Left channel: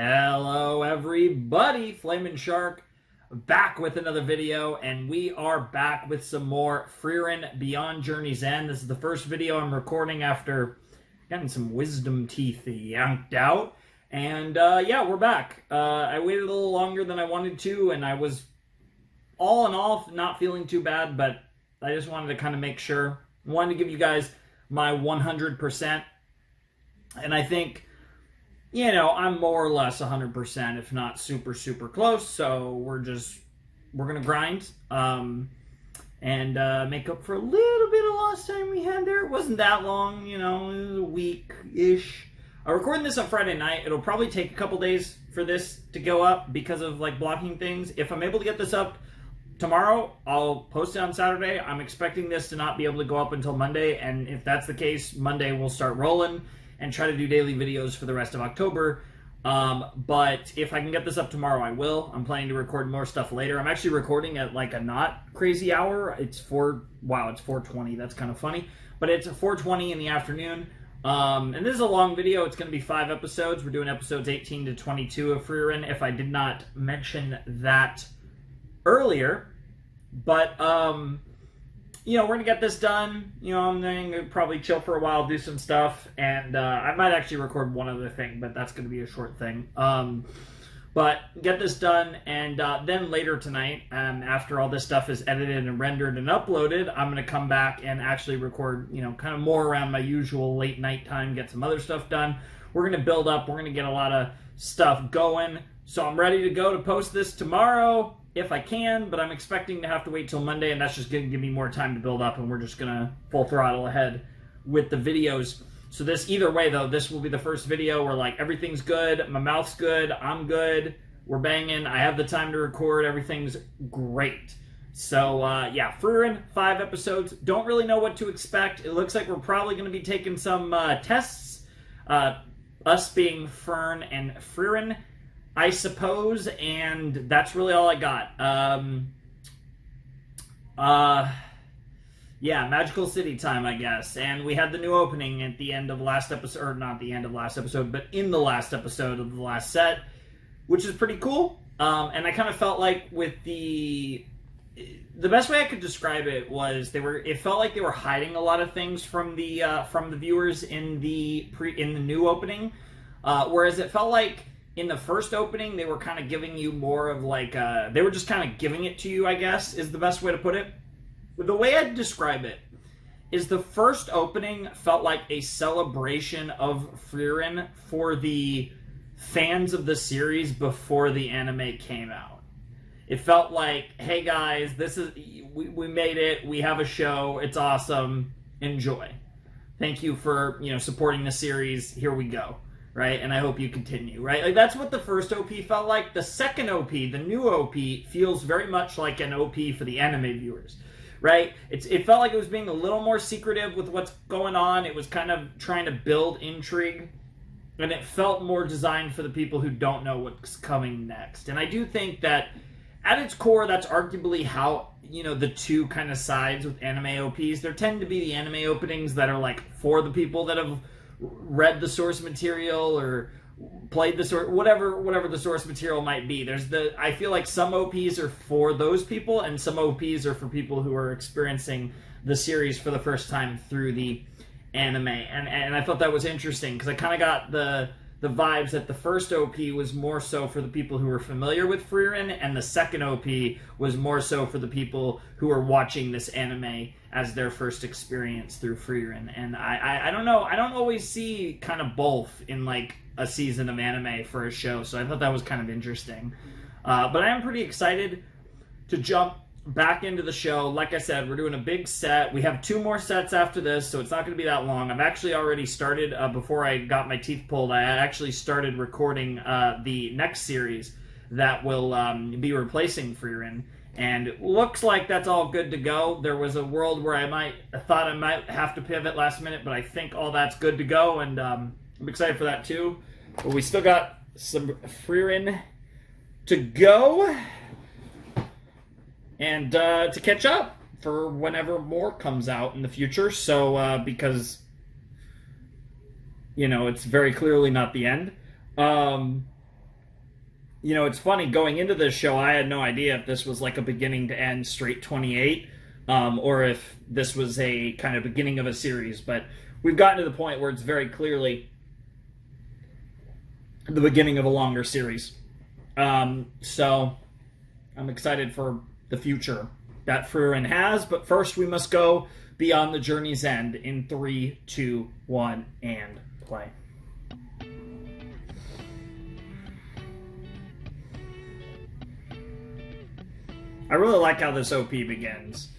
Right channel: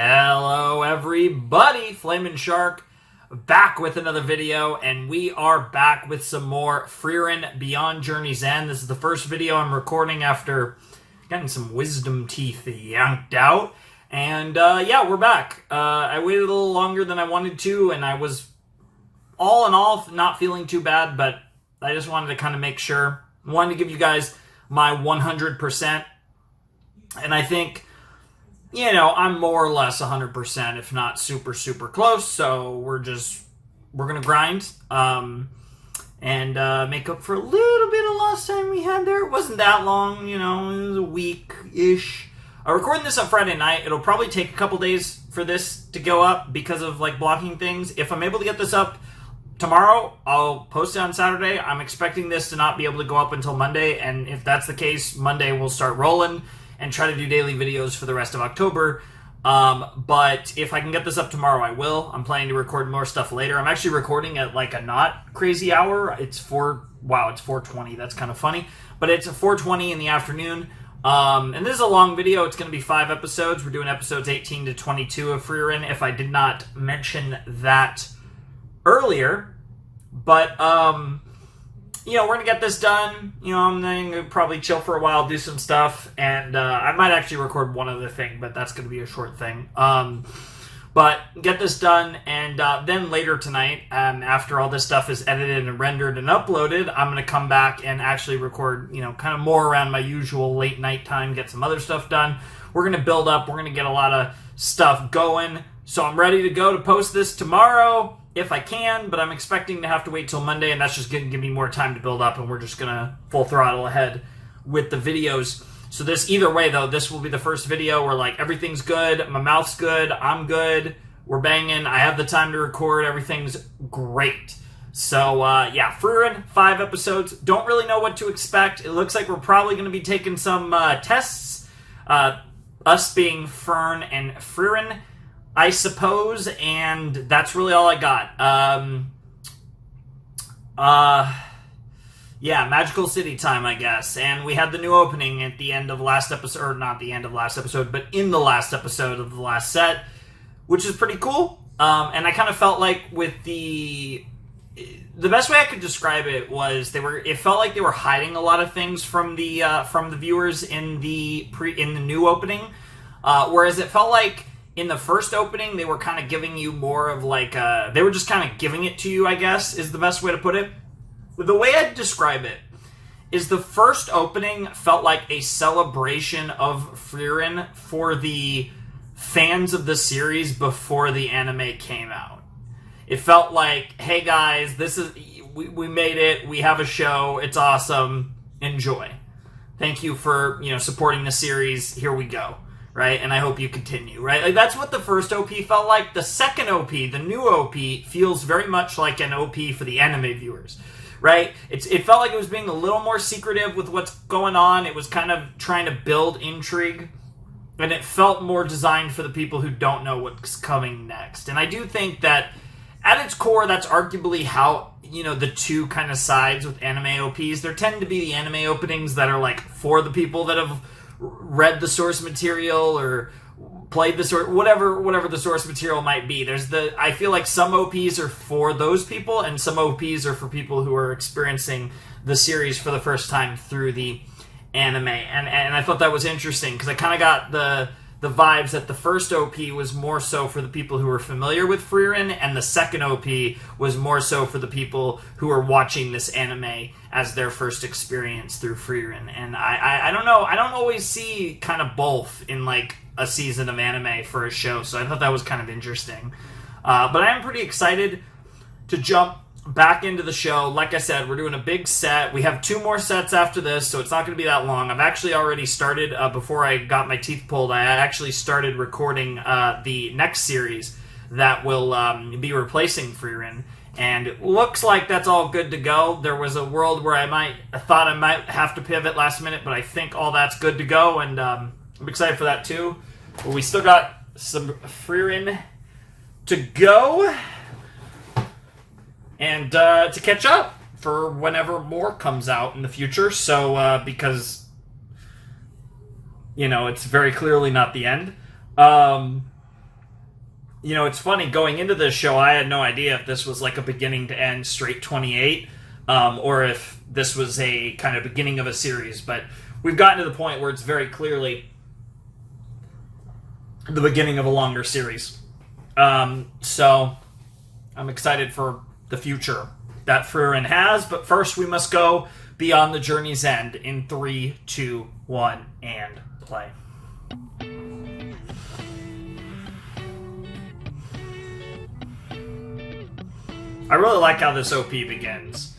Hello everybody, Flamin' Shark back with another video, and we are back with some more Frieren Beyond Journey's End. This is the first video I'm recording after getting some wisdom teeth yanked out, and yeah, we're back. I waited a little longer than I wanted to, and I was all in all not feeling too bad, but I just wanted to kind of make sure. I wanted to give you guys my 100%, and I think, you know, I'm more or less 100%, if not super, super close. So we're going to grind and make up for a little bit of lost time we had there. It wasn't that long, you know, it was a week-ish. I'm recording this on Friday night. It'll probably take a couple days for this to go up because of, like, blocking things. If I'm able to get this up tomorrow, I'll post it on Saturday. I'm expecting this to not be able to go up until Monday, and if that's the case, Monday we'll start rolling and try to do daily videos for the rest of October. But if I can get this up tomorrow, I will. I'm planning to record more stuff later. I'm actually recording at like a not crazy hour. It's 4:20. That's kind of funny. But it's 4:20 in the afternoon. And this is a long video. It's going to be 5 episodes. We're doing episodes 18 to 22 of Frieren, if I did not mention that earlier. But, you know, we're going to get this done. You know, I'm going to probably chill for a while, do some stuff, and I might actually record one other thing, but that's going to be a short thing. But get this done, and then later tonight, after all this stuff is edited and rendered and uploaded, I'm going to come back and actually record, you know, kind of more around my usual late night time, get some other stuff done. We're going to build up. We're going to get a lot of stuff going. So I'm ready to go to post this tomorrow, if I can, but I'm expecting to have to wait till Monday, and that's just going to give me more time to build up, and we're just going to full throttle ahead with the videos. So this, either way, though, this will be the first video where, like, everything's good, my mouth's good, I'm good, we're banging, I have the time to record, everything's great. So, yeah, Frieren, 5 episodes, don't really know what to expect. It looks like we're probably going to be taking some tests, us being Fern and Frieren, I suppose, and that's really all I got. Yeah, Magical City time, I guess. And we had the new opening at the end of last episode, or not the end of last episode, but in the last episode of the last set, which is pretty cool. And I kind of felt like with the best way I could describe it was it felt like they were hiding a lot of things from the viewers in the new opening, whereas it felt like in the first opening, they were kind of giving you more of like, they were just kind of giving it to you, I guess, is the best way to put it. The way I'd describe it is the first opening felt like a celebration of Frieren for the fans of the series before the anime came out. It felt like, hey guys, we made it, we have a show, it's awesome, enjoy. Thank you for, you know, supporting the series, here we go. Right, and I hope you continue, right? Like, that's what the first OP felt like. The second OP, the new OP, feels very much like an OP for the anime viewers, right? It felt like it was being a little more secretive with what's going on. It was kind of trying to build intrigue, and it felt more designed for the people who don't know what's coming next. And I do think that, at its core, that's arguably how, you know, the two kind of sides with anime OPs. There tend to be the anime openings that are, like, for the people that have read the source material or played the source, whatever the source material might be. I feel like some OPs are for those people, and some OPs are for people who are experiencing the series for the first time through the anime. And I thought that was interesting, because I kind of got the vibes that the first OP was more so for the people who were familiar with Frieren, and the second OP was more so for the people who are watching this anime as their first experience through Frieren. And I don't know, I don't always see kind of both in like a season of anime for a show, so I thought that was kind of interesting. But I am pretty excited to jump back into the show. Like I said, we're doing a big set. We have 2 more sets after this, so it's not going to be that long. I've actually already started, before I got my teeth pulled, I actually started recording the next series that will be replacing Frieren. And it looks like that's all good to go. There was a world where I thought I might have to pivot last minute, but I think all that's good to go, and I'm excited for that too. But we still got some Frieren to go, and to catch up for whenever more comes out in the future. So, because, you know, it's very clearly not the end. you know, it's funny, going into this show, I had no idea if this was like a beginning to end straight 28, or if this was a kind of beginning of a series, but we've gotten to the point where it's very clearly the beginning of a longer series. So I'm excited for the future that Frieren has, but first we must go beyond the journey's end in 3, 2, 1, and play. I really like how this OP begins.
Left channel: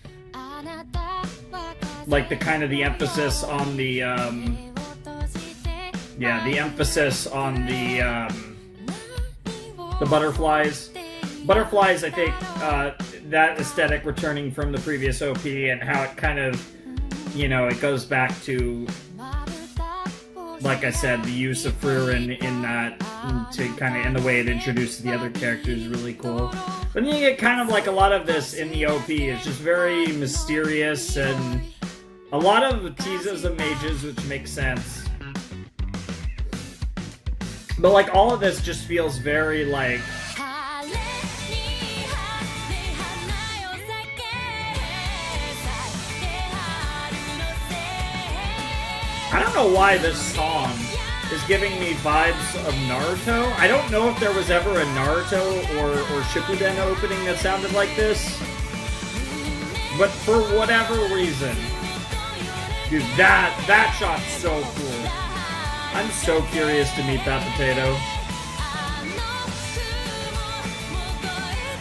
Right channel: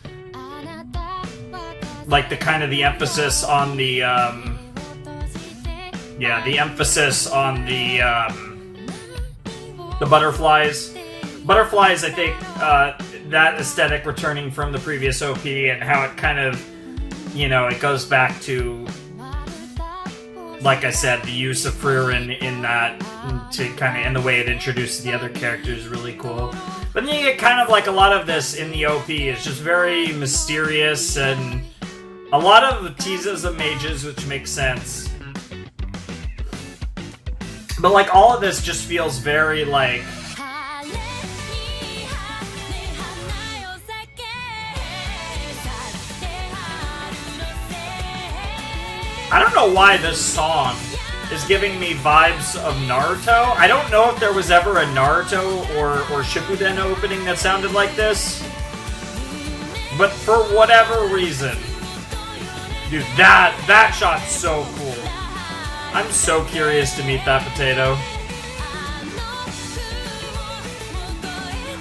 Like the kind of the emphasis on the, the emphasis on the butterflies. Butterflies, I think, that aesthetic returning from the previous OP and how it kind of, you know, it goes back to, like I said, the use of Frieren in that, to kind of, in the way it introduces the other characters is really cool. But then you get kind of like a lot of this in the OP. It's just very mysterious and a lot of teases of mages, which makes sense. But like all of this just feels very like, I don't know why this song is giving me vibes of Naruto. I don't know if there was ever a Naruto or Shippuden opening that sounded like this. But for whatever reason, dude, that shot's so cool. I'm so curious to meet that potato.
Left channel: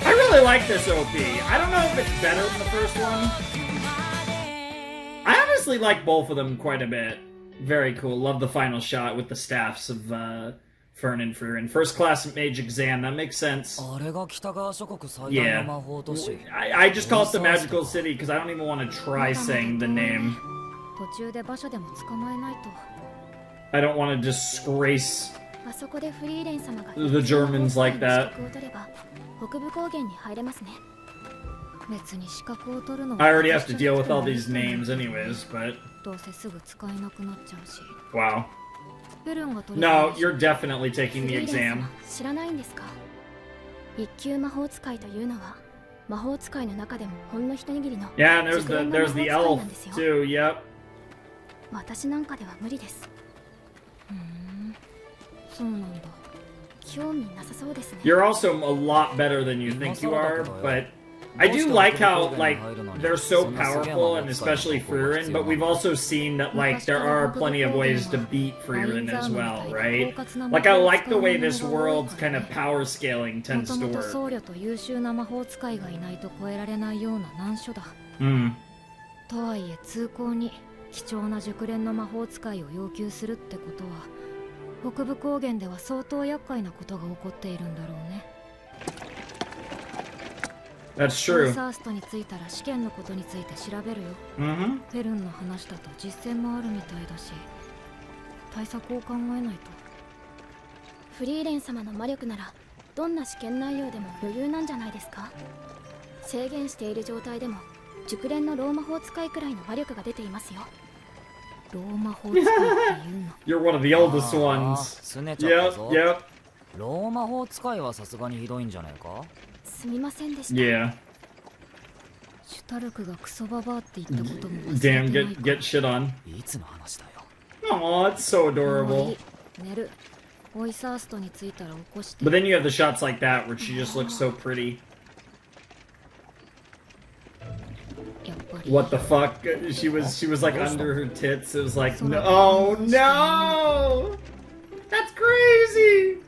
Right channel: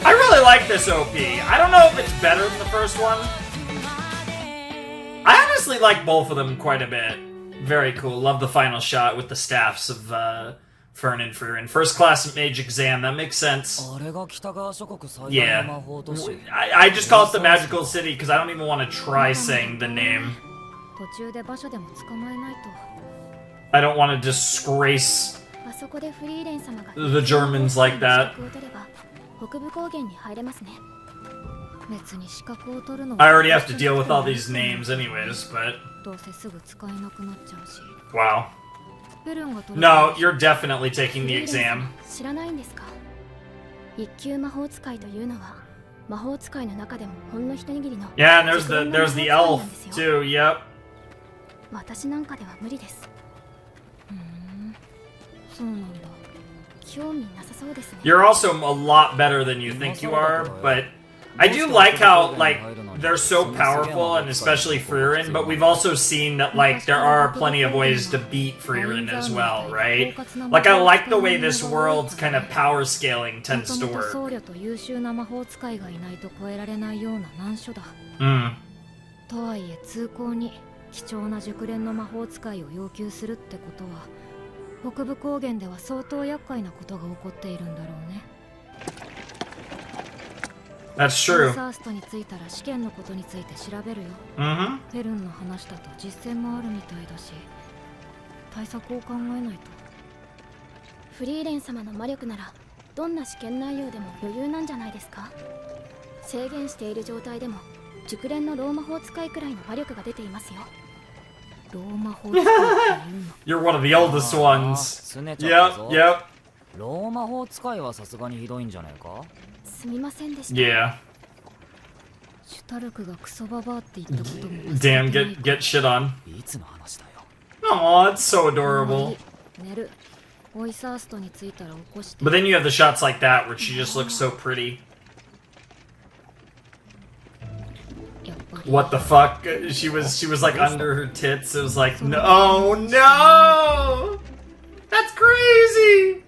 I really like this OP. I don't know if it's better than the first one. I honestly like both of them quite a bit. Very cool. Love the final shot with the staffs of Fern and Frieren. First class Mage exam. That makes sense. Yeah. I just call it the Magical City because I don't even want to try saying the name. I don't want to disgrace the Germans like that. I already have to deal with all these names anyways, but... Wow. No, you're definitely taking the exam. Yeah, and there's the elf too, yep. You're also a lot better than you think you are, but I do like how, like, they're so powerful, and especially Frieren, but we've also seen that, like, there are plenty of ways to beat Frieren as well, right? Like, I like the way this world's kind of power scaling tends to work. Mm. とはいえ通行に貴重な熟練の魔法使いを要求するってことは北部高原では相当厄介なことが起こっているんだろうね。That's true. サーストについたら試験のことについて調べるよ。フェルンの話だと実践もあるみたいだし、対策を考えないと。フリーレン様の魔力ならどんな試験内容でも余裕なんじゃないですか。制限している状態でも熟練のローマ法使いくらいの魔力が出ていますよ。ローマ法使いっていうの。You're one of the oldest ones. Yep. ローマ法使いはさすがにひどいんじゃないか。すみませんでした。Yeah. シュタルクがクソババアって言ったことも忘れ Damn, てないか。 get shit on. いつの話だよ。Aw, it's so もうい adorable. い。寝る。オイサーストに着いたら起こして。But then you have the shots like that where she just looks so pretty. やっぱり。 What the fuck? She was like under her tits. It was like, no, oh no! That's crazy!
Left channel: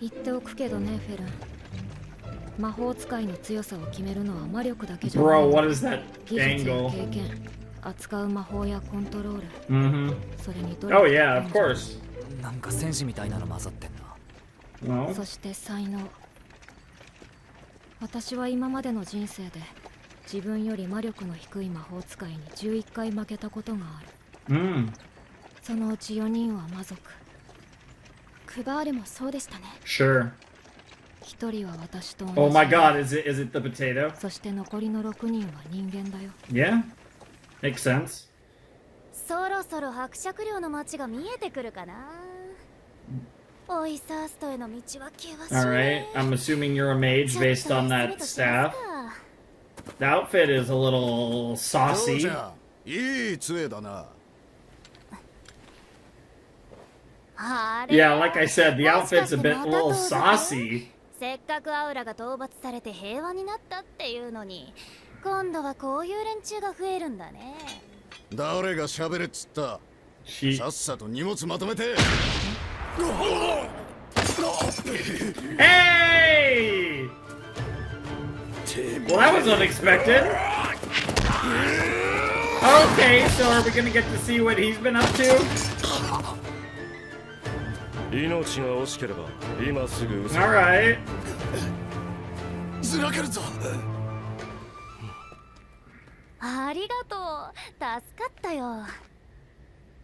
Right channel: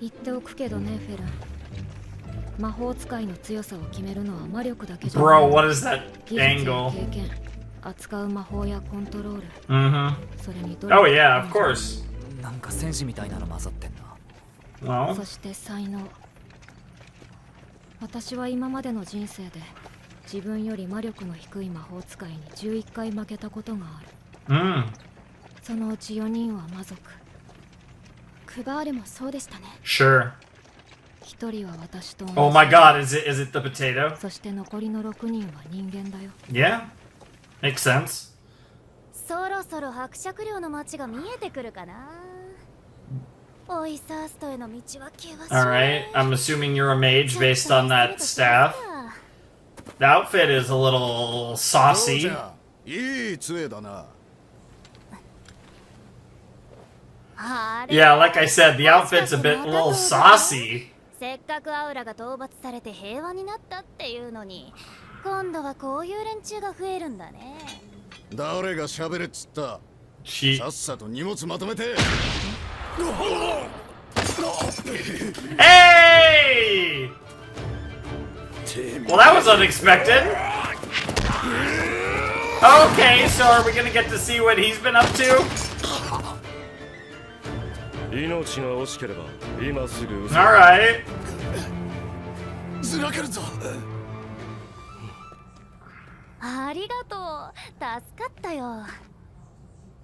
言っておくけどね、フェルン。魔法使いの強さを決めるのは魔力だけじゃない。 Bro, what is that 技術や angle? 経験、扱う魔法やコントロール。 Mm-hmm. それにど Oh yeah, of course. なんか戦士みたいなの混ざってんな。Well, そして才能。私は今までの人生で自分より魔力の低い魔法使いに11回負けたことがある。そのうち4人は魔族。クバールもそうでしたね。 sure. 1人は私と同じ。 Oh my god, is it the potato? そして残りの6人は人間だよ。 Yeah, makes sense. そろそろ伯爵領の町が見えてくるかな。Äußerst への道は険しい。 Alright, I'm assuming you're a mage based on that staff. The outfit is a little saucy. いい杖だな。Yeah, like I said, the outfit's a little saucy. せっかくアウラが討伐されて平和になったっていうのに、今度はこういう連中が増えるんだね。誰が喋れっつった。さっさと荷物まとめて。Hey! Well, that was unexpected. Okay, so are we gonna get to see what he's been up to? 命が惜しければ今すぐ嘘。 Alright. ずらけるぞ。ありがとう。助かったよ。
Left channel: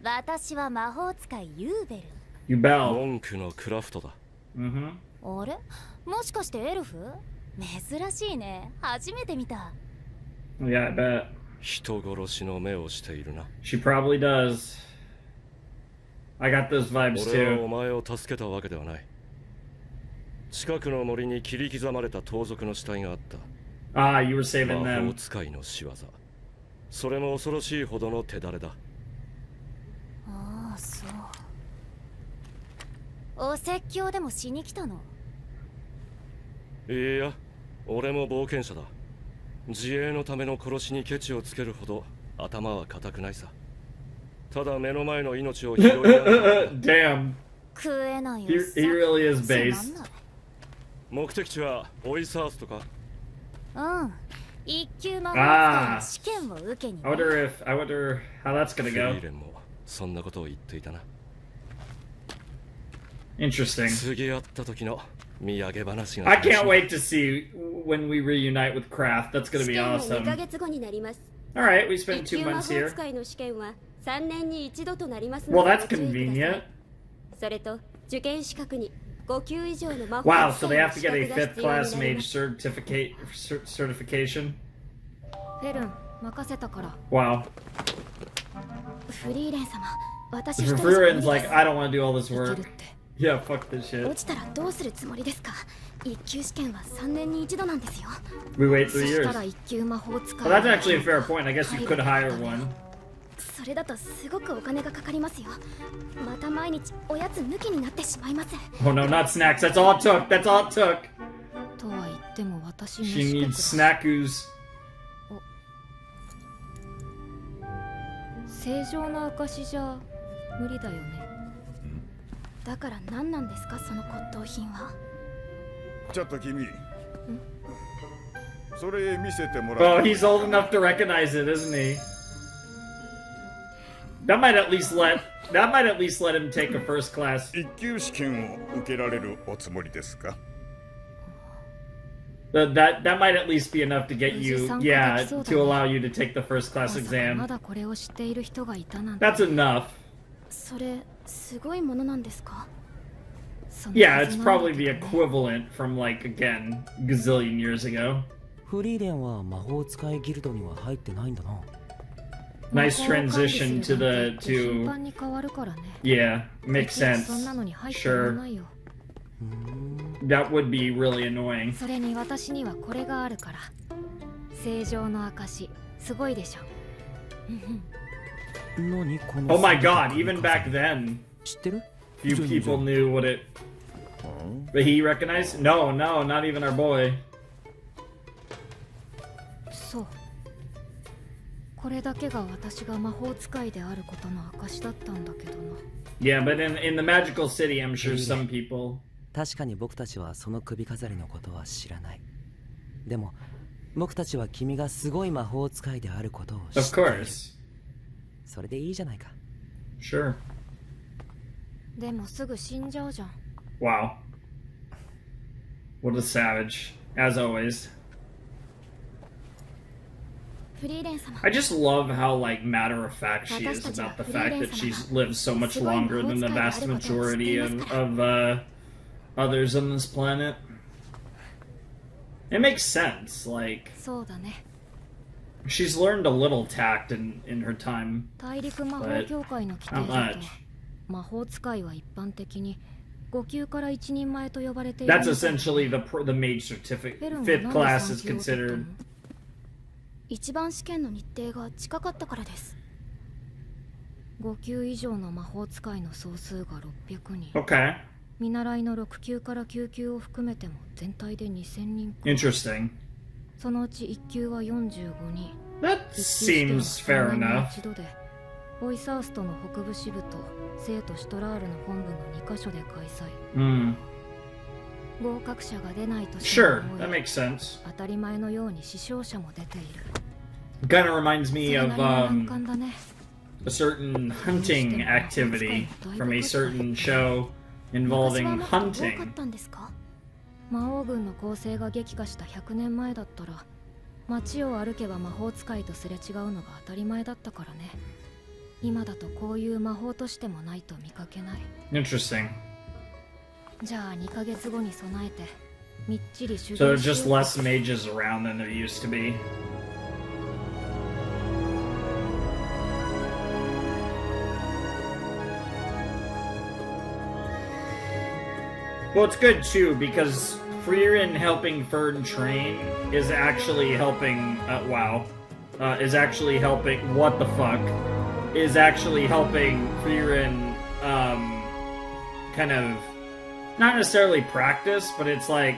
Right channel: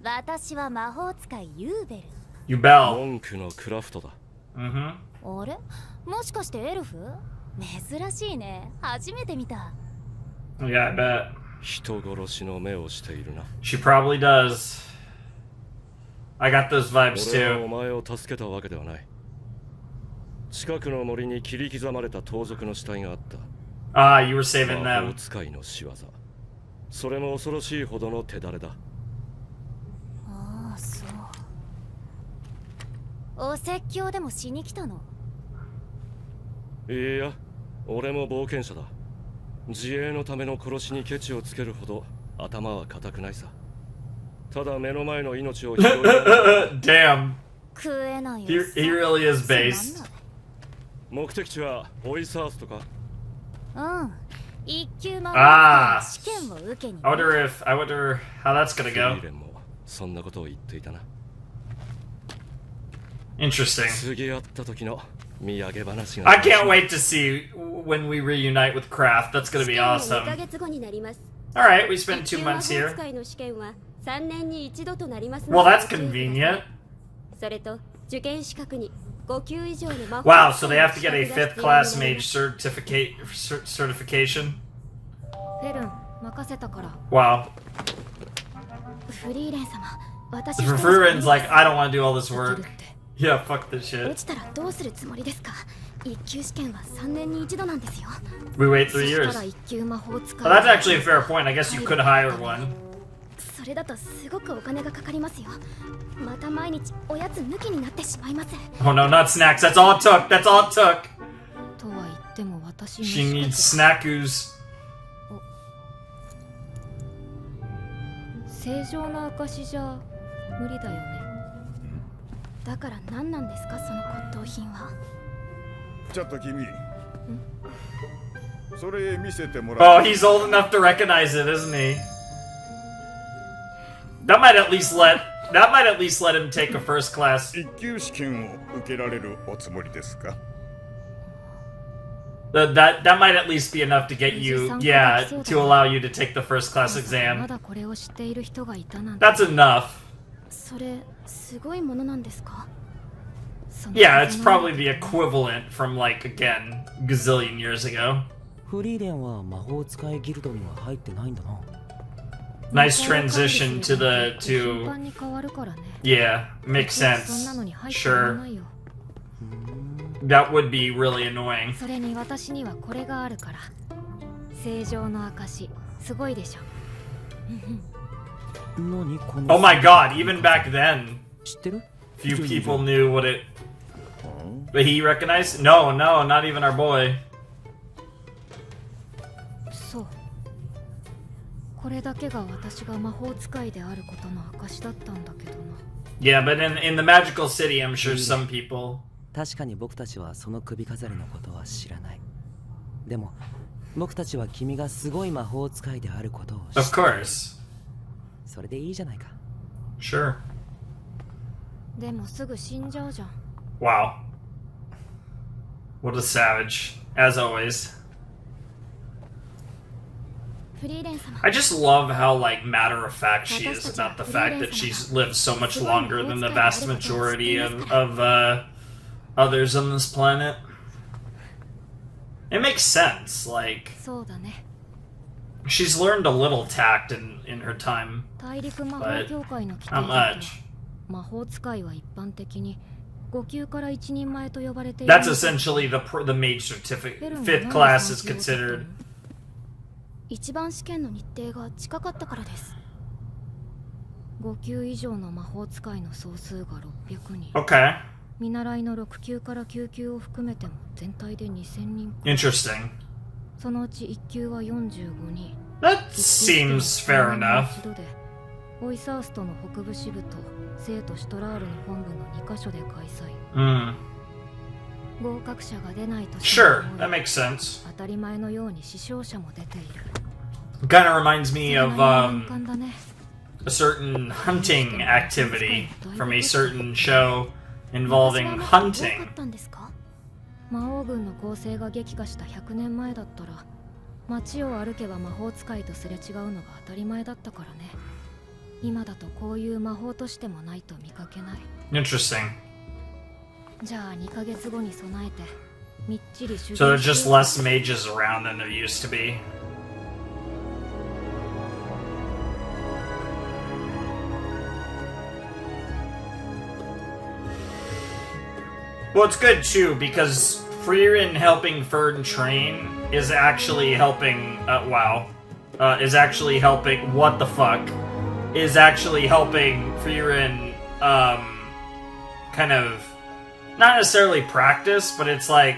私は魔法使いユーベル。You bell. 文句のクラフトだ。Mm-hmm. あれ、もしかしてエルフ？珍しいね。初めて見た。Yeah, I bet. 人殺しの目をしているな。 She probably does. I got those vibes 俺は too. お前を助けたわけではない。近くの森に切り刻まれた盗賊の死体があった。Ah, you were saving 魔法 them. 使いの仕業。それも恐ろしいほどの手だれだ。ああ、そう。お説教でもしに来たの？いや、俺も冒険者だ。自衛のための殺しにケチをつけるほど頭は固くないさ。ただ目の前の命を拾いながら Damn. 食えないよ。He really is つまん based. ない。目的地はオイサースとか。うん。一級魔法使いの試験を受けにね。I wonder how that's フ gonna リ go. ーレンもそんなことを言っていたな。 Interesting. 次会った時の土産話が。 I can't wait to see when we reunite with Kraft. That's gonna 試 be 験は awesome. 2ヶ月後になります。 Alright, we spent 2一級魔 months 法 here. 使いの試験は3年に一度となります Well, ので that's ご注意ください convenient. それと受験資格に5級以上の魔法 Wow, 使 so い they の have to 資 get 格 a が fifth 必要にな class り mage ます certification. フェルン、任せたから。 Wow. フリーレン様、私一人じゃ Furiren's like, I don't want to do all this でき work. るって。 Yeah, fuck this 落 shit. ちたらどうするつもりですか？一級試験は3年に一度なんですよ。 We wait そ 3した years. ら一級魔法使い。 Well, that's actually a fair point. I guess you could hire one. それだとすごくお金がかかりますよ。また毎日おやつ抜きになってしまいます。 Oh no, not snacks. That's all it took. That's all it took. とは言っても私 She の needs 資格 snackoos. 正常な証じゃ無理だよね。だから何なんですかその骨董品は。ちょっと君。それ見せてもら Oh, he's old enough to recognize it, isn't he? That might at least let him take a first class. 一級試験を受けられるおつもりですか。 That might at least be enough to get you, yeah, to allow you to take the first class ま exam. だこれを知っている人がいたなんて。 That's enough. それすごいものなんですか？その Yeah, は it's ずなんだ probably け the どね equivalent from like again gazillion years ago. フリーレンは魔法使いギルドには入ってないんだな。 Nice transition to the 頻 to 繁に変わるからね。 yeah, makes そんな sense. のに入ってら Sure. ないよ。 That would be really annoying. それに私にはこれがあるから。正常の証、すごいでしょ。何この Oh my god, even back then, 知ってる？ few people knew what it. But he recognized? No, no, not even our boy. そう。これだけが私が魔法使いであることの証だったんだけどな。 Yeah, but in the magical city, I'm sure some people. 確かに僕たちはその首飾りのことは知らない。でも僕たちは君がすごい魔法使いであることを知 Of っている。 course. それでいいじゃないか。 Sure. でもすぐ死んじゃうじゃん。 Wow. What a savage, as always. フリーレン様。 I just love how like matter of fact she is about the fact that she's lived so much longer than the vast majority of others on this planet. It makes sense. Like そうだね。 she's learned a little tact in her time. 大陸魔法協会の規定 Not だと much. 魔法使いは一般的に5級から一人前と呼ばれている。 That's essentially the mage certificate. 5th class is considered. 一番試験の日程が近かったからです。5級以上の魔法使いの総数が600人。Okay. 見習いの6級から9級を含めても全体で2000人。Interesting. そのうち1級は45人。That seems fair enough. 一度でオイサーストの北部支部と聖都シュトラールの本部の2カ所で開催。合格者が出ないとしても Sure, that makes sense. 当たり前のように死傷者も出ている。Kind of reminds me of 難関だね。a certain hunting activity from a certain show involving hunting. 魔王軍の攻勢が激化した100年前だったら街を歩けば魔法使いとすれ違うのが当たり前だったからね。今だとこういう魔法としてもないと見かけない。 Interesting. じゃあ2ヶ月後に備えてみっちり修 So 行 there's し just よう。 less mages around than there used to be. Well, it's good too because Frieren helping Furn train is actually helping. Is actually helping. What the fuck? Is actually helping Frieren kind of not necessarily practice, but it's like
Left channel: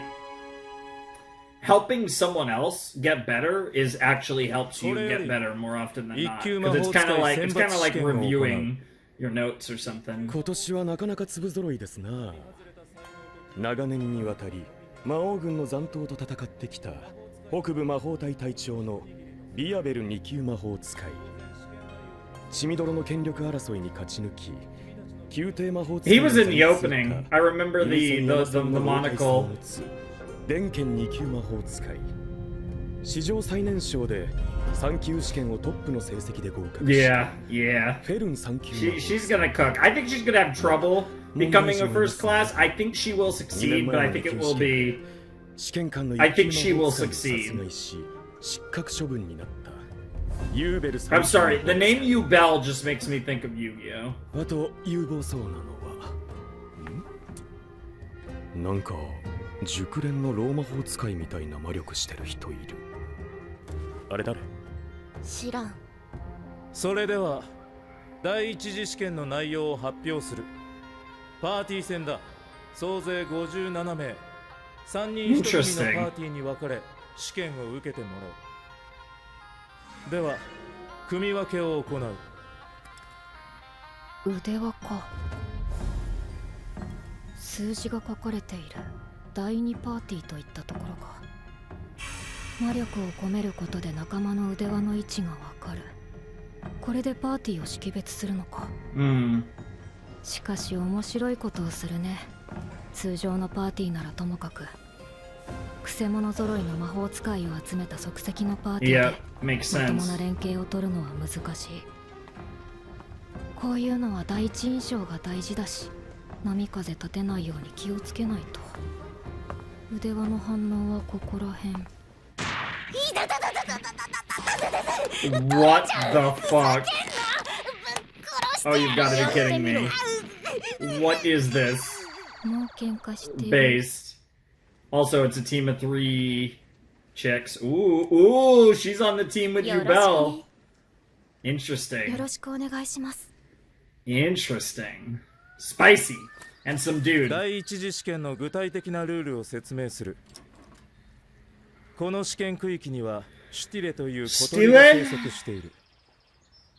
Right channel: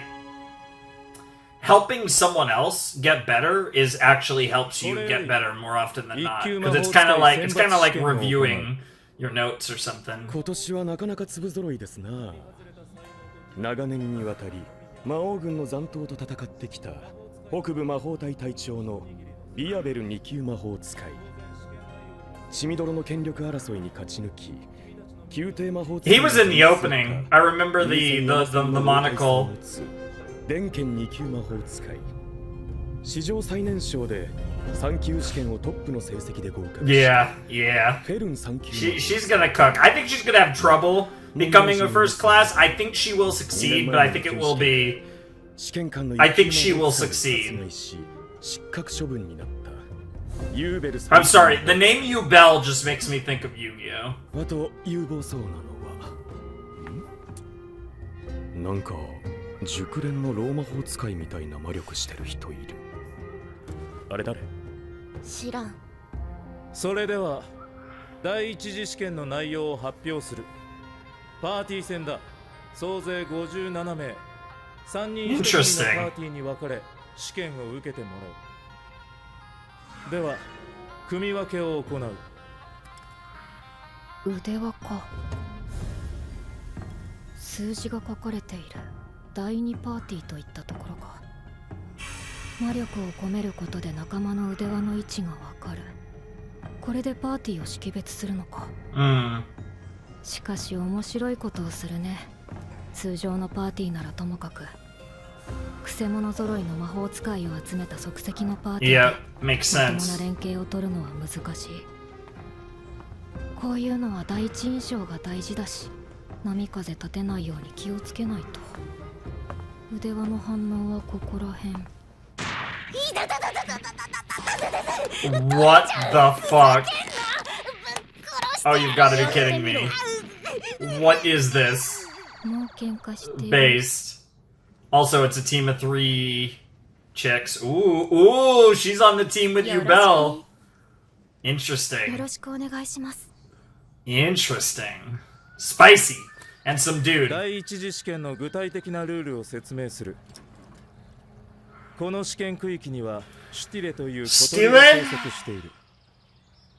helping someone else get better is actually helps you get better more often than not. Because it's kind of like reviewing your notes or something. 今年はなかなか粒揃いですな。長年にわたり魔王軍の残党と戦ってきた北部魔法隊隊長のビアベル2級魔法使い。血みどろの権力争いに勝ち抜き、宮廷魔法使い。 He was in the opening. I remember the monocle. 電剣2級魔法使い。史上最年少で3級試験をトップの成績で合格し、 Yeah. フェルン3級。 She's gonna cook. I think she's gonna have trouble becoming a first class. I think she will succeed, but I think it will be. I think she will succeed. I'm sorry, the name Yubel just makes me think of Yu-Gi-Oh. あと有望そうなのはなんか熟練のローマ法使いみたいな魔力してる人いる。あれ誰？知らん。それでは第一次試験の内容を発表する。パーティー戦だ。総勢57名。3人1組のパーティーに分かれ試験を受けてもらう。では組み分けを行う。腕輪か。数字が書かれている第2パーティーといったところか。魔力を込めることで仲間の腕輪の位置がわかる。これでパーティーを識別するのか。しかし面白いことをするね。通常のパーティーならともかくくせ者揃いの魔法使いを集めた即席のパーティーでまともな連携を取るのは難しい。こういうのは第一印象が大事だし、波風立てないように気をつけないと。腕輪の反応はここらへん。What the fuck? Oh, you've got to be kidding me. What is this? もう喧嘩してる。 Based. Also, it's a team of 3 chicks. Ooh, she's on the team with you, Belle. よ Interesting. ろしくお願いします。Interesting. Spicy. And some dude. 第一次試験の具体的なルールを説明する。この試験区域にはシュティレという小鳥が生息している。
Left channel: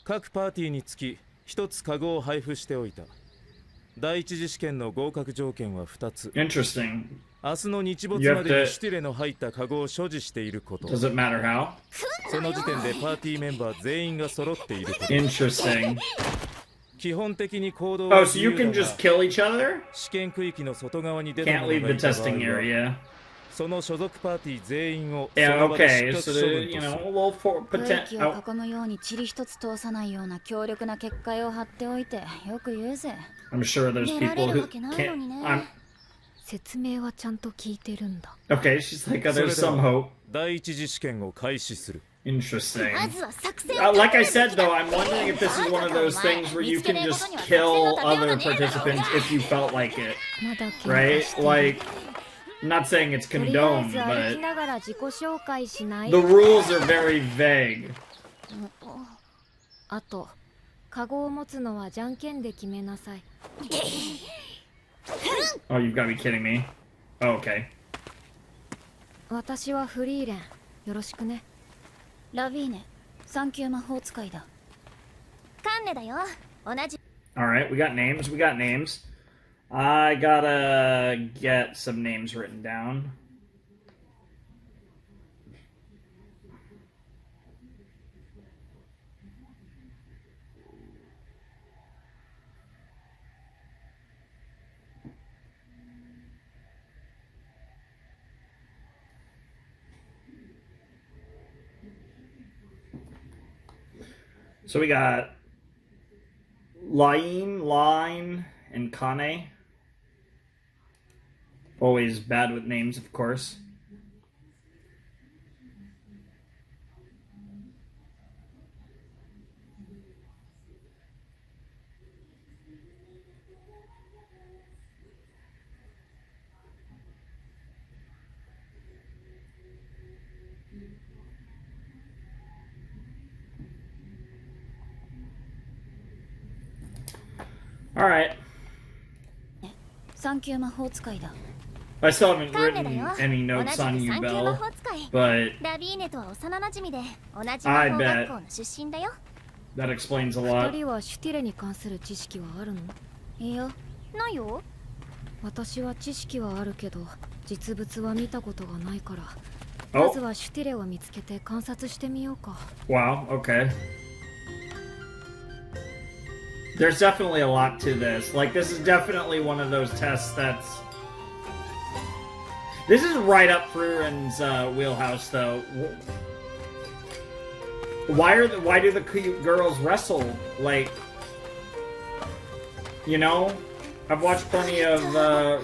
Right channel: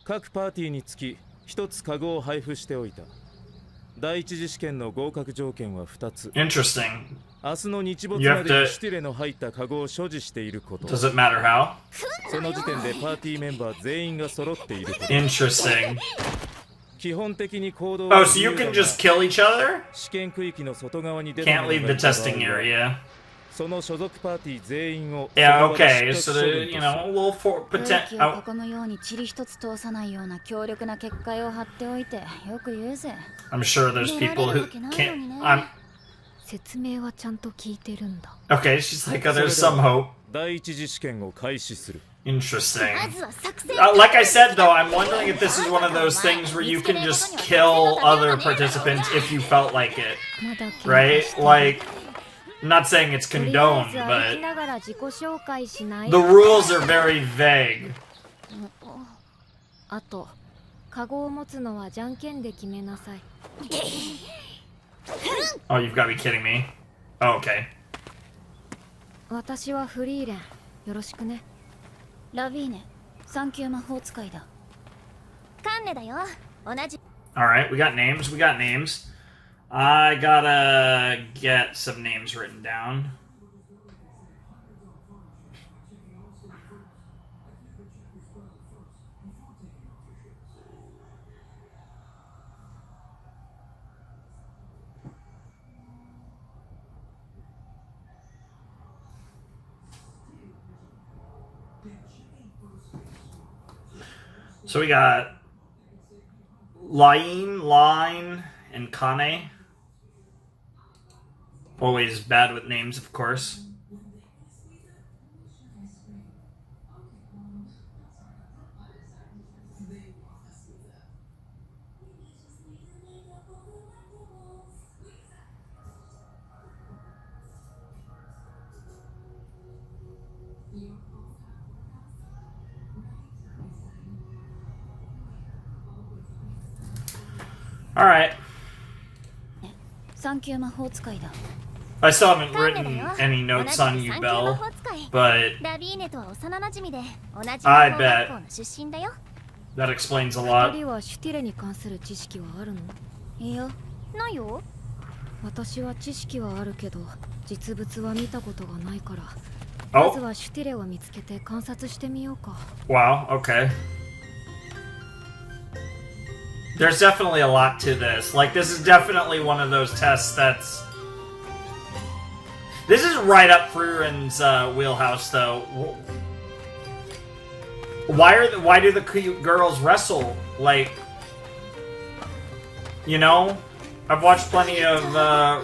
各パーティーにつき1つカゴを配布しておいた。第一次試験の合格条件は2つ。Interesting. 明日の日没までにシュティレの入ったカゴを所持していること。Does it matter how? その時点でパーティーメンバー全員が揃っていること。Interesting. 基本的に行動 Oh, は so 自 you 由だ can が just kill each other? 試験区域の外側に出た Can't 者 leave が the いた場合 testing は area. その所属パーティー全員を Yeah, その場で okay. 失 So 格処 the, 分 you とす know, る。 a little for 空 potent. 気を囲むように塵一つ通さないような強力な結界を張っておいてよく言うぜ。 I'm sure there's 出られ people る who わけないのに can't. ね。説明はちゃんと聞いてるんだ。 Okay, she's like, それ there's では some hope. 第一次試験を開始する。Interesting. Like I said, though, I'm wondering if this is one of those things where you can just kill other participants if you felt like it. Right? Like, I'm not saying it's condoned, but the rules are very vague. あと、カゴを持つのはじゃんけんで決めなさい。Oh, you've got to be kidding me. Oh, okay. 私はフリーレン。よろしくね。ラビーネ、3級魔法使いだ。カンネだよ。同じ。Alright, we got names. We got names. I gotta get some names written down. So we got Line, and Kane. Always bad with names, of course. Alright. 3級魔法使いだ。 I still haven't written any notes on you, Belle, but I bet that explains a lot. 2人はシュティレに関する知識はあるの？いや、ないよ。私は知識はあるけど、実物は見たことがないから。 Oh. まずはシュティレを見つけて観察してみようか。 Wow, okay. There's definitely a lot to this. Like, this is definitely one of those tests that's... This is right up Frierin's wheelhouse, though. Why do the cute girls wrestle? Like, you know, I've watched plenty of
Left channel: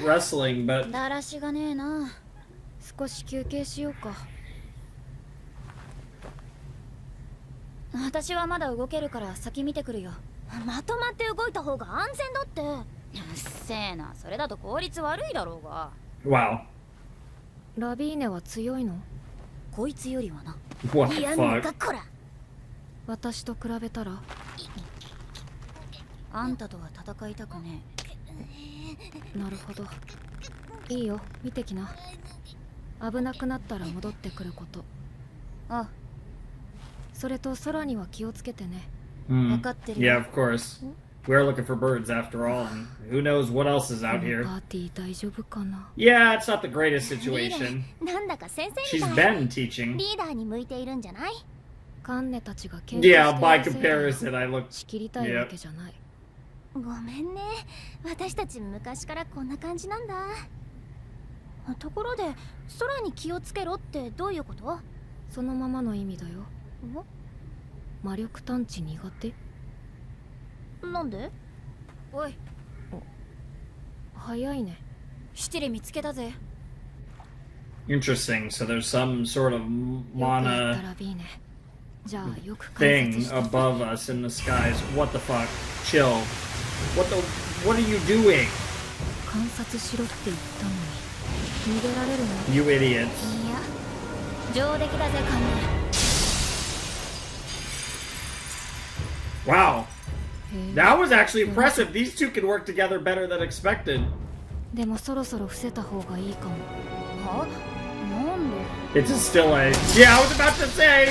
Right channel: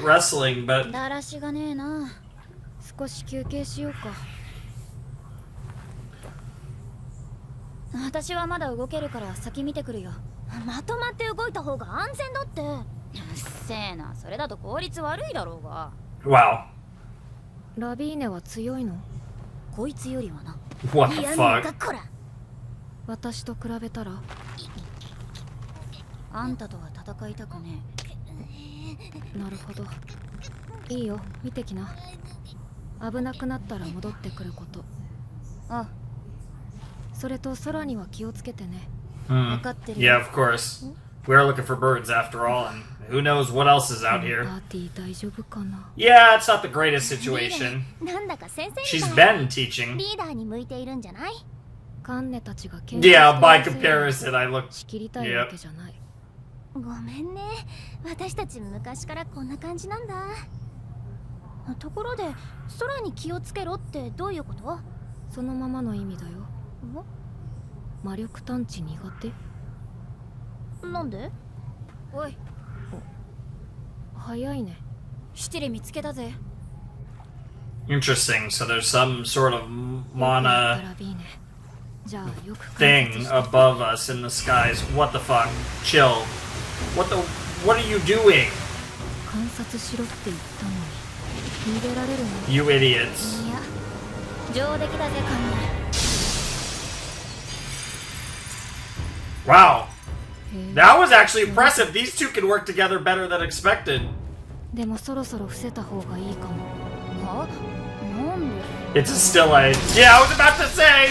wrestling, but だらしがねえな。少し休憩しようか。私はまだ動けるから先見てくるよ。まとまって動いた方が安全だって。うっせえな、それだと効率悪いだろうが。wow. ラビーネは強いの？こいつよりはな。 What the やんの fuck? かこら。私と比べたら？あんたとは戦いたくねえ。なるほど。いいよ、見てきな。危なくなったら戻ってくること。あ、それと空には気をつけてね。Mm. 分かってる。 Yeah, of course. We're looking for birds after all, and who knows what else is out here. パーティー大丈夫かな？ Yeah, it's not the greatest situation. なんだか先生み She's たい。 been teaching. リーダーに向いているんじゃない？カンネたちが研 Yeah, by comparison, I look. 仕切りたいわけじゃない。ごめんね。私たち昔からこんな感じなんだ。ところで、空に気をつけろってどういうこと？そのままの意味だよ。魔力探知苦手？なんで？おい、早いね。シュティレ見つけたぜ。 Interesting. So there's some sort of よくやった mana ラビーネ。じゃあよく観察 thing して。 above us in the skies. What the fuck? Chill. What are you doing? 観察しろって言ったのに逃げられるの？ You idiots. いや、上出来だぜ、カンネ。 Wow. へえ。 That was actually impressive. These two can work together better than expected. でもそろそろ伏せた方がいいかも。は？なんで？ It's a still A. Yeah, I was about to say.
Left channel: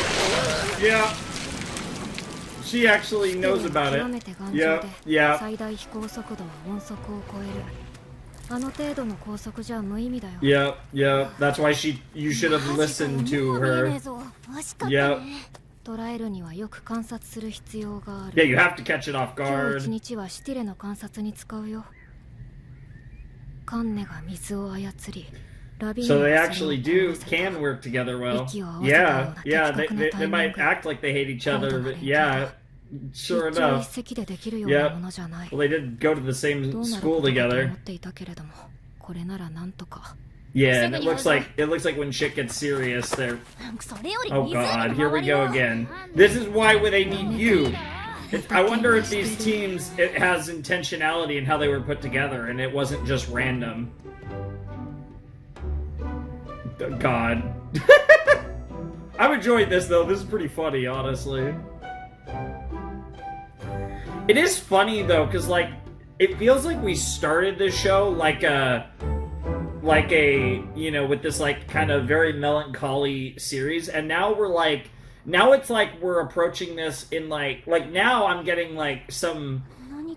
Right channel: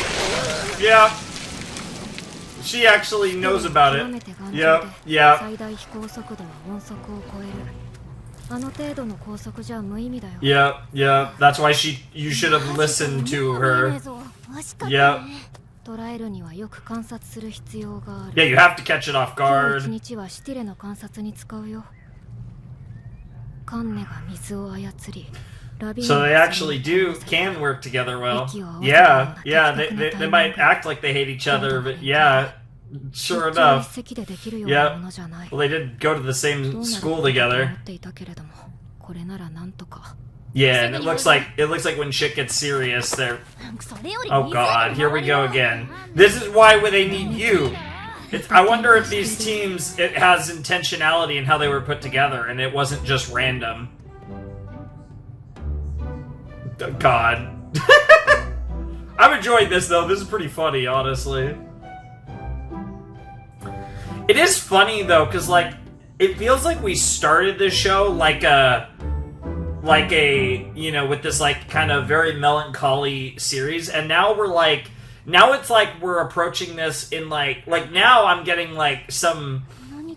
Yeah. She actually knows about 極め it. て頑丈 Yeah, で yeah. 最大飛行速度は音速を超える。あの程度の高速じゃ無意味だよ。 Yeah, yeah. That's why you should have listened to もう見え her. ねえぞ。惜しかった Yeah. ね。捉えるにはよく観察する必要がある。 Yeah, you have to catch it off 今日一 guard. 日はシュティレの観察に使うよ。カンネが水を操り、ラビー So ネ they がそれを actually do 殺せた can work together well. Iki wa Yeah, awazata yeah. yo na They might act like they hate each other, but yeah, sure 一朝 enough. 一夕でできるようなものじゃない。 Well, they did go to the ど same うなる school ことかと together. 思っていたけれども、これならなんとか。Yeah, and it looks like when shit gets serious, they're. Oh god, here we go again. This is why they need you. I wonder if these teams it has intentionality in how they were put together, and it wasn't just random. God. I've enjoyed this though. This is pretty funny, honestly. It is funny though, because like it feels like we started this show like a you know, with this like kind of very melancholy series, and now we're like it's like we're approaching this in like now I'm getting like some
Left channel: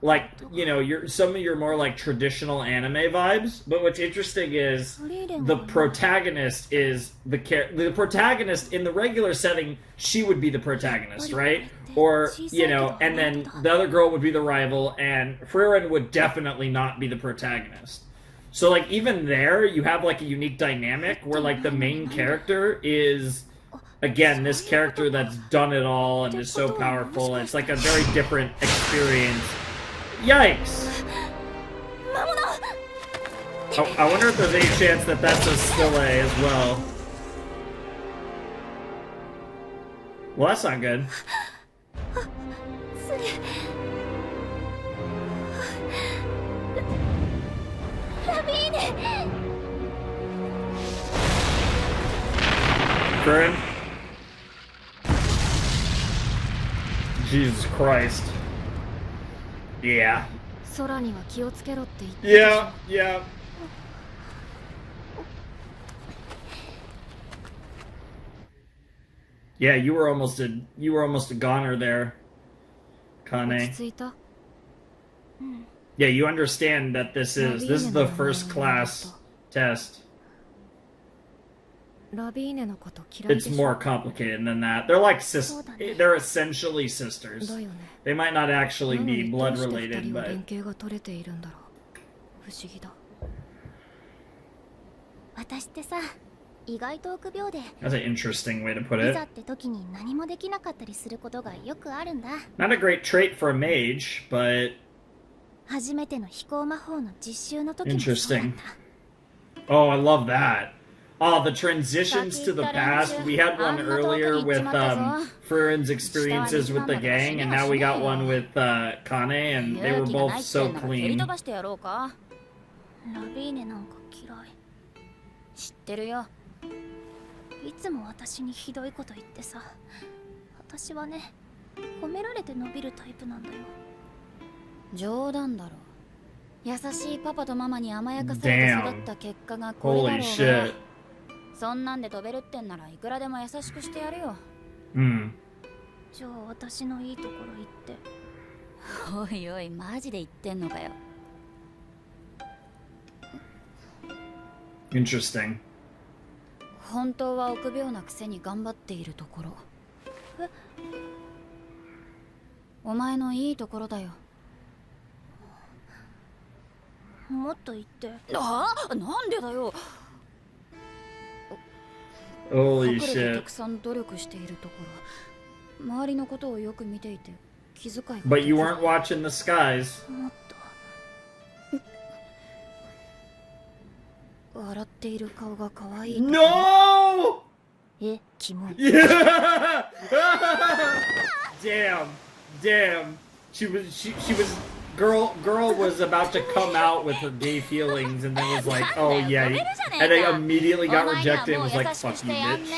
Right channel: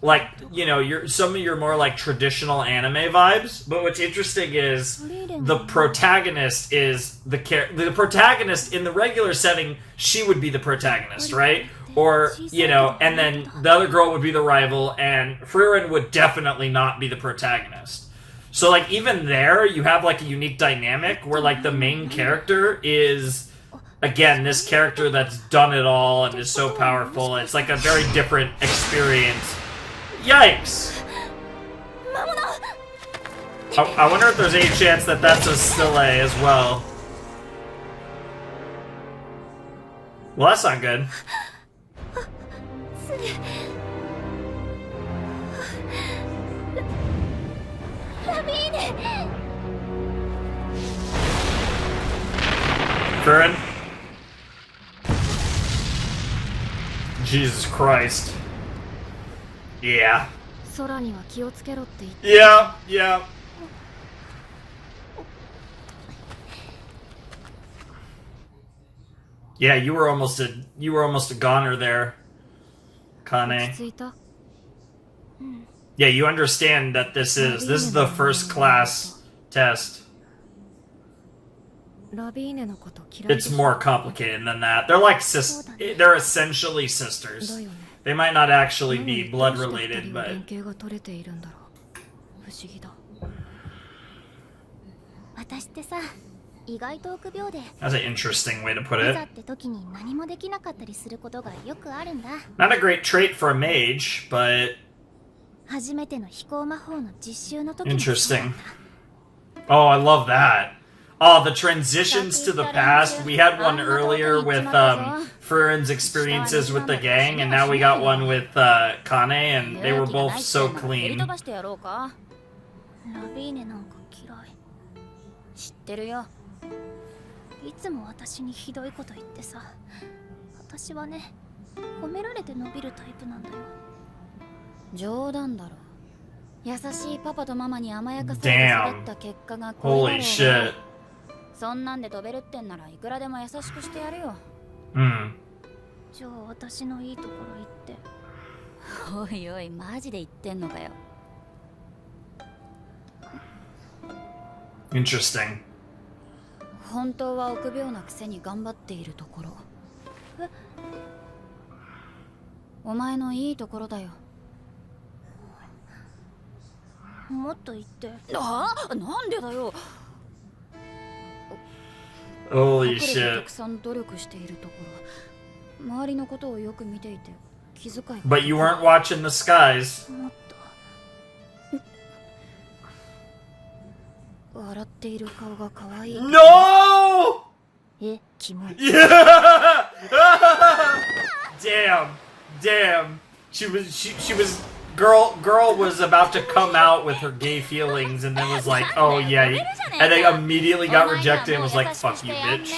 like, you know, some of your more like traditional anime vibes. But what's interesting is the protagonist is the protagonist in the regular setting. She would be the protagonist, right? Or, you know, and then the other girl would be the rival, and Frieren would definitely not be the protagonist. So like even there you have like a unique dynamic where like the main character is again this character that's done it all and is so powerful. It's like a very different experience. Yikes! I wonder if there's any chance that that's a Stille as well. Well, that's not good. Frieren? Jesus Christ. Yeah. Yeah, yeah. Yeah, you were almost a goner there, Kane. Yeah, you understand that this is the first class test. It's more complicated than that. They're like they're essentially sisters. They might not actually be blood related, but that's an interesting way to put it. Not a great trait for a mage, but interesting. Oh, I love that. Oh, the transitions to the past. We had one earlier with Furīren's experiences with the gang, and now we got one with Kane, and they were both so clean. Damn. Holy shit. そんなんで飛べるってんならいくらでも優しくしてやるよ。じゃあ私のいいところ言って。おいおい、マジで言ってんのかよ。Interesting. 本当は臆病なくせに頑張っているところ。お前のいいところだよ。もっと言って。なんでだよ。Holy shit. たくさん努力しているところ。周りのことをよく見ていて気遣い。But you weren't watching the skies. もっと。笑っている顔が可愛い。No! キモい。Yeah! Damn. She was girl was about to come out with her gay feelings and then was like, oh yeah, and they immediately got rejected and was like, fuck you, bitch.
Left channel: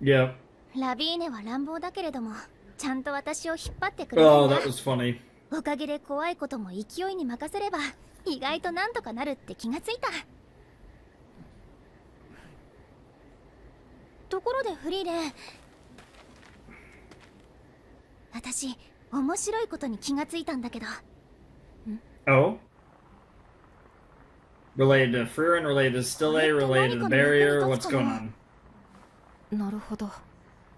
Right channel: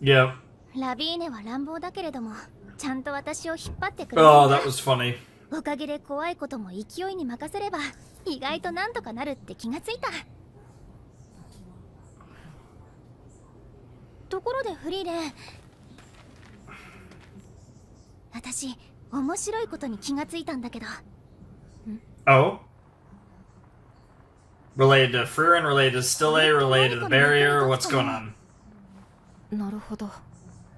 Yep. ラビーネは乱暴だけれどもちゃんと私を引っ張ってくれる。Oh, that was funny. おかげで怖いことも勢いに任せれば意外となんとかなるって気がついた。ところでフリーレン、私面白いことに気がついたんだけど。Oh? Related to Frieren, related to Stille, related to the barrier, what's going on? なるほど。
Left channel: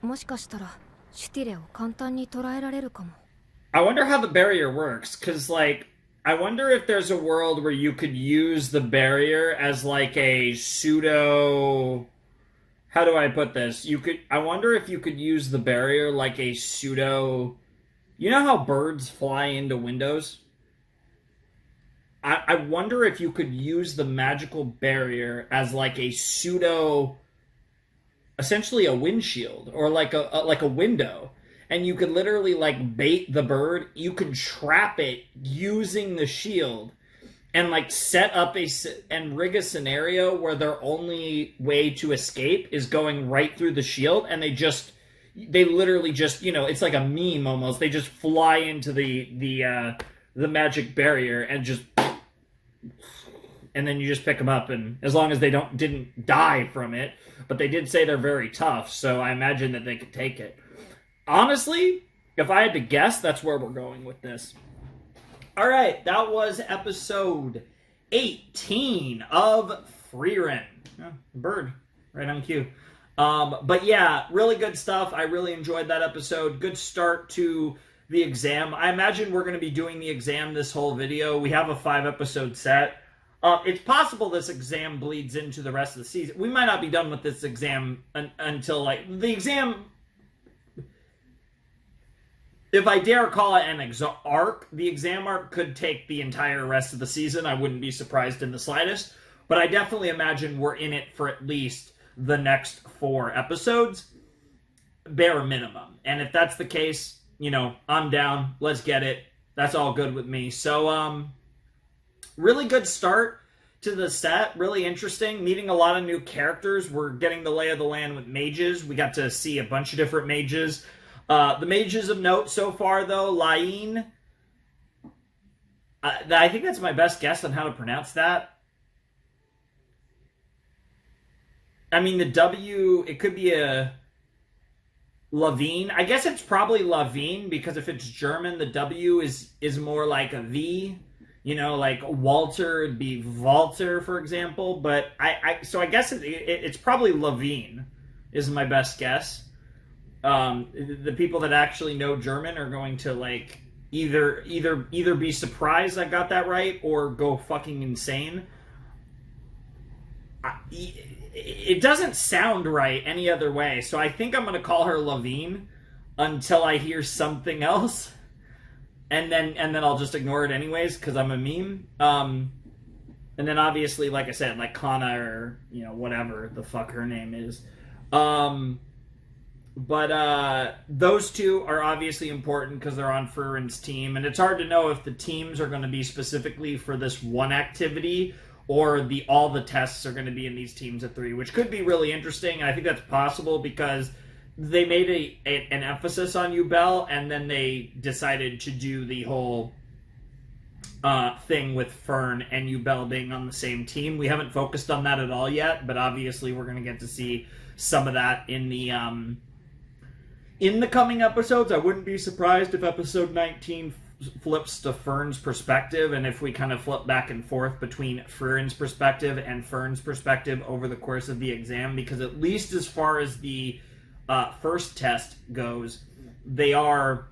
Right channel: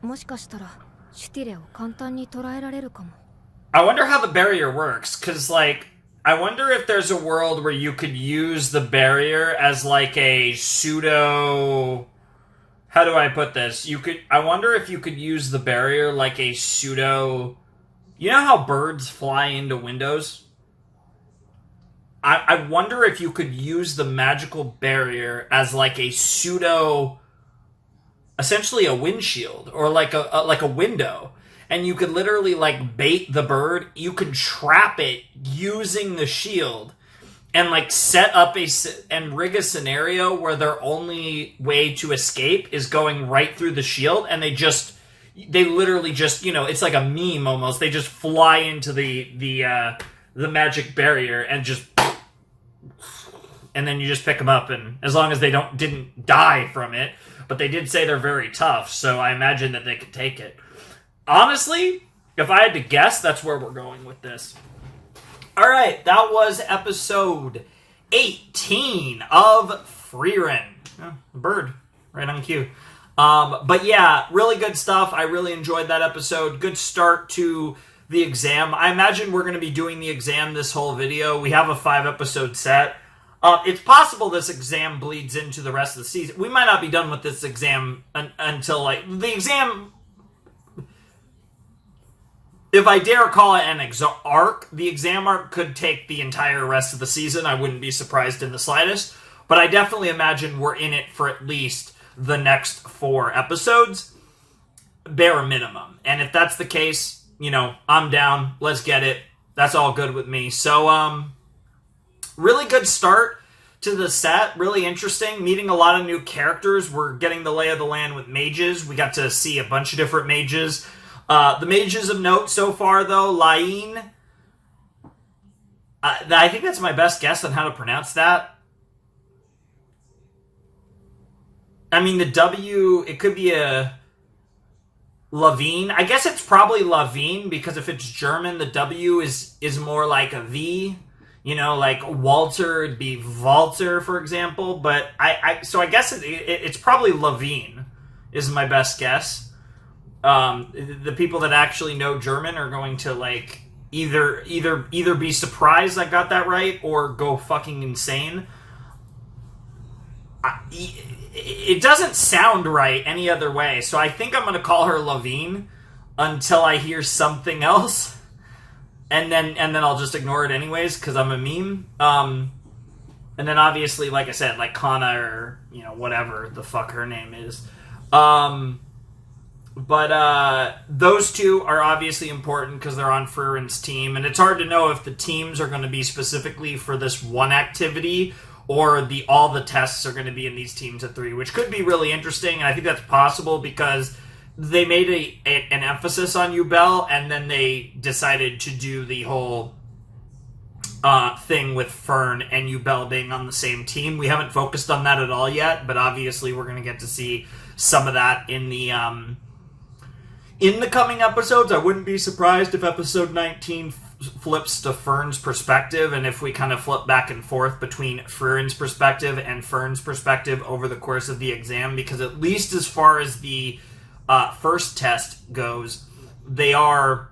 もしかしたらシュティレを簡単に捉えられるかも。I wonder how the barrier works, cause like I wonder if there's a world where you could use the barrier as like a pseudo. How do I put this? I wonder if you could use the barrier like a pseudo. You know how birds fly into windows? I wonder if you could use the magical barrier as like a pseudo, essentially a windshield or like a window, and you could literally like bait the bird. You could trap it using the shield, and like set up and rig a scenario where their only way to escape is going right through the shield, and they literally just, you know, it's like a meme almost. They just fly into the magic barrier and just, and then you just pick them up, and as long as they didn't die from it, but they did say they're very tough, so I imagine that they could take it. Honestly, if I had to guess, that's where we're going with this. All right, that was episode 18 of Frieren. Oh, a bird, right on cue. But yeah, really good stuff. I really enjoyed that episode. Good start to the exam. I imagine we're going to be doing the exam this whole video. We have a 5-episode set. It's possible this exam bleeds into the rest of the season. We might not be done with this exam until, like, the exam... If I dare call it an arc, the exam arc could take the entire rest of the season. I wouldn't be surprised in the slightest. But I definitely imagine we're in it for at least the next 4 episodes, bare minimum. And if that's the case, you know, I'm down. Let's get it. That's all good with me. So, really good start to the set. Really interesting. Meeting a lot of new characters. We're getting the lay of the land with mages. We got to see a bunch of different mages. The mages of note so far, though, Lain. I think that's my best guess on how to pronounce that. I mean, the W, it could be a Lavigne. I guess it's probably Lavigne, because if it's German, the W is more like a V. You know, like Walter would be Walter, for example. But so I guess it's probably Lavigne is my best guess. The people that actually know German are going to like either be surprised I got that right or go fucking insane. It doesn't sound right any other way, so I think I'm going to call her Lavigne until I hear something else, and then I'll just ignore it anyways because I'm a meme. And then obviously, like I said, like Kana or, you know, whatever the fuck her name is. But those two are obviously important because they're on Friren's team, and it's hard to know if the teams are going to be specifically for this one activity or all the tests are going to be in these teams of 3, which could be really interesting. And I think that's possible because they made an emphasis on Yubel, and then they decided to do the whole thing with Fern and Yubel being on the same team. We haven't focused on that at all yet, but obviously we're going to get to see some of that in the coming episodes. I wouldn't be surprised if episode 19 flips to Fern's perspective, and if we kind of flip back and forth between Friren's perspective and Fern's perspective over the course of the exam, because at least as far as the first test goes, they are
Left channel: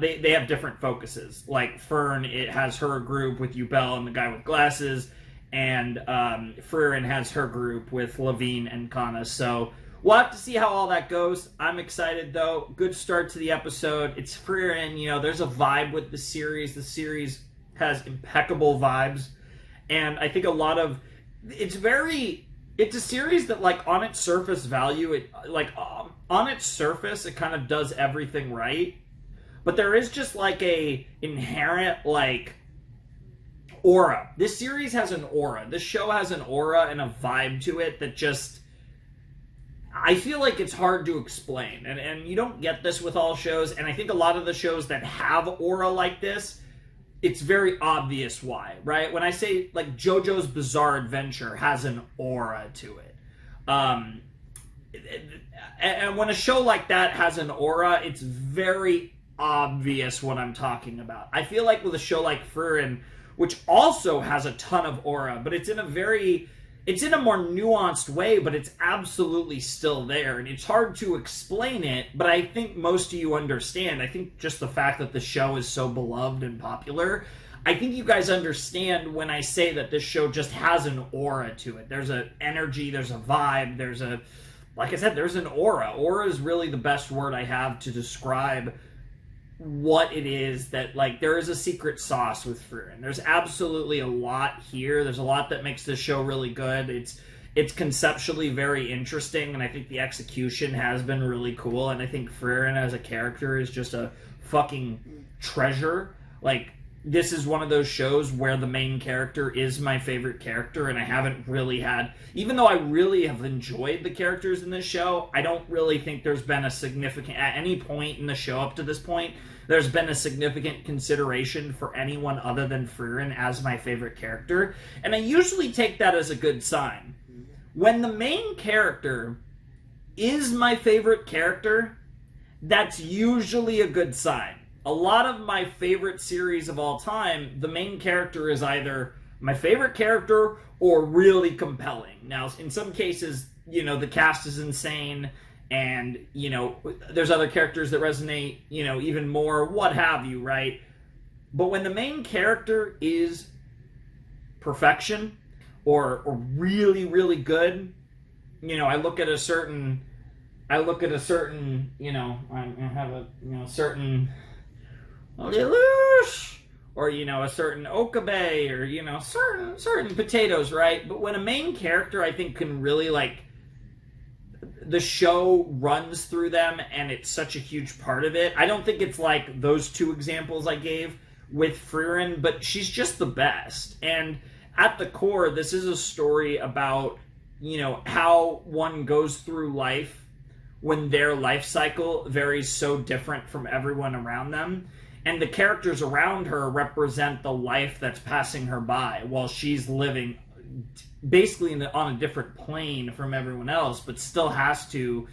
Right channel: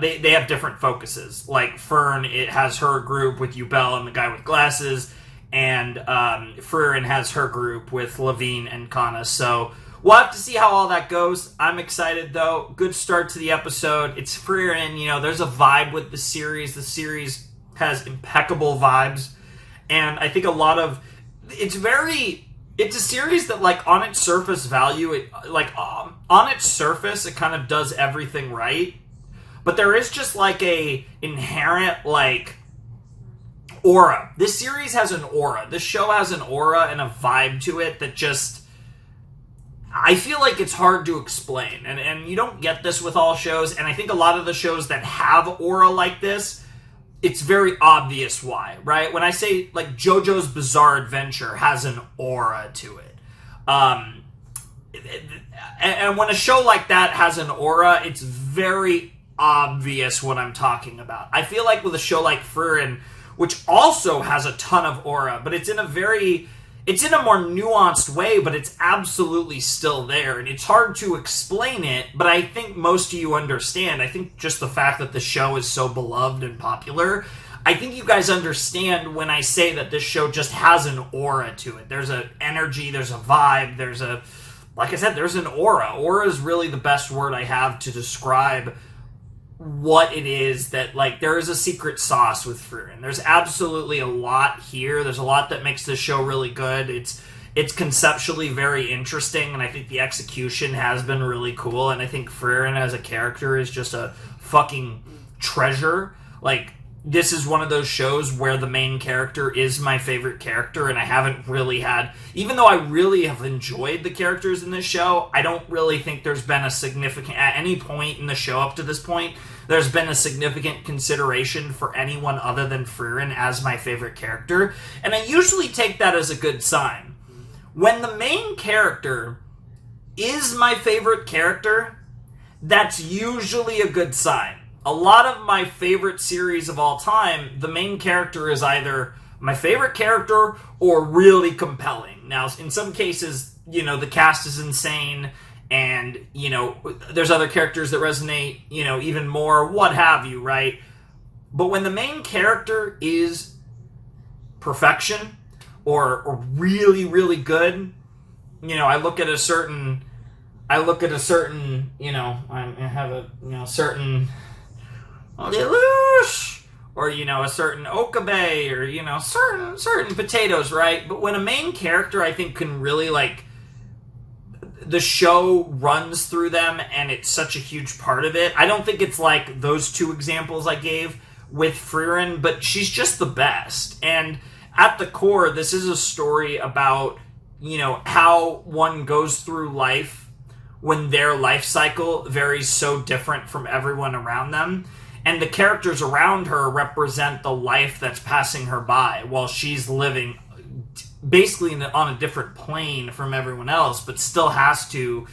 they have different focuses. Like Fern, it has her group with Yubel and the guy with glasses, and Frieren has her group with Lavigne and Kana. So we'll have to see how all that goes. I'm excited, though. Good start to the episode. It's Frieren. You know, there's a vibe with the series. The series has impeccable vibes. And I think a lot of... It's a series that, like, on its surface value, on its surface, it kind of does everything right. But there is just, like, a inherent, like, aura. This series has an aura. This show has an aura and a vibe to it that just... I feel like it's hard to explain, and you don't get this with all shows, and I think a lot of the shows that have aura like this, it's very obvious why, right? When I say, like, JoJo's Bizarre Adventure has an aura to it. And when a show like that has an aura, it's very obvious what I'm talking about. I feel like with a show like Frieren, which also has a ton of aura, but it's in a more nuanced way, but it's absolutely still there, and it's hard to explain it, but I think most of you understand. I think just the fact that the show is so beloved and popular, I think you guys understand when I say that this show just has an aura to it. There's an energy, there's a vibe, like I said, there's an aura. Aura is really the best word I have to describe what it is that, like, there is a secret sauce with Frieren. There's absolutely a lot here. There's a lot that makes this show really good. It's conceptually very interesting, and I think the execution has been really cool, and I think Frieren as a character is just a fucking treasure. Like, this is one of those shows where the main character is my favorite character, and I haven't really had... Even though I really have enjoyed the characters in this show, I don't really think there's been a significant... At any point in the show up to this point, there's been a significant consideration for anyone other than Frieren as my favorite character, and I usually take that as a good sign. When the main character is my favorite character, that's usually a good sign. A lot of my favorite series of all time, the main character is either my favorite character or really compelling. Now, in some cases, you know, the cast is insane, and, you know, there's other characters that resonate, you know, even more, what have you, right? But when the main character is perfection, or really, really good, you know, I look at a certain, you know, I have a, you know, certain... Lelouch, or, you know, a certain Okabe, or, you know, certain potatoes, right? But when a main character, I think, can really, like, the show runs through them, and it's such a huge part of it. I don't think it's like those two examples I gave with Frieren, but she's just the best. And at the core, this is a story about, you know, how one goes through life when their life cycle varies so different from everyone around them. And the characters around her represent the life that's passing her by while she's living basically on a different plane from everyone else, but still has to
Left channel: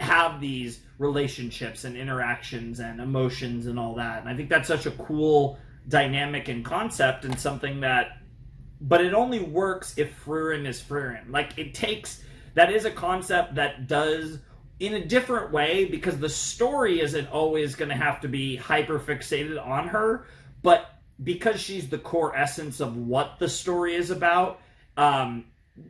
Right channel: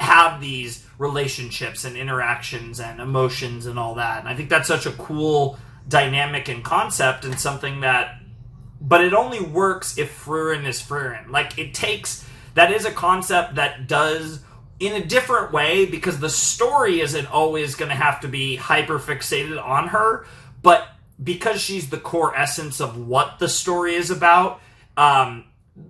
have these relationships and interactions and emotions and all that. And I think that's such a cool dynamic and concept, and something that... But it only works if Frieren is Frieren. Like, it takes... That is a concept that does... in a different way, because the story isn't always going to have to be hyper-fixated on her, but because she's the core essence of what the story is about,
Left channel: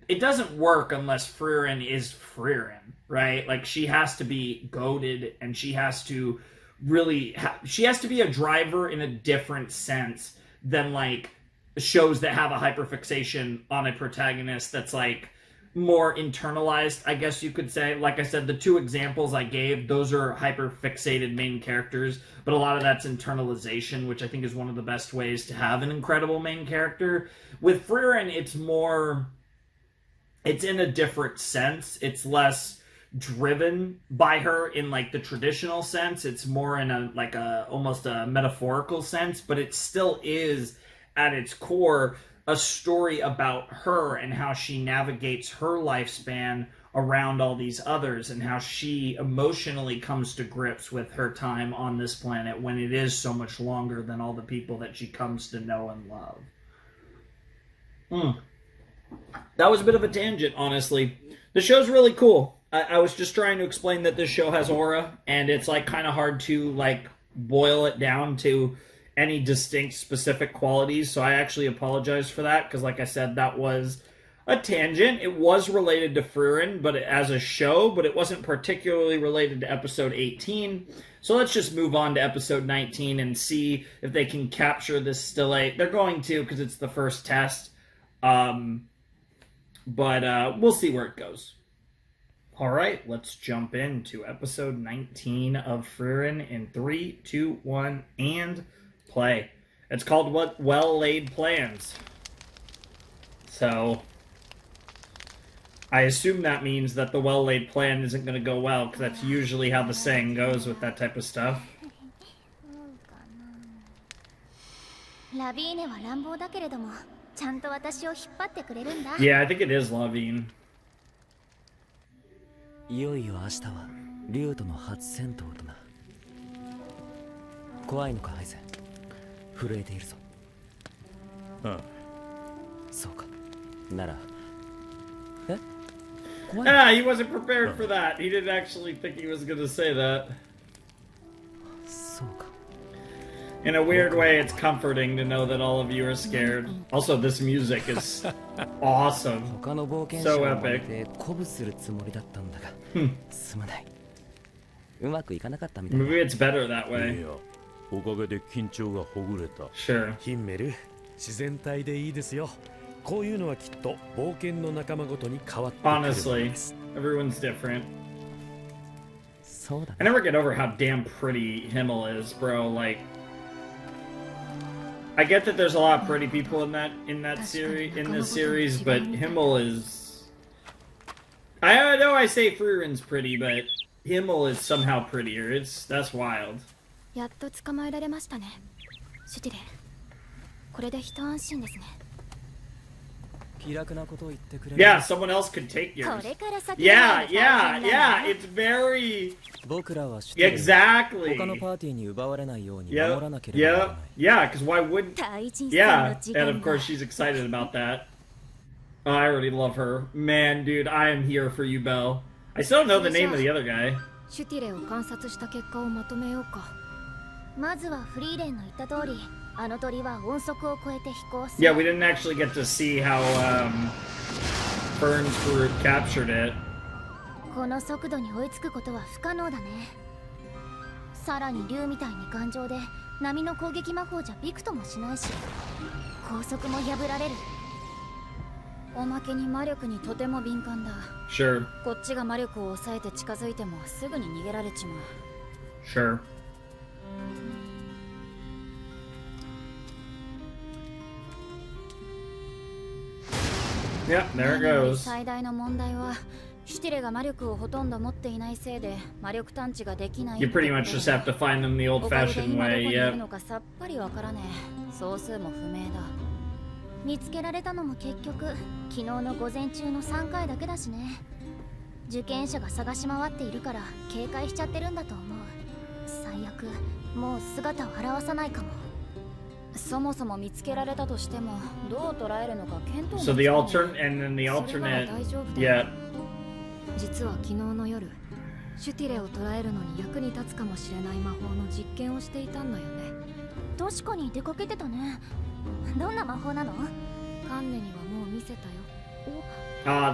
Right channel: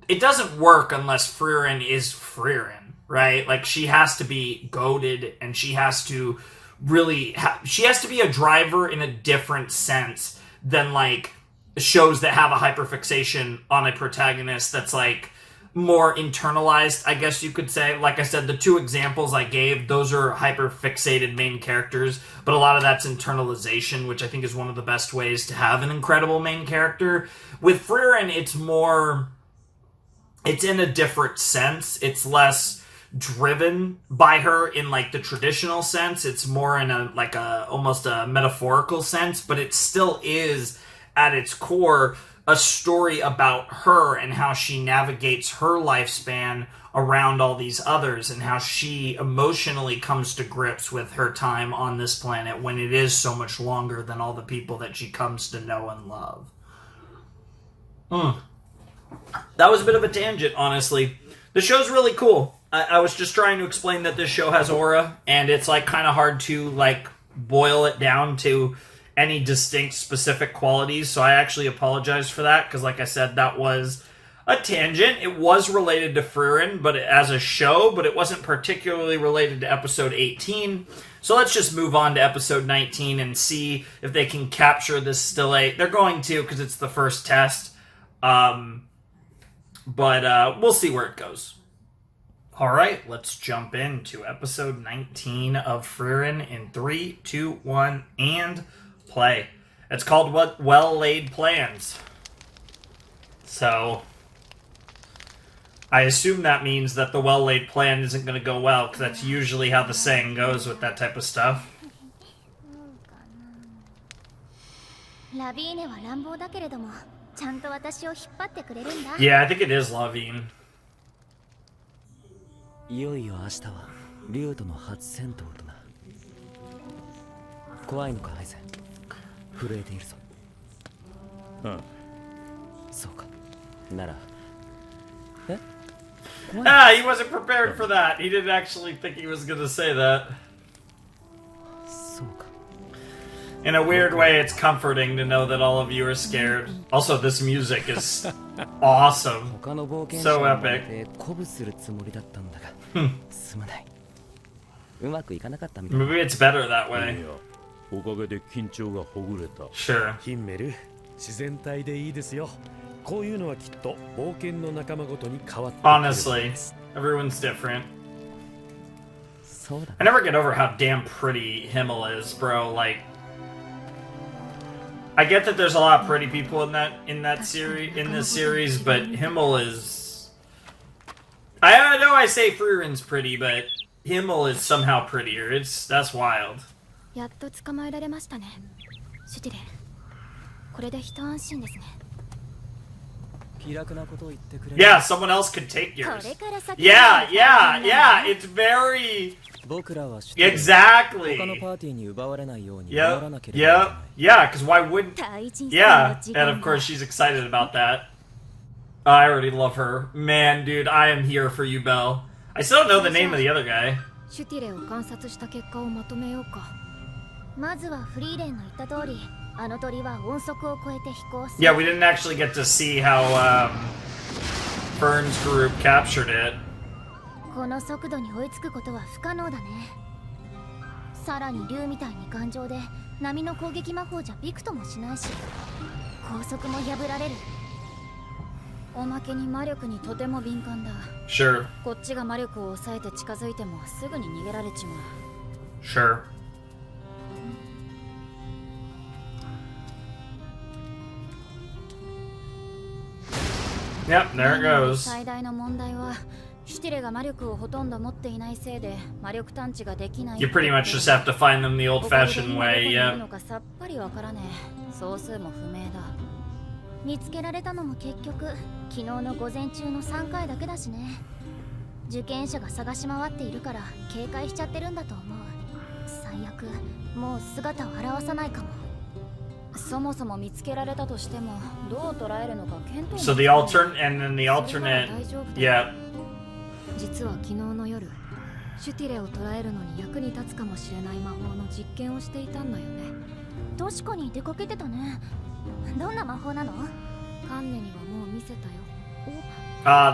it doesn't work unless Frieren is Frieren, right? Like, she has to be goated, and she has to really... she has to be a driver in a different sense than, like, shows that have a hyper-fixation on a protagonist that's, like, more internalized, I guess you could say. Like I said, the two examples I gave, those are hyper-fixated main characters, but a lot of that's internalization, which I think is one of the best ways to have an incredible main character. With Frieren, it's more... It's in a different sense. It's less driven by her in, like, the traditional sense. It's more in a, like, a almost a metaphorical sense, but it still is, at its core, a story about her and how she navigates her lifespan around all these others, and how she emotionally comes to grips with her time on this planet when it is so much longer than all the people that she comes to know and love. That was a bit of a tangent, honestly. The show's really cool. I was just trying to explain that this show has aura, and it's, like, kind of hard to, like, boil it down to any distinct specific qualities, so I actually apologize for that, because like I said, that was a tangent. It was related to Frieren, but as a show, but it wasn't particularly related to episode 18. So let's just move on to episode 19 and see if they can capture this still. They're going to, because it's the first test, but we'll see where it goes. Alright, let's jump into episode 19 of Frieren in 3, 2, 1, and... play. It's called What Well-Laid Plans. So, I assume that means that the well-laid plan isn't going to go well, because that's usually how the saying goes with that type of stuff. Yeah, I think it is Lavigne. いよいよ明日は竜との初戦闘とな。怖いのかアイゼン。震えているぞ。そうか。なら。Ah, he wasn't prepared for that. He didn't actually think he was going to say that. そうか。 In a weird way, it's comforting to know that all of you are scared. Also, this music is awesome. So epic. 鼓舞するつもりだったんだが、すまない。うまくいかなかったみたい。 Maybe it's better that way. いや、おかげで緊張がほぐれた。 Sure. ヒンメル、自然体でいいですよ。こういうのはきっと冒険の仲間ごとに変わってくるもの Honestly, です。 everyone's different. そうだ I ね。 never get over how damn pretty Himmel is, bro. Like, I get that there's a lot of pretty people in this series, but Himmel is. I know I say Frierin's pretty, but Himmel is somehow prettier. That's wild. やっと捕まえられましたね。シュティレン。これで一安心ですね。気楽なことを言ってくれる。 Yeah, someone else could take こ yours. れから先 Yeah, it's very 僕らは知ってる。 exactly. 他のパーティーに奪われないように守ら Yep, なければいけ yep, ない yeah. Because why wouldn't? 大人さん Yeah, の時 and 間 of だ course she's excited about that. I already love her. Man, dude, I am here for you, Belle. I still don't know the name of the other guy. シュティレを観察した結果をまとめようか。まずはフリーレンの言った通り、あの鳥は音速を超えて飛行する。 Yeah, we didn't actually get to see how Fern's group captured it. この速度に追いつくことは不可能だね。さらに竜みたいに頑丈で波の攻撃魔法じゃびくともしないし、高速も破られる。おまけに魔力にとても敏感だ。 Sure, こっちが魔力を抑えて近づいてもすぐに逃げられちまう。 sure. Yep, there it なのに goes. 最大の問題はシュティレが魔力をほとんど持っていないせいで魔力探知ができない。 You pretty much just have to find them the おかげで old-fashioned 今どこ way. にいる Yep. のかさっぱりわからねえ。総数も不明だ。見つけられたのも結局昨日の午前中の3回だけだしね。受験者が探し回っているから警戒しちゃってるんだと思う。最悪、もう姿を現さないかも。そもそも見つけられたとしてもどう捉えるのか見当も So the alternate, and then the それなら alternate. 大丈夫だよ。 Yeah. 実は昨日の夜、シュティレを捕らえるのに役に立つかもしれない魔法の実験をしていたんだよね。確かに出かけてたね。どんな魔法なの？カンネにはもう見せたよ。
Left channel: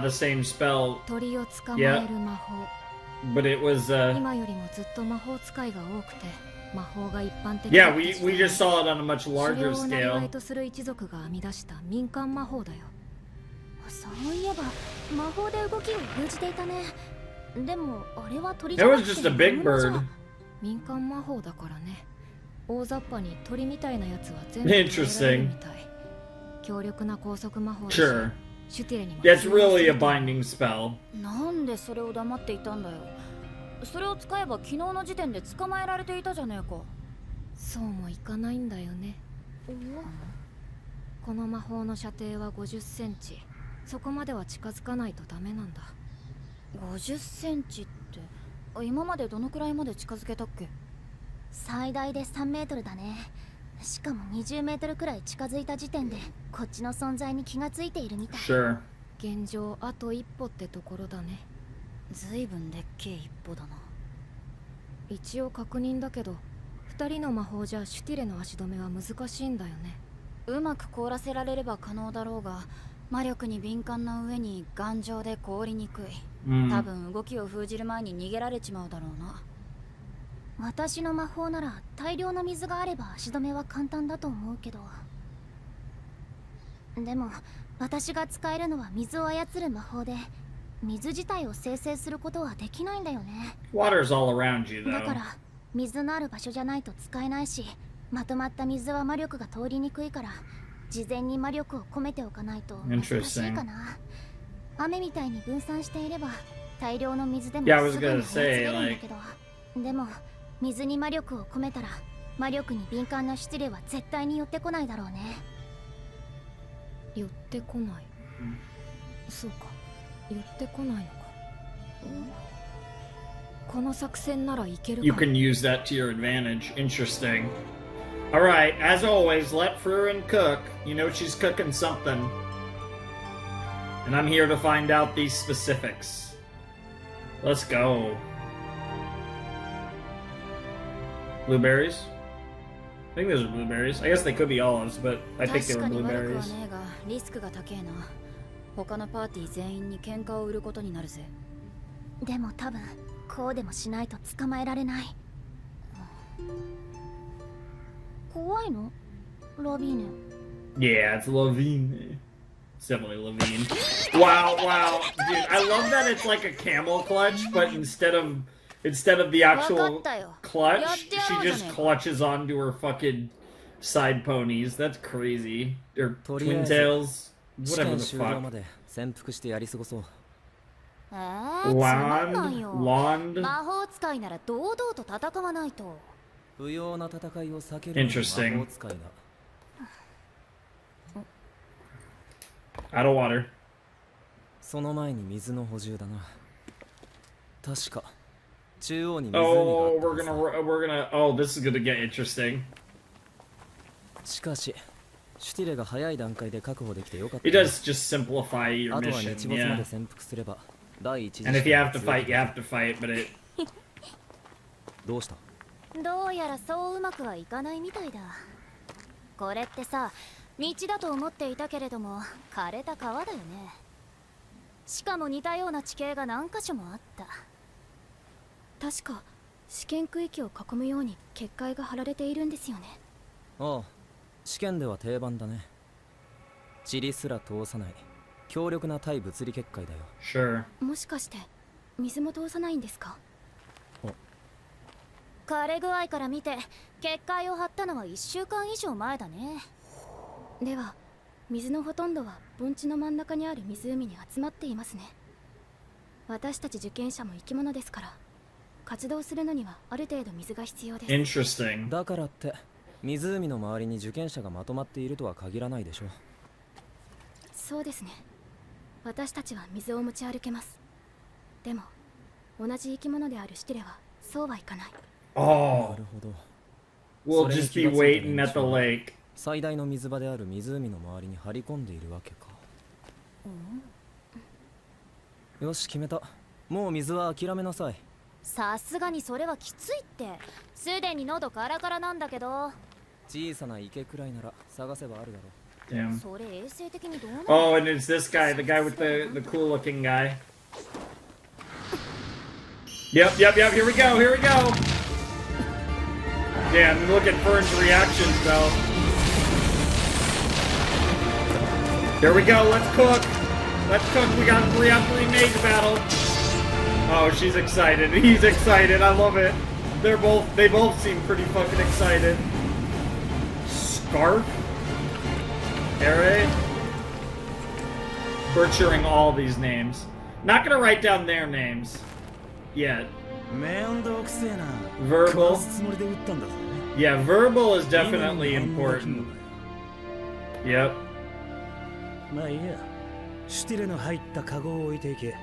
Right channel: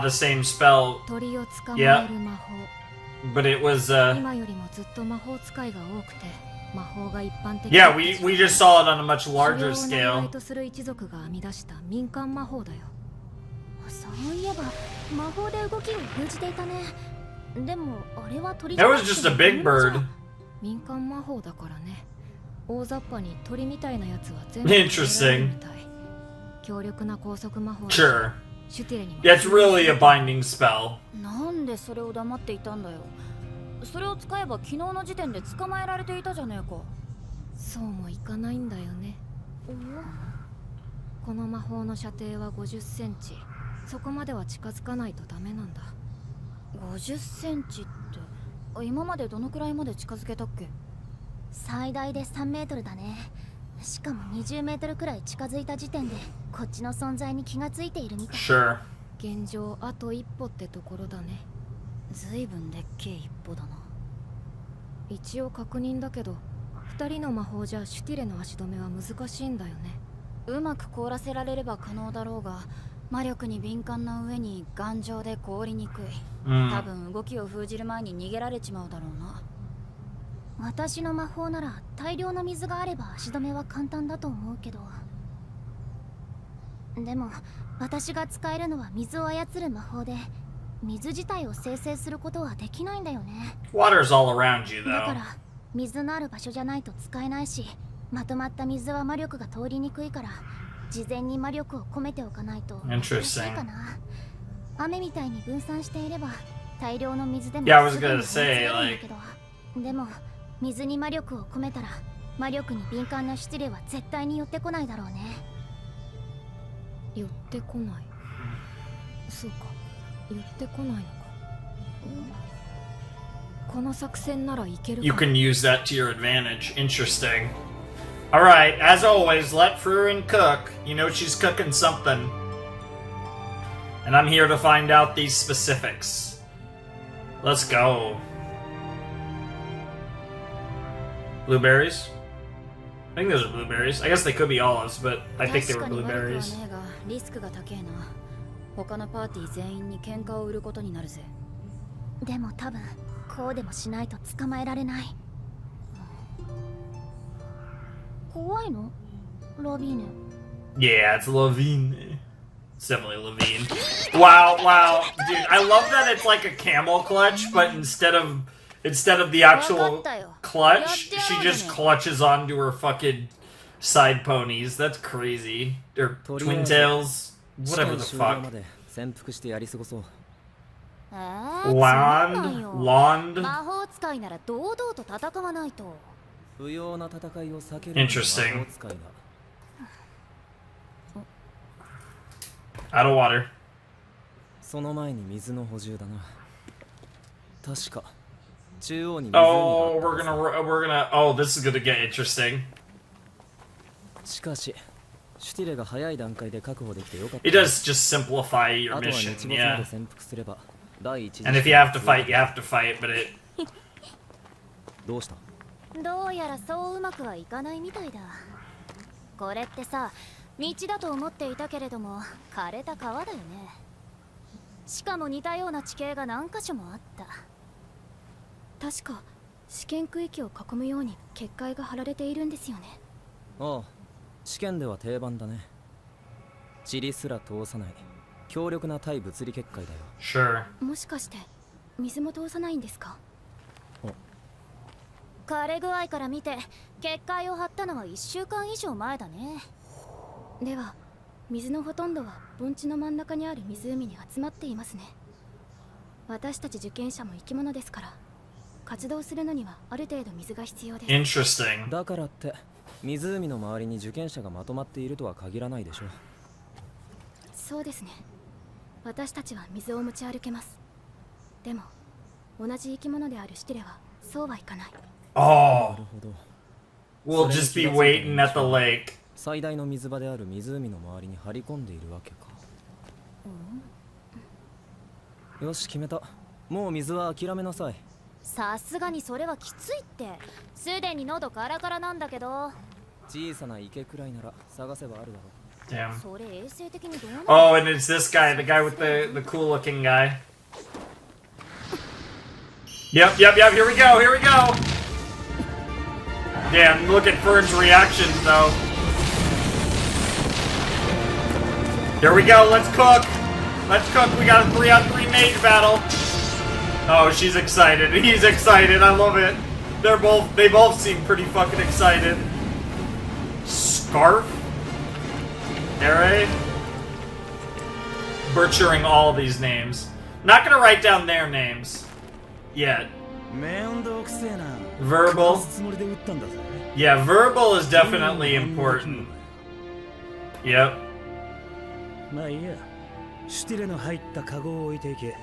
The same spell, 鳥を捕まえる魔法。 but it was. 今よりもずっと魔法使いが多くて、魔法が一般的 Yeah, だった we 時代 we just saw it on a much 狩 larger 猟を生業 scale. とする一族が編み出した民間魔法だよ。そういえば魔法で動きを封じていたね。でもあれは鳥じ That ゃな was くて just a big 本物じゃ bird. 民間魔法だからね。大雑把に鳥みたいなやつは全部 Interesting. 捕らえられるみたい。強力な高速魔法だし Sure. シュティレにも Yeah, it's really a binding spell. なんでそれを黙っていたんだよ。それを使えば昨日の時点で捕まえられていたじゃねえか。そうもいかないんだよね。この魔法の射程は50センチ。そこまでは近づかないとダメなんだ。50センチって今までどのくらいまで近づけたっけ？最大で3メートルだね。しかも20メートルくらい近づいた時点でこっちの存在に気がついているみたい。 Sure. 現状あと一歩ってところだね。ずいぶんでっけえ一歩だな。一応確認だけど、2人の魔法じゃシュティレの足止めは難しいんだよね。うまく凍らせられれば可能だろうが、魔力に敏感な上に頑丈で凍りにくい。多分動きを封じる前に逃げられちまうだろうな。私の魔法なら大量の水があれば足止めは簡単だと思うけど。でも私が使えるのは水を操る魔法で、水自体を生成することはできないんだよね。 Water's all around you, だか though. ら水のある場所じゃないと使えないし、まとまった水は魔力が通りにくいから事前に魔力を込めておかないと難しいかな。雨みたいに分散していれば大量の水でも Yeah, I was すぐに gonna 追い詰め say, るんだ like, けど、でも水に魔力を込めたら魔力に敏感なシュティレは絶対に寄ってこないだろうね。寄ってこない。そうか、寄ってこないのか。この作戦ならいけるか。 You can use that to your advantage. Interesting. Alright, as always, let Frieren cook. You know she's cooking something. And I'm here to find out these specifics. Let's go. Blueberries? I think those are blueberries. I guess they could be olives, but I think they 確 were かに悪くは blueberries. ねえがリスクが高えな。他のパーティー全員に喧嘩を売ることになるぜ。でも多分こうでもしないと捕まえられない。怖いの？ラビーネ。Yeah, it's Levine. It's definitely Levine. Wow, wow, dude, I love that it's like a camel clutch, but instead of the actual clutch, she just clutches onto her fucking side ponies. That's crazy. Or twin tails, whatever the fuck. Lond. Interesting. Out of water. その前に水の補充だな。確か中央に湖があった。Oh, we're gonna. Oh, this is gonna get interesting. しかし、シュティレが早い段階で確保できてよかった。It does just simplify your あとは mission. 日没ま Yeah. で潜伏すれば第一次。 And if you have to fight, you have to fight. But it. どうした？どうやらそううまくはいかないみたいだ。これってさ、道だと思っていたけれども枯れた川だよね。しかも似たような地形が何箇所もあった。確か試験区域を囲むように結界が張られているんですよね。ああ、試験では定番だね。塵すら通さない強力な対物理結界だよ。Sure. もしかして水も通さないんですか？枯れ具合から見て結界を張ったのは1週間以上前だね。では水のほとんどは盆地の真ん中にある湖に集まっていますね。私たち受験者も生き物ですから活動するのにはある程度水が必要です。 Interesting. だからって湖の周りに受験者がまとまっているとは限らないでしょ。そうですね。私たちは水を持ち歩けます。でも同じ生き物であるシティレはそうはいかない。Oh. なるほど。 We'll just be waiting at the lake. 最大の水場である湖の周りに張り込んでいるわけか。よし決めた。もう水は諦めなさい。さすがにそれはきついって。すでに喉カラカラなんだけど。小さな池くらいなら探せばあるだろう。Damn. それ衛生的にどうなの？ Oh, and it's this guy, the guy with the cool looking guy. Yep, here we go, Damn, look at Fern's reactions though. Here we go, let's cook, we got a 3-on-3 mage battle. Oh, she's excited, he's excited, I love it. They both seem pretty fucking excited. Scarf? Alright. Butchering all these names. Not gonna write down their names yet. Verbal. Yeah, verbal is definitely important. Yep. まあいいや。シュティレの入ったカゴを置いていけ。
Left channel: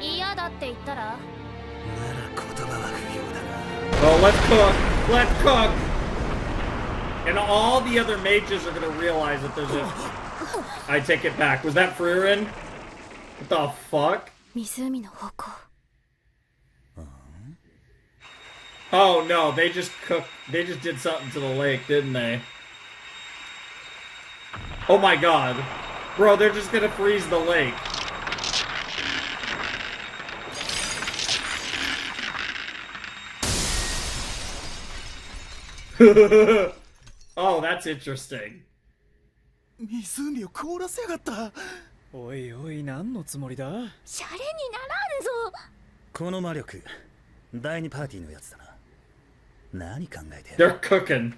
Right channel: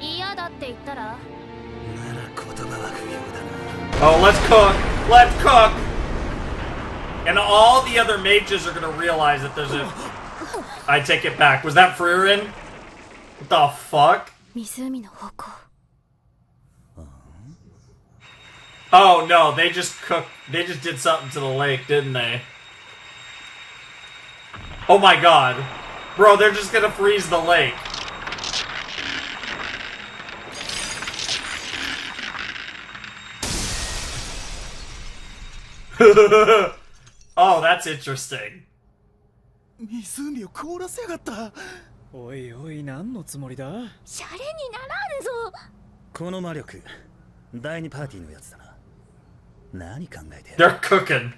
嫌だって言ったら？なら言葉は不要だな。 Oh, let's cook! And all the other mages are gonna realize that there's a... I take it back. Was that Frieren? What the fuck? 湖の方向。Oh no, they just did something to the lake, didn't they? Oh my god. Bro, they're just gonna freeze the lake. Oh, that's interesting. 湖を凍らせやがった。おいおい、何のつもりだ？シャレにならんぞ。この魔力、第二パーティーのやつだな。何考えて？ They're cooking.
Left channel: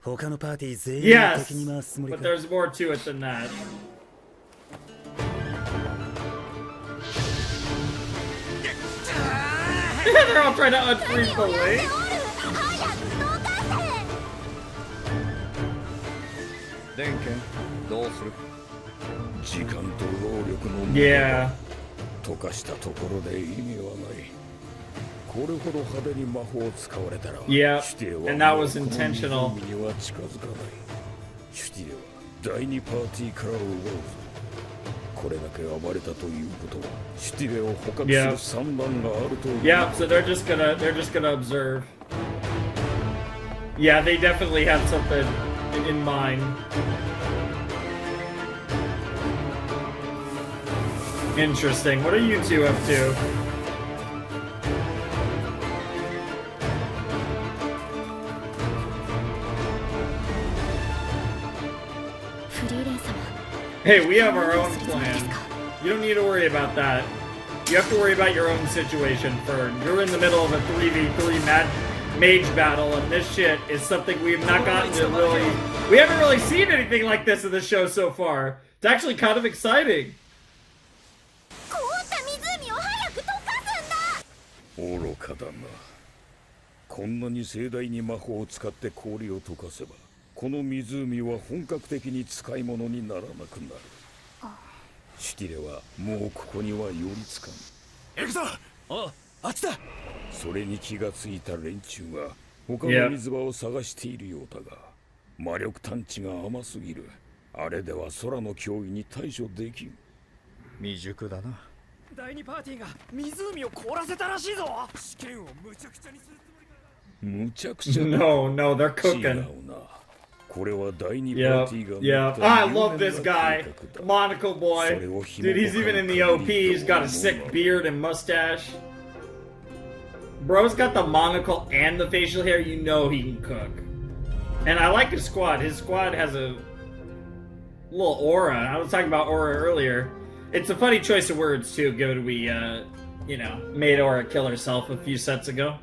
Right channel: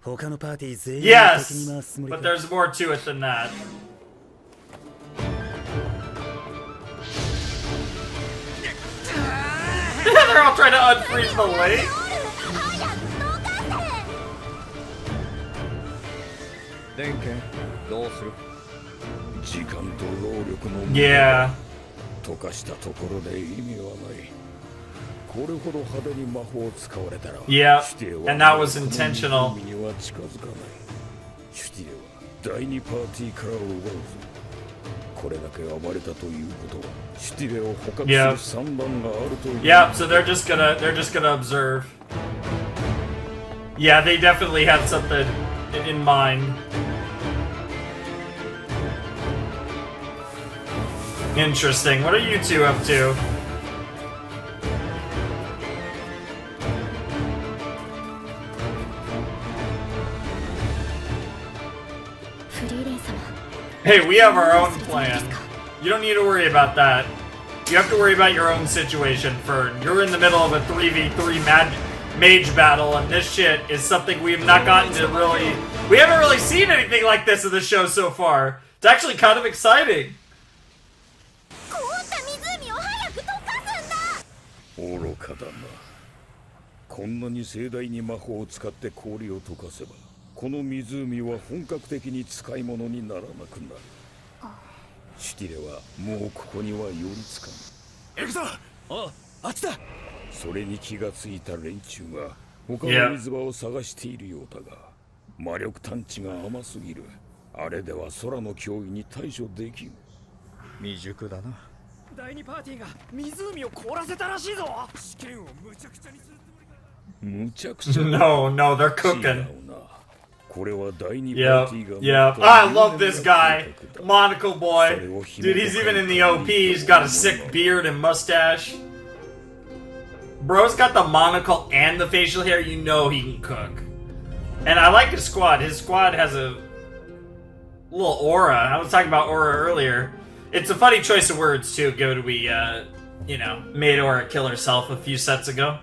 他のパーティー全員的に回すつもりか。But there's more to it than that. They're all trying to unfreeze the lake. 電源どうする？時間と労力の無駄 Yeah. 溶かしたところで意味はない。これほど派手に魔法を使われたら、 Yeah, シュティレは and that was intentional. この湖には近づかない。シュティレは第二パーティーから奪うぞ。これだけ暴れたということは、シュティレを捕獲する算段があるという。Yeah, so they're just gonna observe. Yeah, they definitely have something in mind. Interesting. What are you two up to? Hey, we have our own plan. You don't need to worry about that. You have to worry about your own situation, Fern. You're in the middle of a 3v3 mage battle, and this shit is something we have not gotten to really... We haven't really seen anything like this in the show so far. It's actually kind of exciting. 愚かだな。こんなに盛大に魔法を使って氷を溶かせば、この湖は本格的に使い物にならなくなる。シュティレはもうここには寄りつかん。行くぞ。あっちだ。それに気がついた連中が他の水場を探しているようだが、魔力探知が甘すぎる。あれでは空の脅威に対処できん。未熟だな。第二パーティーが湖を凍らせたらしいぞ。試験を無茶苦茶にするつもりか。無茶苦茶。No, no, they're cooking. これは第二パーティーが。Yeah, I love this guy, Monaco boy. Dude, he's even in the OP. He's got a sick beard and mustache. Bro's got the monocle and the facial hair. You know he can cook. And I like his squad. His squad has a little aura. I was talking about aura earlier. It's a funny choice of words too. Go to we, you know, made Aura kill herself a few sets ago.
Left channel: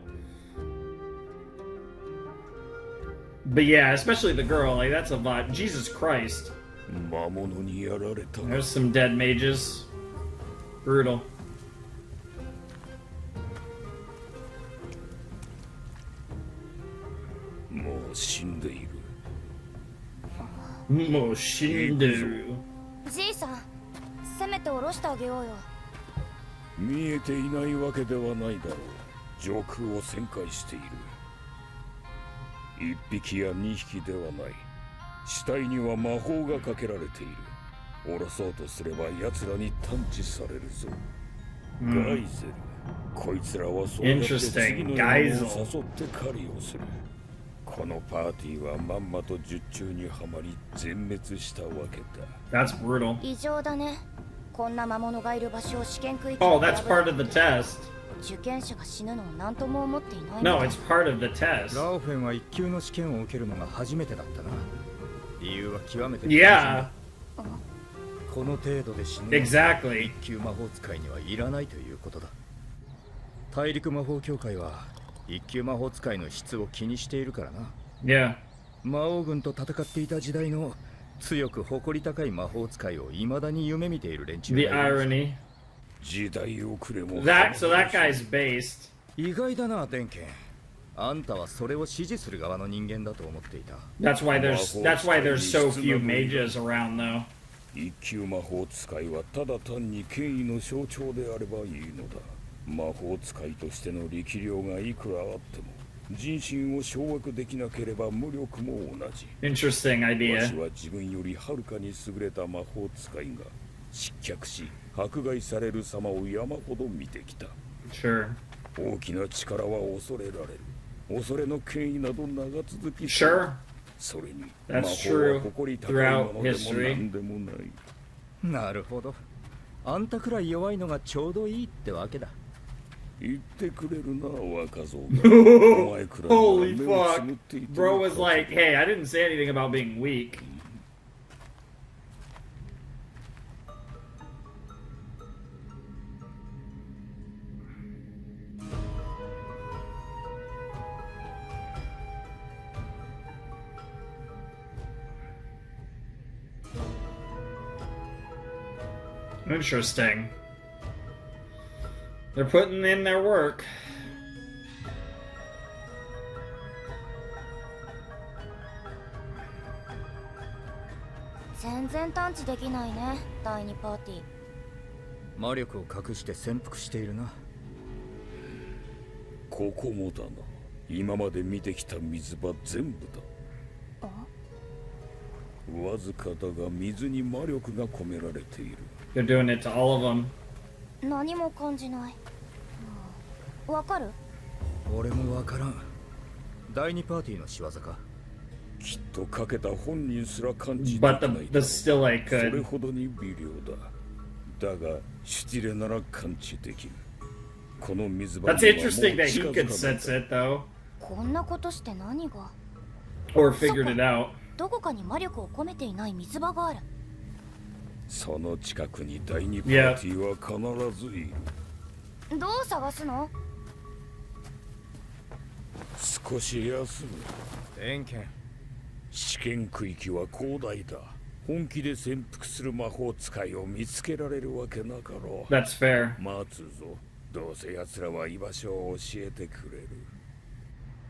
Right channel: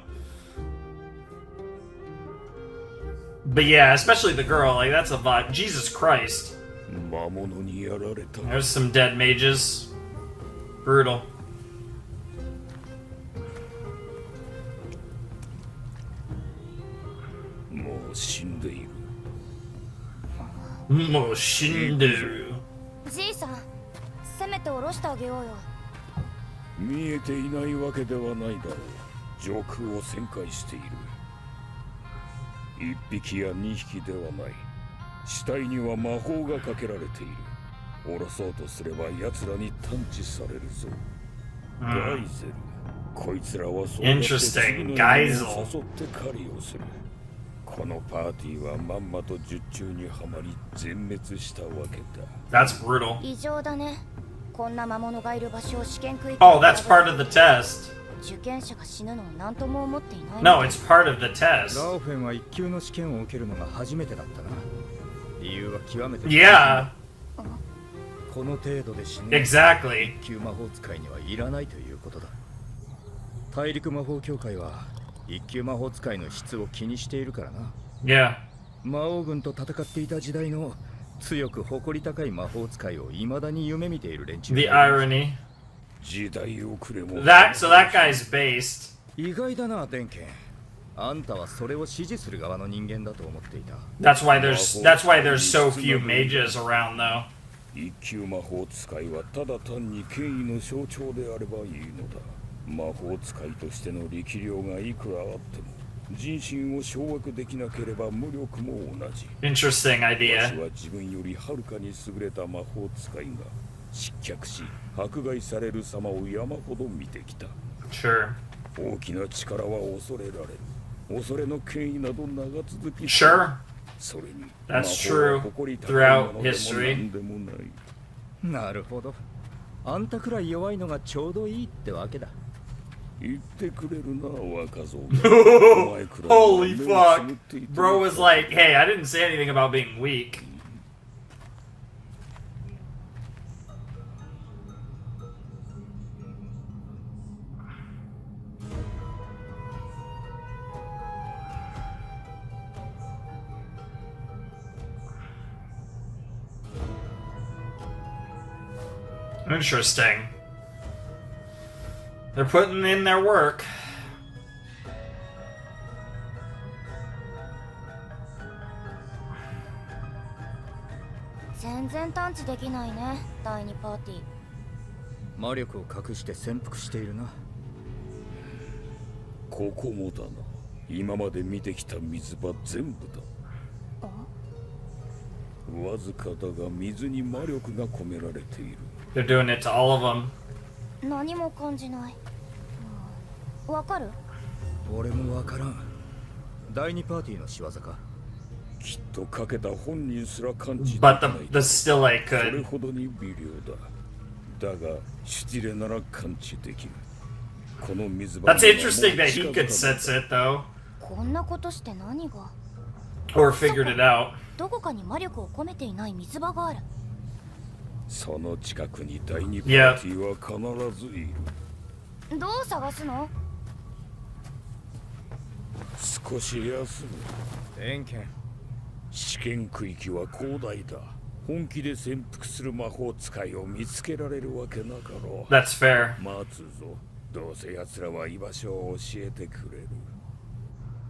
But yeah, especially the girl. Like that's a vibe. Jesus Christ. There's some dead mages. Brutal. もう死んでいる。もう死んでる。じいさん、せめて下ろしてあげようよ。見えていないわけではないだろう。上空を旋回している。一匹や二匹ではない。死体には魔法がかけられている。下ろそうとすれば奴らに探知されるぞ。ガイゼル。こいつらはそうやって次の夢を誘って狩りをする。このパーティーはまんまと術中にはまり全滅したわけだ。That's brutal. 異常だね。こんな魔物がいる場所を試験区域。Oh, that's part of the test. 受験者が死ぬのを何とも思っていない。No, it's part of the test. ラオフェンは一級の試験を受けるのが初めてだったな。理由は極めて。Yeah. この程度で死ぬ。Exactly. 一級魔法使いにはいらないということだ。大陸魔法協会は。一級魔法使いの質を気にしているからな。Yeah. 魔王軍と戦っていた時代の強く誇り高い魔法使いを未だに夢見ている連中がいる。The irony. 時代遅れも。So that guy's based. 意外だな、デンケン。あんたはそれを支持する側の人間だと思っていた。That's why there's so few mages around though. 一級魔法使いはただ単に権威の象徴であればいいのだ。魔法使いとしての力量がいくらあっても人心を掌握できなければ無力も同じ。Interesting idea. わしは自分よりはるかに優れた魔法使いが失脚し迫害される様を山ほど見てきた。Sure. 大きな力は恐れられる。恐れの権威など長続き。Sure. それに That's 魔法 true は誇り高いも throughout のでも history. 何でもない。なるほど。あんたくらい弱いのがちょうどいいってわけだ。言ってくれるな、若造が。 Holy fuck. Bro was like, hey, I didn't say anything about being weak. Interesting. They're putting in their work.魔力を隠して潜伏しているな。ここもだな。今まで見てきた水場全部だ。わずかだが水に魔力が込められている。They're doing it to all of them. 何も感じない。わかる？俺もわからん。第二パーティーの仕業か。きっとかけた本人すら感じでき But ない。the still I それ could. ほどに微量だ。だがシュティレなら感知できる。この水場 That's にはもう interesting that he 近づ could かない sense it though. こんなことして何が？ Or figured it out. どこかに魔力を込めていない水場がある。その近くに第2パーティーは必ずいる。どう探すの？少し休む。偏見。試験区域は広大だ。本気で潜伏する魔法使いを見つけられるわけなかろう。 That's fair. 待つぞ。どうせ奴らは居場所を教えてくれる。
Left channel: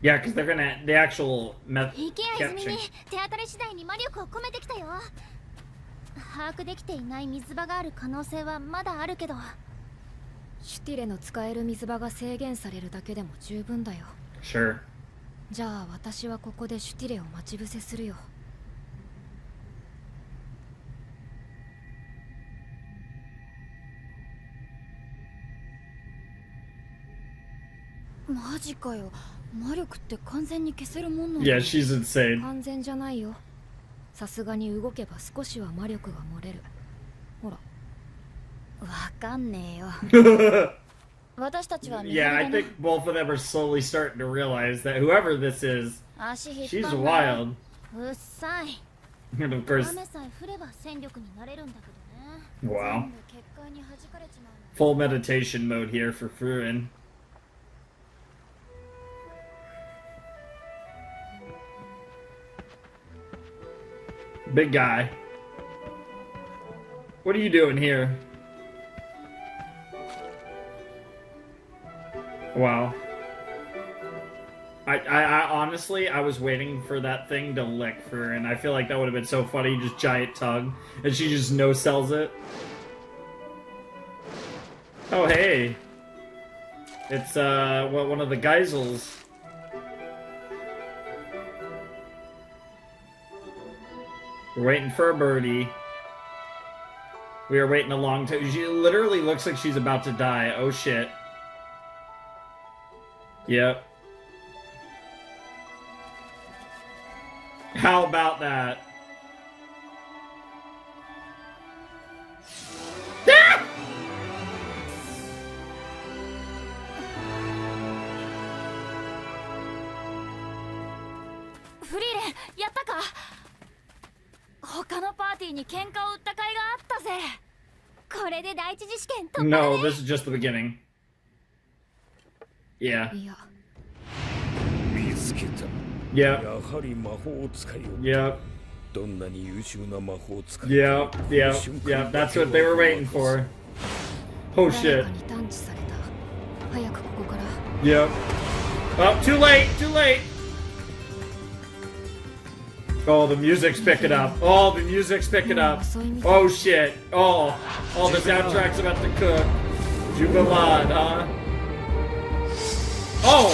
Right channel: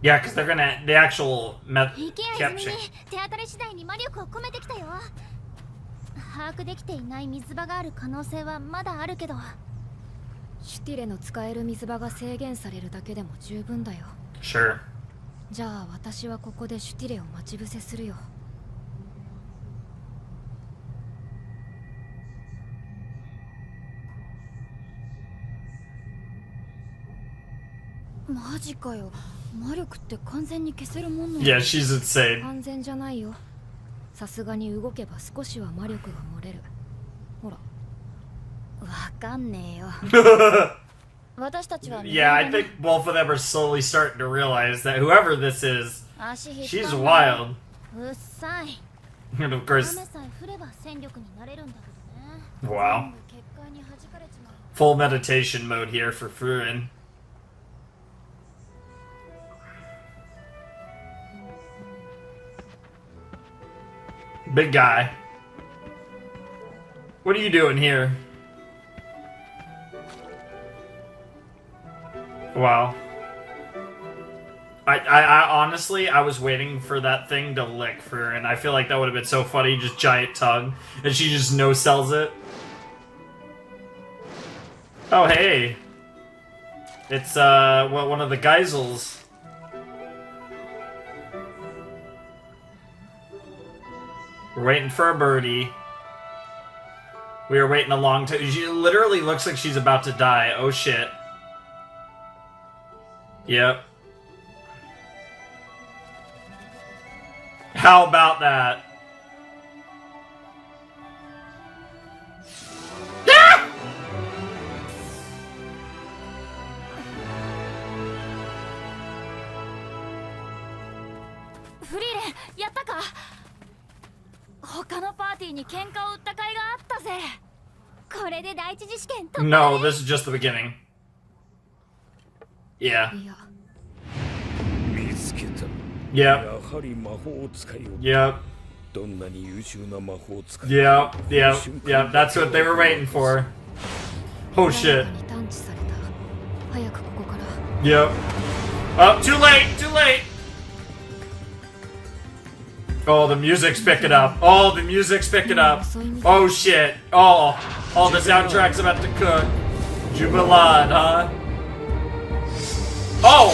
Yeah, because they're gonna the actual 行けや泉に手当たり次第に魔力を込めてきたよ。把握できていない水場がある可能性はまだあるけど。シュティレの使える水場が制限されるだけでも十分だよ。Sure. じゃあ私はここでシュティレを待ち伏せするよ。マジかよ。魔力って完全に消せるもんなの？ Yeah, she's insane. 完全じゃないよ。さすがに動けば少しは魔力が漏れる。ほら。わかんねえよ。私たちは Yeah, I think both of them are slowly starting to realize that whoever this is, she's wild. うっさい。 And of course, 雨さえ降れば戦力になれるんだけどね。 wow. 結界に弾かれちまう。 Full meditation mode here for Furīren. Big guy. What are you doing here? Wow. I honestly, I was waiting for that thing to lick for, and I feel like that would have been so funny, just giant tongue, and she just no-sells it. Oh, hey. It's, one of the geisels. We're waiting for a birdie. We are waiting a long time. She literally looks like she's about to die. Oh, shit. Yep. How about that? Ah! フリーレン、やったか？他のパーティーに喧嘩を売った甲斐があったぜ。これで第一次試験突破だね。 No, this is just the beginning. Yeah. いや。見つけた。 Yep. やはり魔法使いを。 Yep. どんなに優秀な魔法使い。 Yep. Yep. Yep. That's what they were waiting for. Oh shit. 誰かに探知された。早くここから。 Yep. Oh, too late. Too late. Oh, the music's picking up. Oh, the music's picking up. Oh shit. Oh, the soundtrack's about to cook. Jubilant, huh? Oh,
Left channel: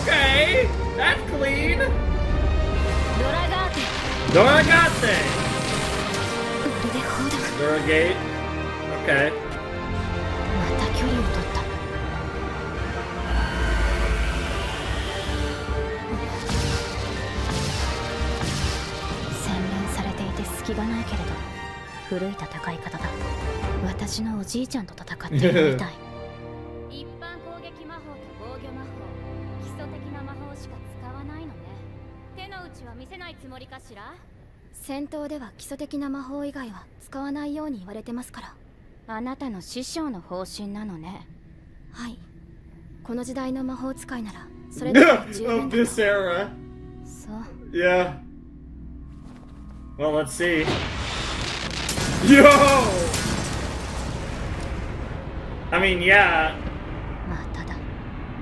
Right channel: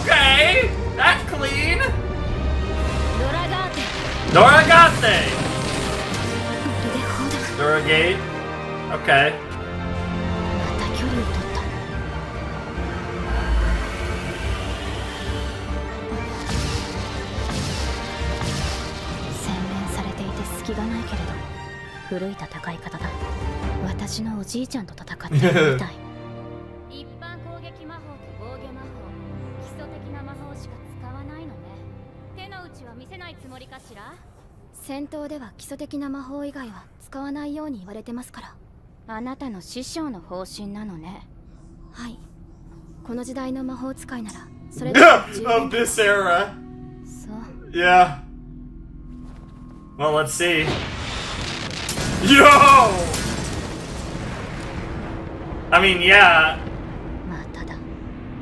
okay. That's clean. ドラガーテ。 Doragate. まるで砲だ。 Doragate. Okay. また距離を取った。洗練されていて隙がないけれど古い戦い方だ。私のおじいちゃんと戦っているみたい。一般攻撃魔法と防御魔法、基礎的な魔法しか使わないのね。手の内は見せないつもりかしら？戦闘では基礎的な魔法以外は使わないように言われてますから。あなたの師匠の方針なのね。はい。この時代の魔法使いならそれでも十分 Of this era. そう。 Yeah. Well, let's see. Yo! I mean, yeah. まただ。な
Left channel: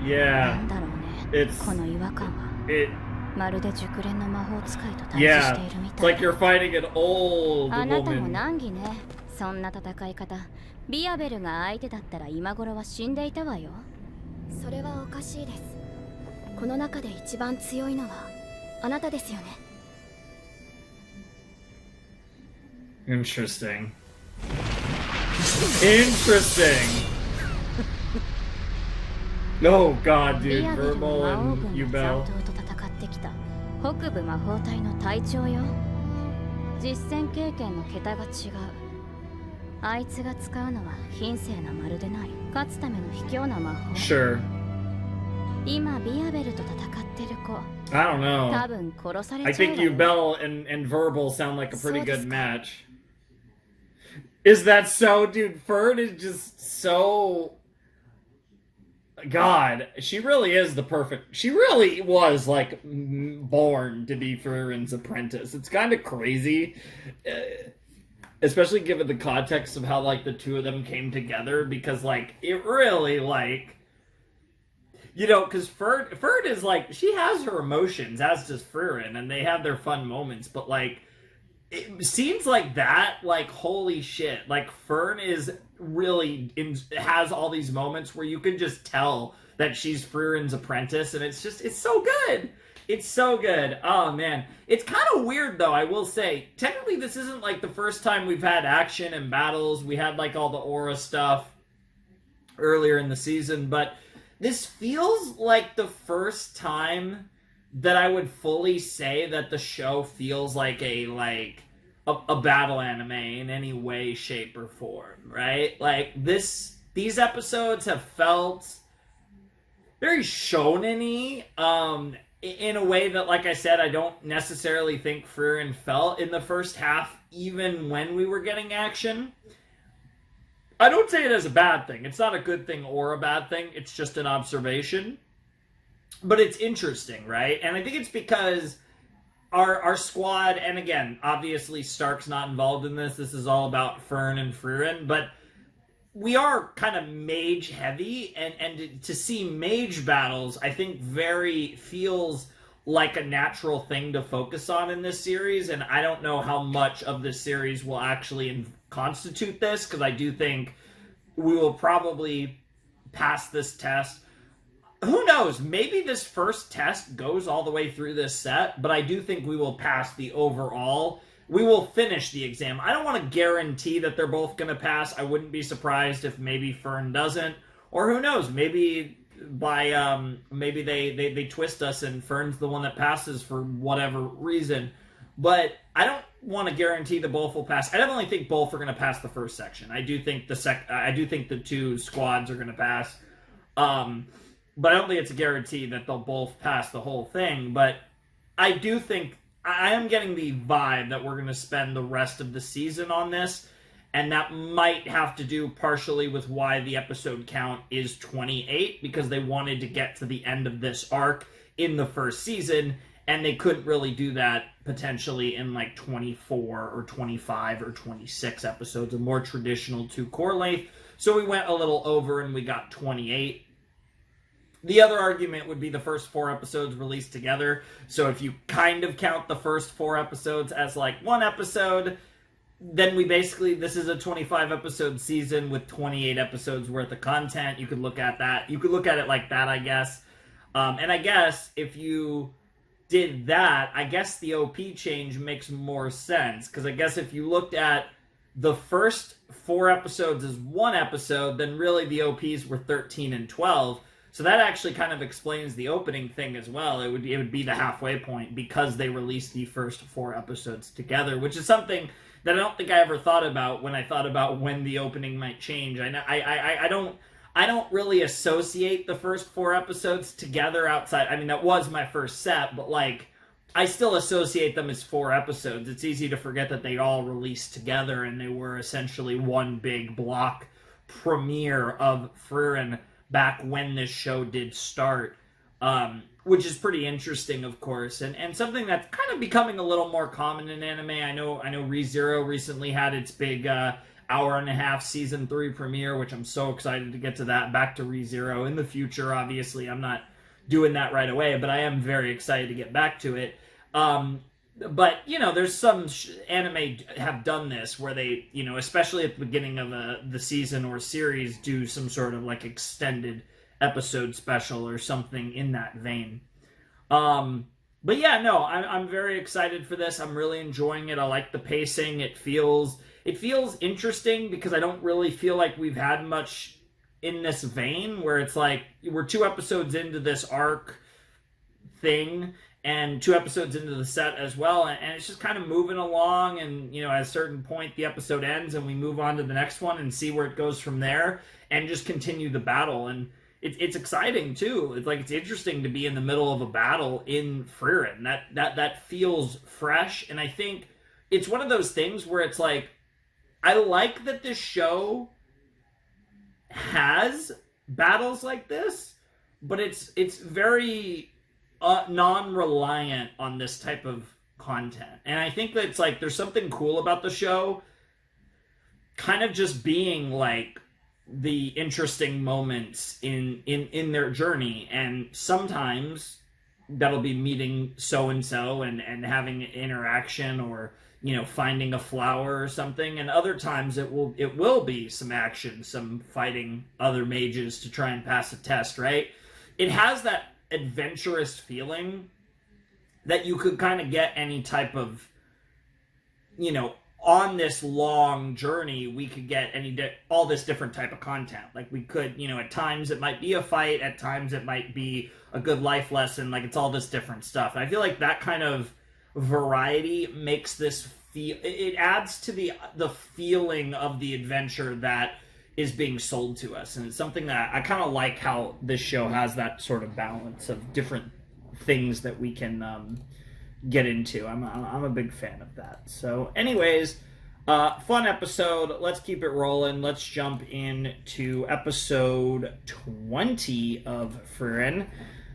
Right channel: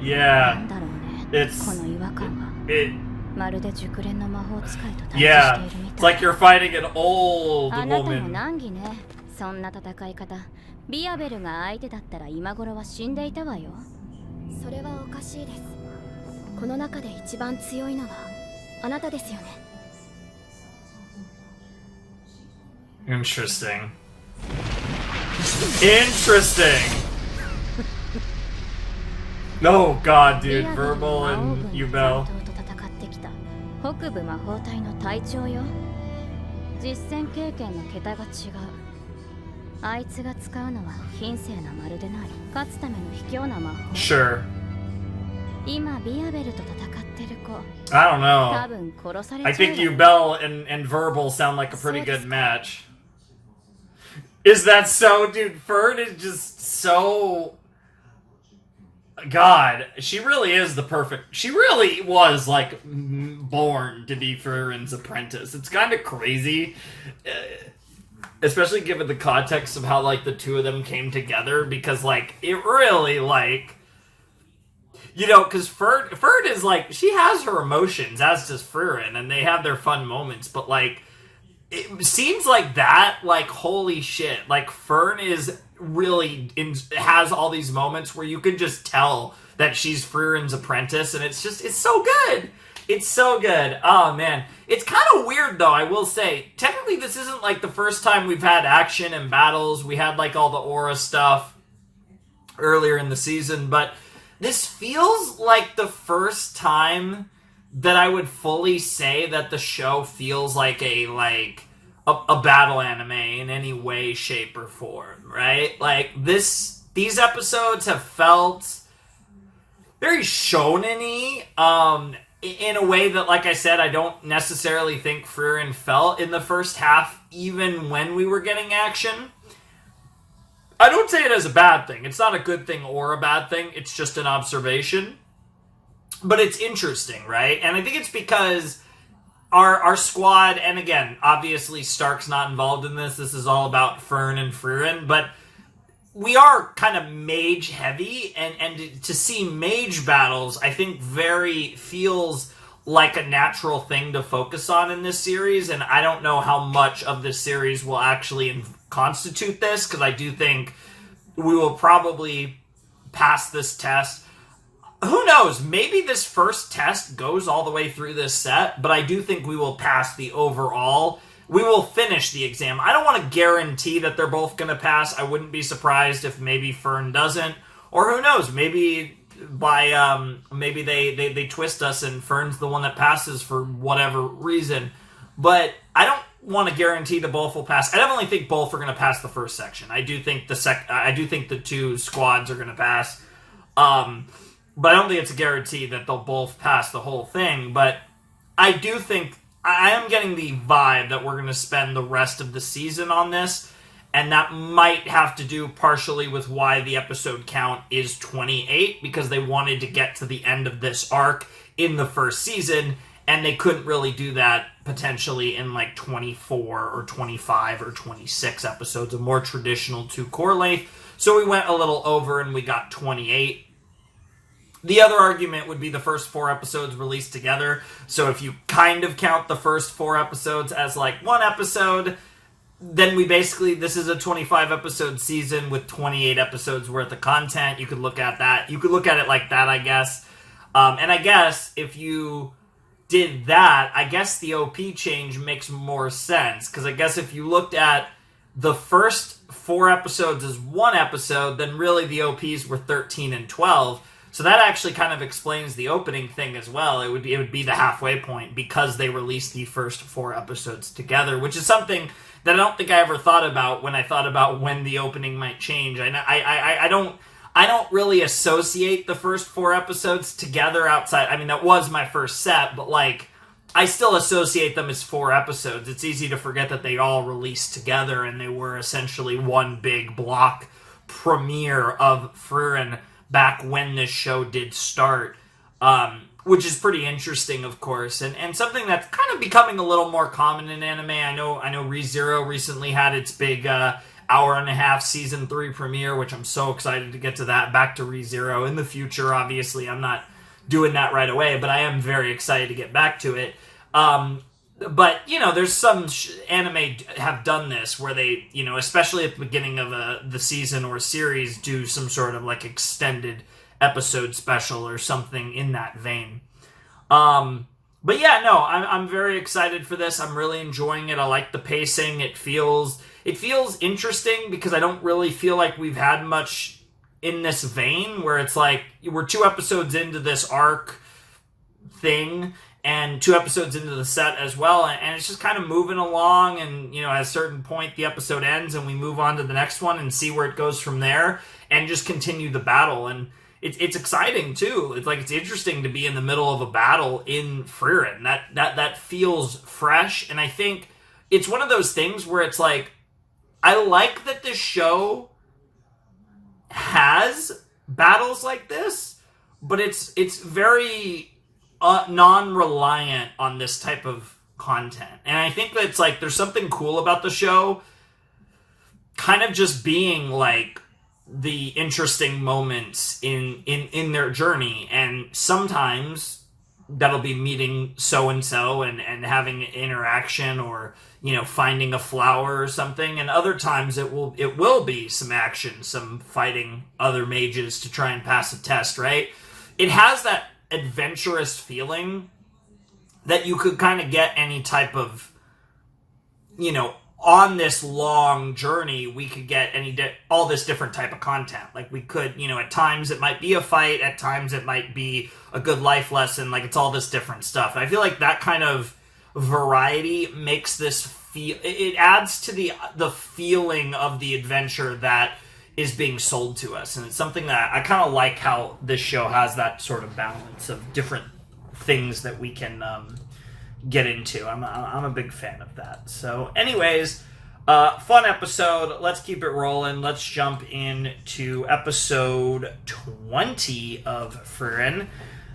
Yeah. んだろうね。 It's この違和感は。 it. まるで熟練の魔法使いと対峙し Yeah. ているみ It's たい。 like you're fighting an old あなたも woman. 難儀ね。そんな戦い方。ビアベルが相手だったら今頃は死んでいたわよ。それはおかしいです。この中で一番強いのはあなたですよね。 Interesting. Interesting. Oh god, ビ dude. アベルの Verbal 魔王 and 軍 you の Bell. 残党と戦ってきた北部魔法隊の隊長よ。実戦経験の桁が違う。あいつが使うのは品性なまるでない。勝つための卑怯な魔法。 Sure. 今ビアベルと戦ってる子。 I don't know. 多分殺されちゃう I わよ。 think you Bell and Verbal sound like a pretty good So match. Is that so, dude? Fern is just so... God, she really is the perfect... She really was, like, born to be Friren's apprentice. It's kind of crazy, especially given the context of how, like, the two of them came together, because, like, it really, like... You know, because Fern is, like, she has her emotions, as does Frieren, and they have their fun moments, but, like, it seems like that, like, holy shit, like, Fern is really has all these moments where you can just tell that she's Friren's apprentice, and it's so good. It's so good. Oh, man. It's kind of weird, though, I will say. Technically, this isn't, like, the first time we've had action and battles. We had, like, all the aura stuff earlier in the season, but this feels like the first time that I would fully say that the show feels like a battle anime in any way, shape, or form, right? Like, these episodes have felt very shonen-y, in a way that, like I said, I don't necessarily think Frieren felt in the first half, even when we were getting action. I don't say it as a bad thing. It's not a good thing or a bad thing. It's just an observation. But it's interesting, right? And I think it's because our squad, and again, obviously Stark's not involved in this. This is all about Fern and Frieren, but we are kind of mage heavy, and to see mage battles, I think feels like a natural thing to focus on in this series, and I don't know how much of this series will actually constitute this, because I do think we will probably pass this test. Who knows? Maybe this first test goes all the way through this set, but I do think we will pass the overall. We will finish the exam. I don't want to guarantee that they're both going to pass. I wouldn't be surprised if maybe Fern doesn't, or who knows? Maybe maybe they twist us and Fern's the one that passes for whatever reason. But I don't want to guarantee that both will pass. I definitely think both are going to pass the first section. I do think the two squads are going to pass. But I don't think it's a guarantee that they'll both pass the whole thing. But I do think, I am getting the vibe that we're going to spend the rest of the season on this. And that might have to do partially with why the episode count is 28. Because they wanted to get to the end of this arc in the first season. And they couldn't really do that potentially in like 24 or 25 or 26 episodes. A more traditional 2 core length. So we went a little over and we got 28. The other argument would be the first 4 episodes released together. So if you kind of count the first 4 episodes as like one episode, then this is a 25 episode season with 28 episodes worth of content. You could look at that. You could look at it like that, I guess. And I guess if you did that, I guess the OP change makes more sense. Because I guess if you looked at the first 4 episodes as one episode, then really the OPs were 13 and 12. So that actually kind of explains the opening thing as well. It would be the halfway point because they released the first 4 episodes together, which is something that I don't think I ever thought about when I thought about when the opening might change. I don't really associate the first 4 episodes together outside. I mean, that was my first set, but like I still associate them as 4 episodes. It's easy to forget that they all released together and they were essentially one big block premiere of Frieren back when this show did start, which is pretty interesting, of course, and something that's kind of becoming a little more common in anime. I know ReZero recently had its big hour-and-a-half season 3 premiere, which I'm so excited to get to that. Back to ReZero in the future, obviously. I'm not doing that right away, but I am very excited to get back to it. But, there's some anime have done this where they, especially at the beginning of the season or series, do some sort of, like, extended episode special or something in that vein. But yeah, no, I'm very excited for this. I'm really enjoying it. I like the pacing. It feels interesting because I don't really feel like we've had much in this vein where it's like we're 2 episodes into this arc thing and 2 episodes into the set as well, and it's just kind of moving along, and at a certain point the episode ends and we move on to the next one and see where it goes from there and just continue the battle. And it's exciting too. It's interesting to be in the middle of a battle in Frieren. That feels fresh, and I think it's one of those things where it's like I like that this show has battles like this, but it's very non-reliant on this type of content. And I think that it's like there's something cool about the show kind of just being like the interesting moments in their journey, and sometimes that'll be meeting so and so and having an interaction, or finding a flower or something, and other times it will be some action, some fighting other mages to try and pass a test, right? It has that adventurous feeling that you could kind of get any type of, on this long journey, we could get all this different type of content. Like we could, at times it might be a fight, at times it might be a good life lesson, like it's all this different stuff. And I feel like that kind of variety makes this it adds to the feeling of the adventure that is being sold to us. And it's something that I kind of like, how this show has that sort of balance of different things that we can get into. I'm a big fan of that. So anyways, fun episode. Let's keep it rolling. Let's jump into episode 20 of Frieren.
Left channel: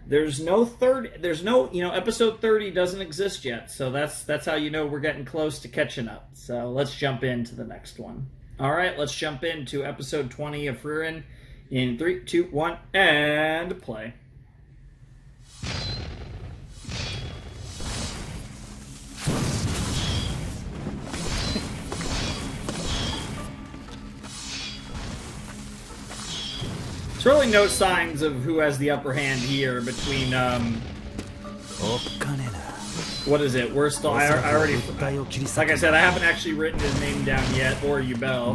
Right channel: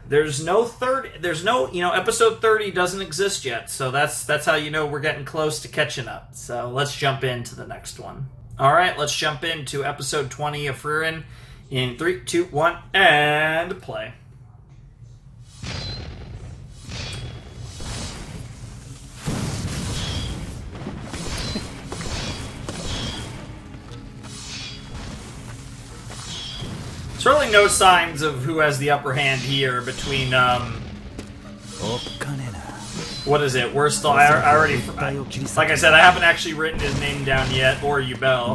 There's no episode 30 doesn't exist yet, so that's how we're getting close to catching up. So let's jump into the next one. All right, let's jump into episode 20 of Frieren in 3, 2, 1, and play. There's really no signs of who has the upper hand here between, what is it? Worst, I already, like I said, I haven't actually written his name down yet, or Yubel.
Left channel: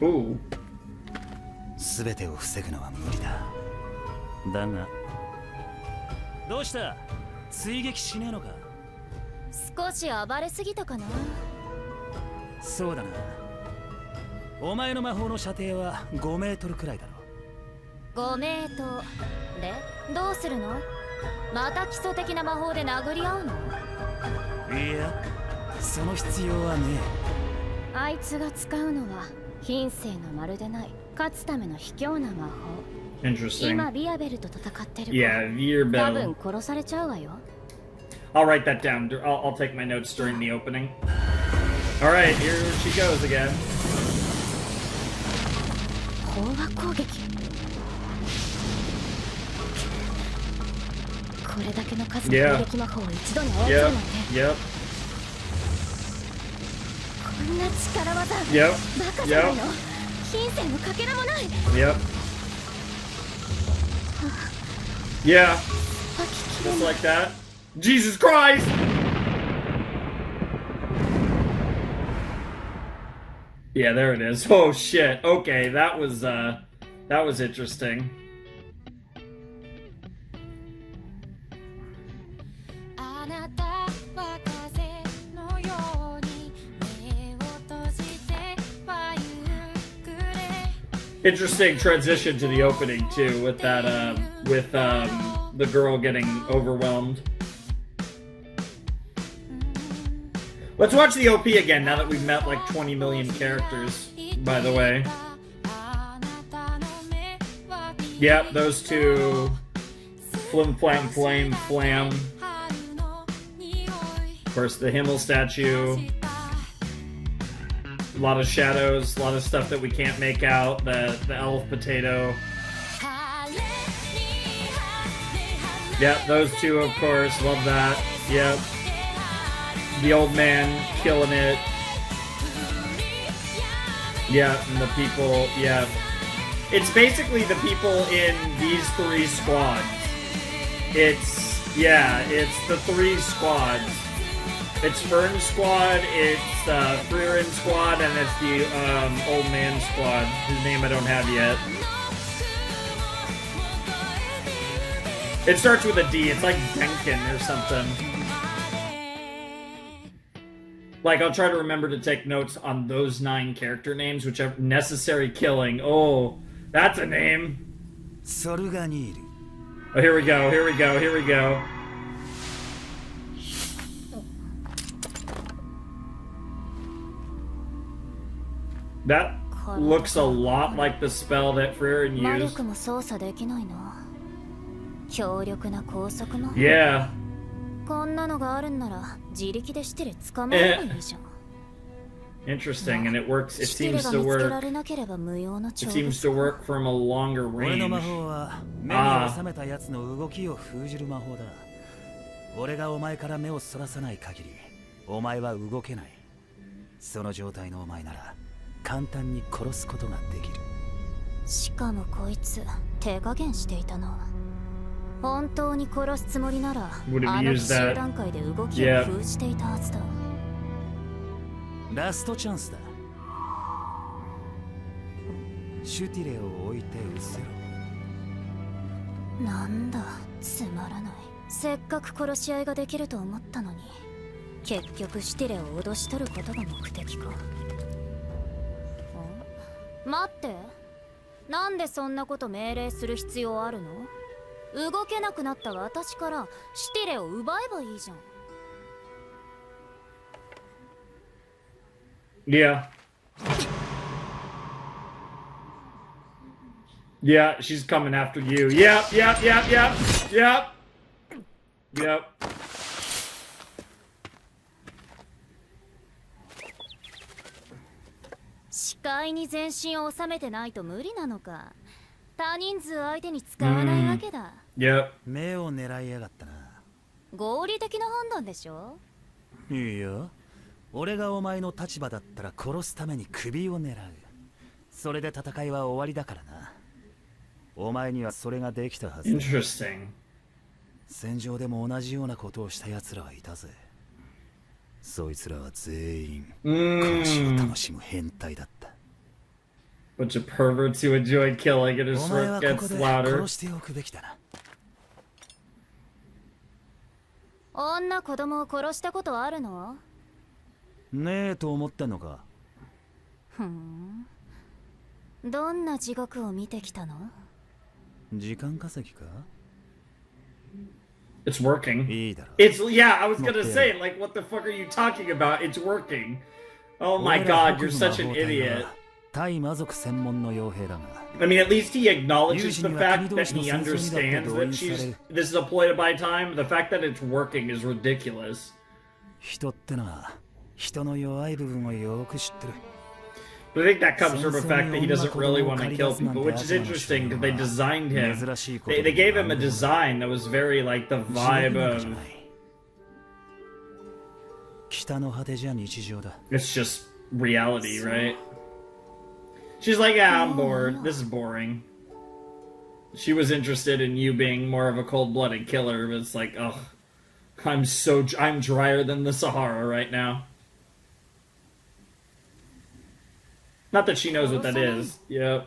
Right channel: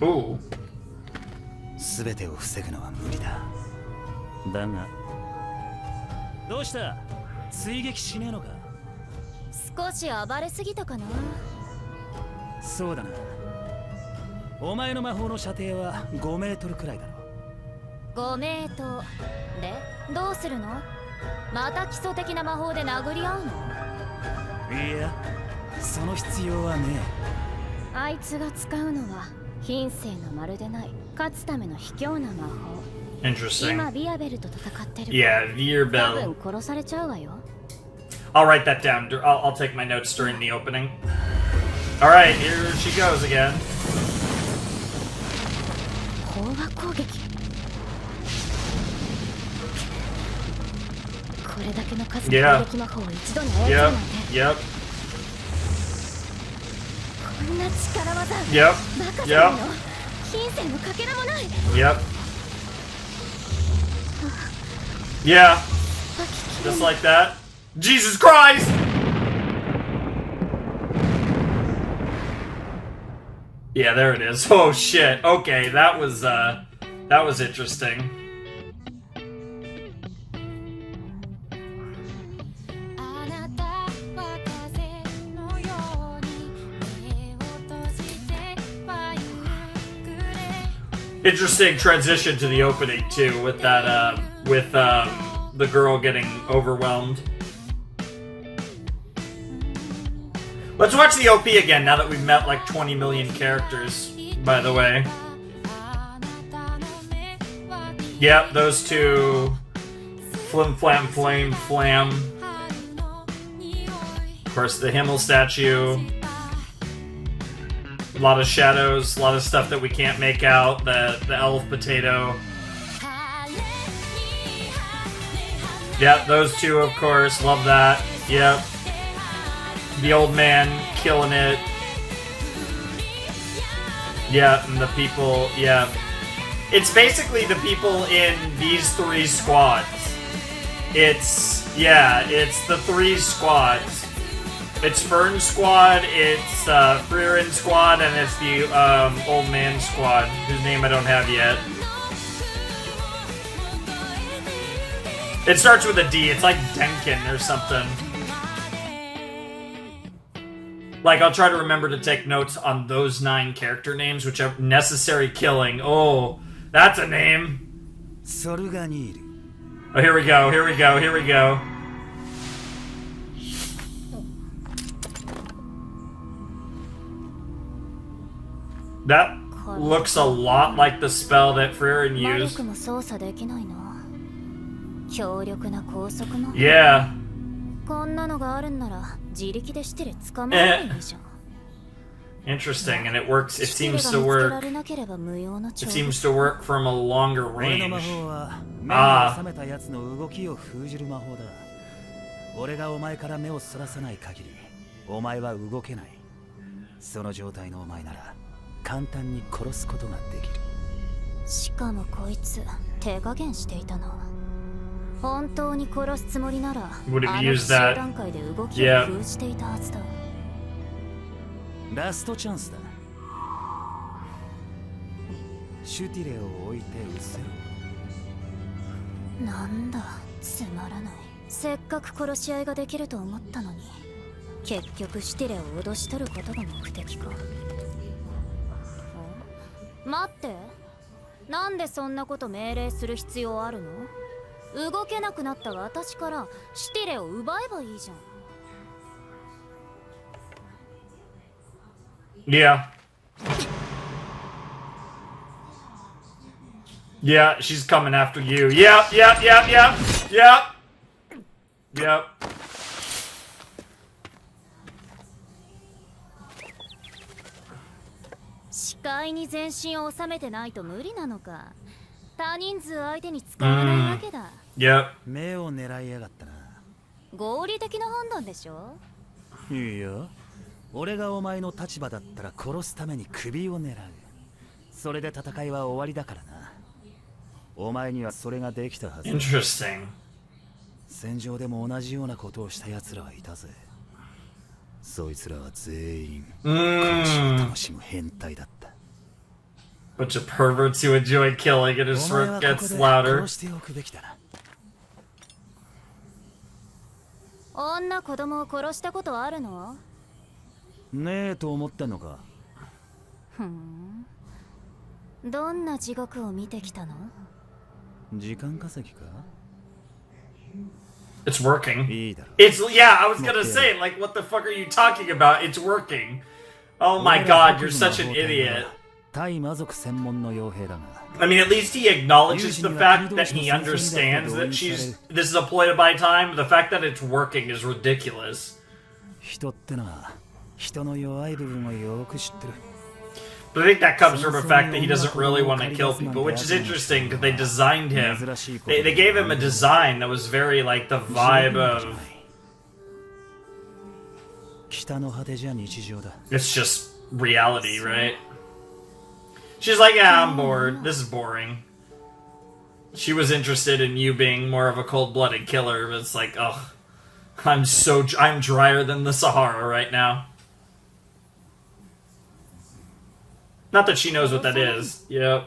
Ooh. 全てを防ぐのは無理だ。だが、どうした？追撃しねえのか？少し暴れすぎたかな。そうだな。お前の魔法の射程は5メートルくらいだろ。5メートルでどうするの？また基礎的な魔法で殴り合うの？いや、その必要はねえ。あいつが使うのは品性のまるでない勝つための卑怯な魔法。今ビアベルと戦ってるから。多分殺されちゃうわよ。I'll write that down. I'll take my notes during the opening. All right, here she goes again. 飽和攻撃。これだけの数の攻撃魔法を一度に操るなんて。こんな力技。バカじゃないの。品性のかけらもない。Yeah. Just like that. Jesus Christ! Yeah, there it is. Oh shit. Okay, that was interesting. Interesting transition to the opening too, with that the girl getting overwhelmed. Let's watch the OP again now that we've met like 20 million characters, by the way. Yep, those two. Flim flam flame flam. Of course, the Himmel statue. A lot of shadows, a lot of stuff that we can't make out. The elf potato. Yep, those two, of course. Love that. Yep. The old man killing it. Yeah, and the people, yeah. It's basically the people in these three squads. It's the three squads. It's Fern's squad, it's Frieren squad, and it's the old man squad, whose name I don't have yet. It starts with a D, it's like Denkin or something. Like, I'll try to remember to take notes on those 9 character names, which are necessary killing. Oh, that's a name. Oh, here we go. That looks a lot like the spell that Frieren 魔 used. 力も操作できないの。強力な高速魔法。Yeah. こんなのがあるんなら自力でシテレ捕まえればいいじゃん。Interesting, and it works. It シテレ seems が to 見つけ work. られなければ無用な It 超 seems to work from a longer 俺の魔 range. 法は目に収めたやつの動きを封じる魔法だ。俺がお前から目をそらさない限り、お前は動けない。その状態のお前なら簡単に殺すことができる。しかもこいつ手加減していたな。本当に殺すつもりなら、 Would have あの used 奇襲 that. 段階で動きを封じていたはずだ。ラストチャンスだ。シュティレを置いて失せろ。なんだ、つまらない。せっかく殺し合いができると思ったのに、結局シュティレを脅し取ることが目的か。待って、なんでそんなこと命令する必要あるの？動けなくなった私からシュティレを奪えばいいじゃん。Yeah. Yeah, she's coming after you. Yep, yep, yep, yep, yep. Yep. 視界に全身を収めてないと無理なのか。他人数相手に使わないわけだ。Yep. 目を狙いやがったな。合理的な判断でしょ。いいよ。俺がお前の立場だったら殺すために首を狙う。それで戦いは終わりだからな。お前にはそれができたはず。Interesting. 戦場でも同じようなことをした奴らはいたぜ。そいつらは全員殺しを楽しむ変態だった。Bunch of perverts who enjoy killing and his お前 smirk はこ gets こで louder. 殺しておくべきだな。女子供を殺したことあるの？ねえと思ってんのか。ふん。どんな地獄を見てきたの？時間稼ぎか？ It's working. いいだろ。 It's yeah, I was gonna say, like, what the fuck are you talking about? It's working. Oh my god, you're such an idiot. 対魔族専門の傭兵だが。I mean, at least he acknowledges the fact that he understands that this is a ploy to buy time. The fact that it's working is ridiculous. 人ってのは人の弱い部分をよく知ってる。But I think that comes from the fact that he doesn't really want to kill people, which is interesting because they designed him. They gave him a design that was very like the vibe of. 北の果てじゃ日常だ。 It's just reality, right? She's like, yeah, I'm bored. This is boring. She was interested in you being more of a cold-blooded killer, but it's like, ugh, I'm drier than the Sahara right now. Not that she knows what that is. Yep.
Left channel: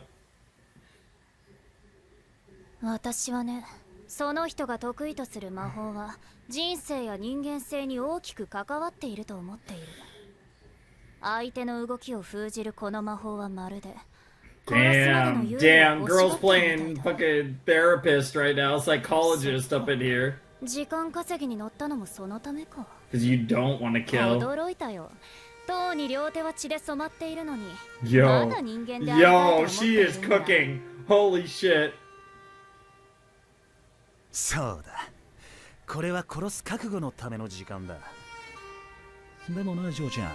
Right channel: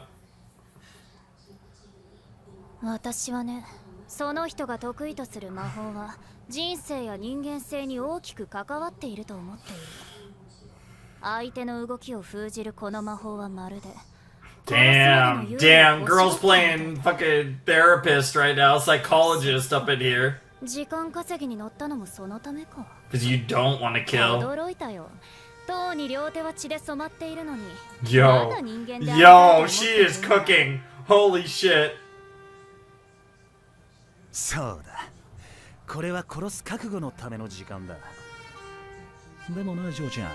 私はね、その人が得意とする魔法は人生や人間性に大きく関わっていると思っている。相手の動きを封じるこの魔法はまるで Damn, girls playing fucking therapist right now, psychologist up in here. 時間稼ぎに乗ったのもそのためか。 Because you don't want to kill. 驚いたよ。とうに両手は血で染まっているのに。 Yo, まだ人間でありたいと思って she いる is んだ。 cooking. Holy shit. そうだ。これは殺す覚悟のための時間だ。でもな、ジョーちゃん。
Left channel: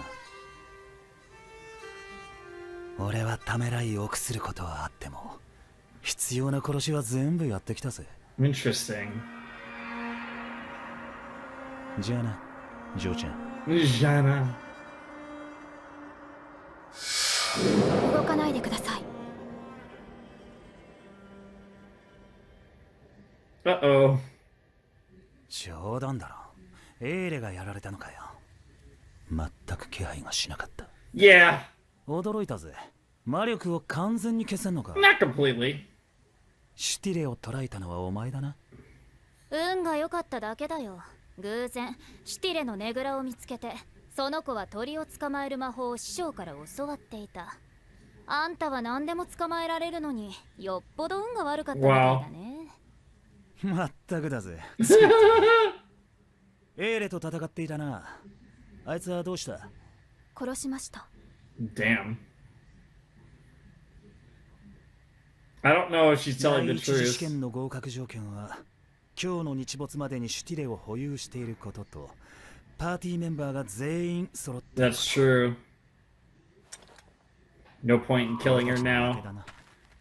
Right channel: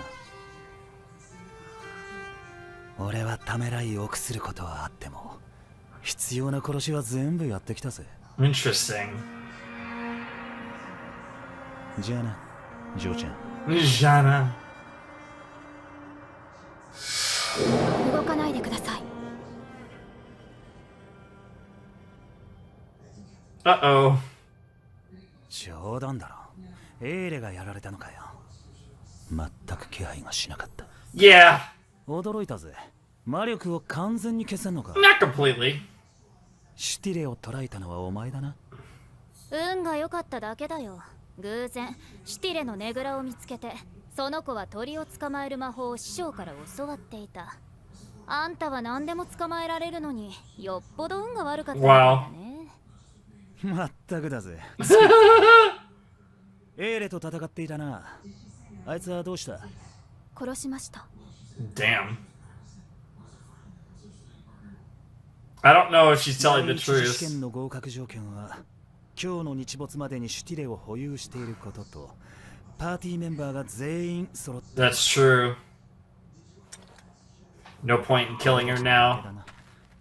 俺はためらい臆することはあっても、必要な殺しは全部やってきたぜ。Interesting. じゃあな、ジョーちゃん。Jana. 動かないでください。Uh-oh. 冗談だろ。エーレがやられたのかよ。全く気配がしなかった。Yeah. 驚いたぜ。魔力を完全に消せんのか。 Not completely. シュティレを捕らえたのはお前だな。運が良かっただけだよ。偶然シュティレのねぐらを見つけて、その子は鳥を捕まえる魔法を師匠から教わっていた。あんたは何でも捕まえられるのに、よっぽど運が悪かったみたいだね。まったくだぜ。エーレと戦っていたな。あいつはどうした？殺しました。Damn. I don't know if she's telling the 第一次試 truth. 験の合格条件は今日の日没までにシュティレを保有していることとパーティーメンバーが全員揃っている That's true. No point in killing her now.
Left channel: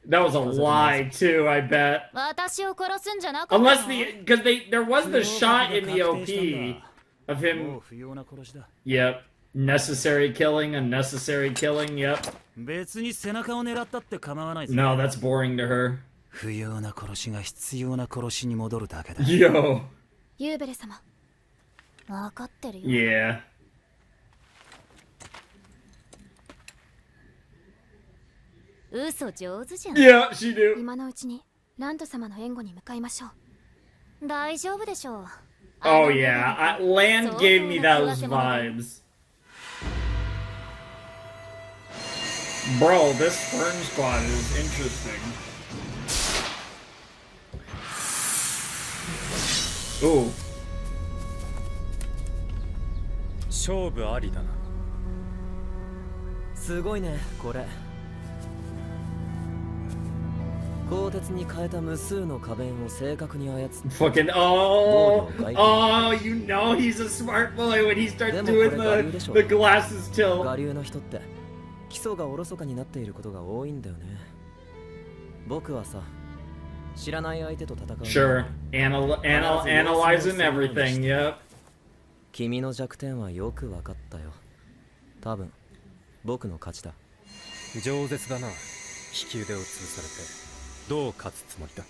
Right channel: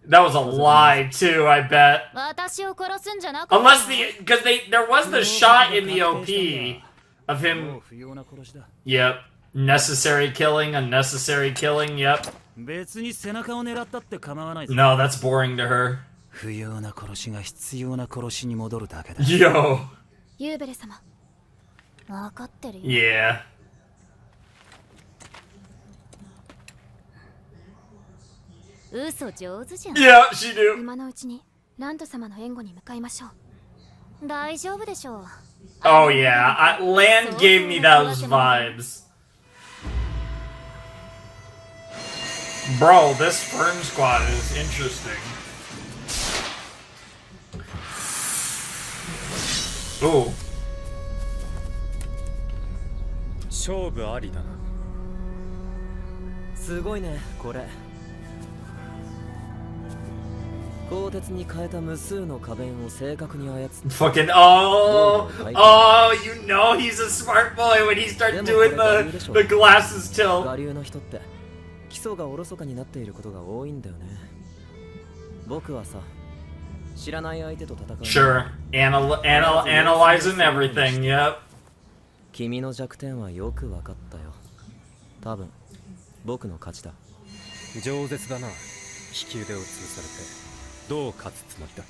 That was a lie too, I bet. 私を殺すんじゃなかったの Unless because there was the shot in the OP of も him. う不要な殺しだ Yep. Necessary killing, unnecessary killing. Yep. 別に背中を狙ったって構わないぞ No, that's boring to her. 不要な殺しが必要な殺しに戻るだけだ Yo. ユーベレ様分かってるよ Yeah. 嘘上手じゃん Yeah, she do. 今のうちにラント様の援護に向かいましょう大丈夫でしょう Oh yeah, Land gave me those vibes. Bro, this Fern squad is interesting. Ooh. 勝負ありだな。すごいねこれ。鋼鉄に変えた無数の花弁を正確に操って Fucking oh, you know he's a smart boy when he starts doing the glasses tilt. 我流の人って基礎がおろそかになっていることが多いんだよね。僕はさ、知らない相手と戦う。Sure, analyzing everything. Yep. 君の弱点はよく分かったよ。多分僕の勝ちだ。饒舌だな。利き腕を潰されて。どう勝つつもりだ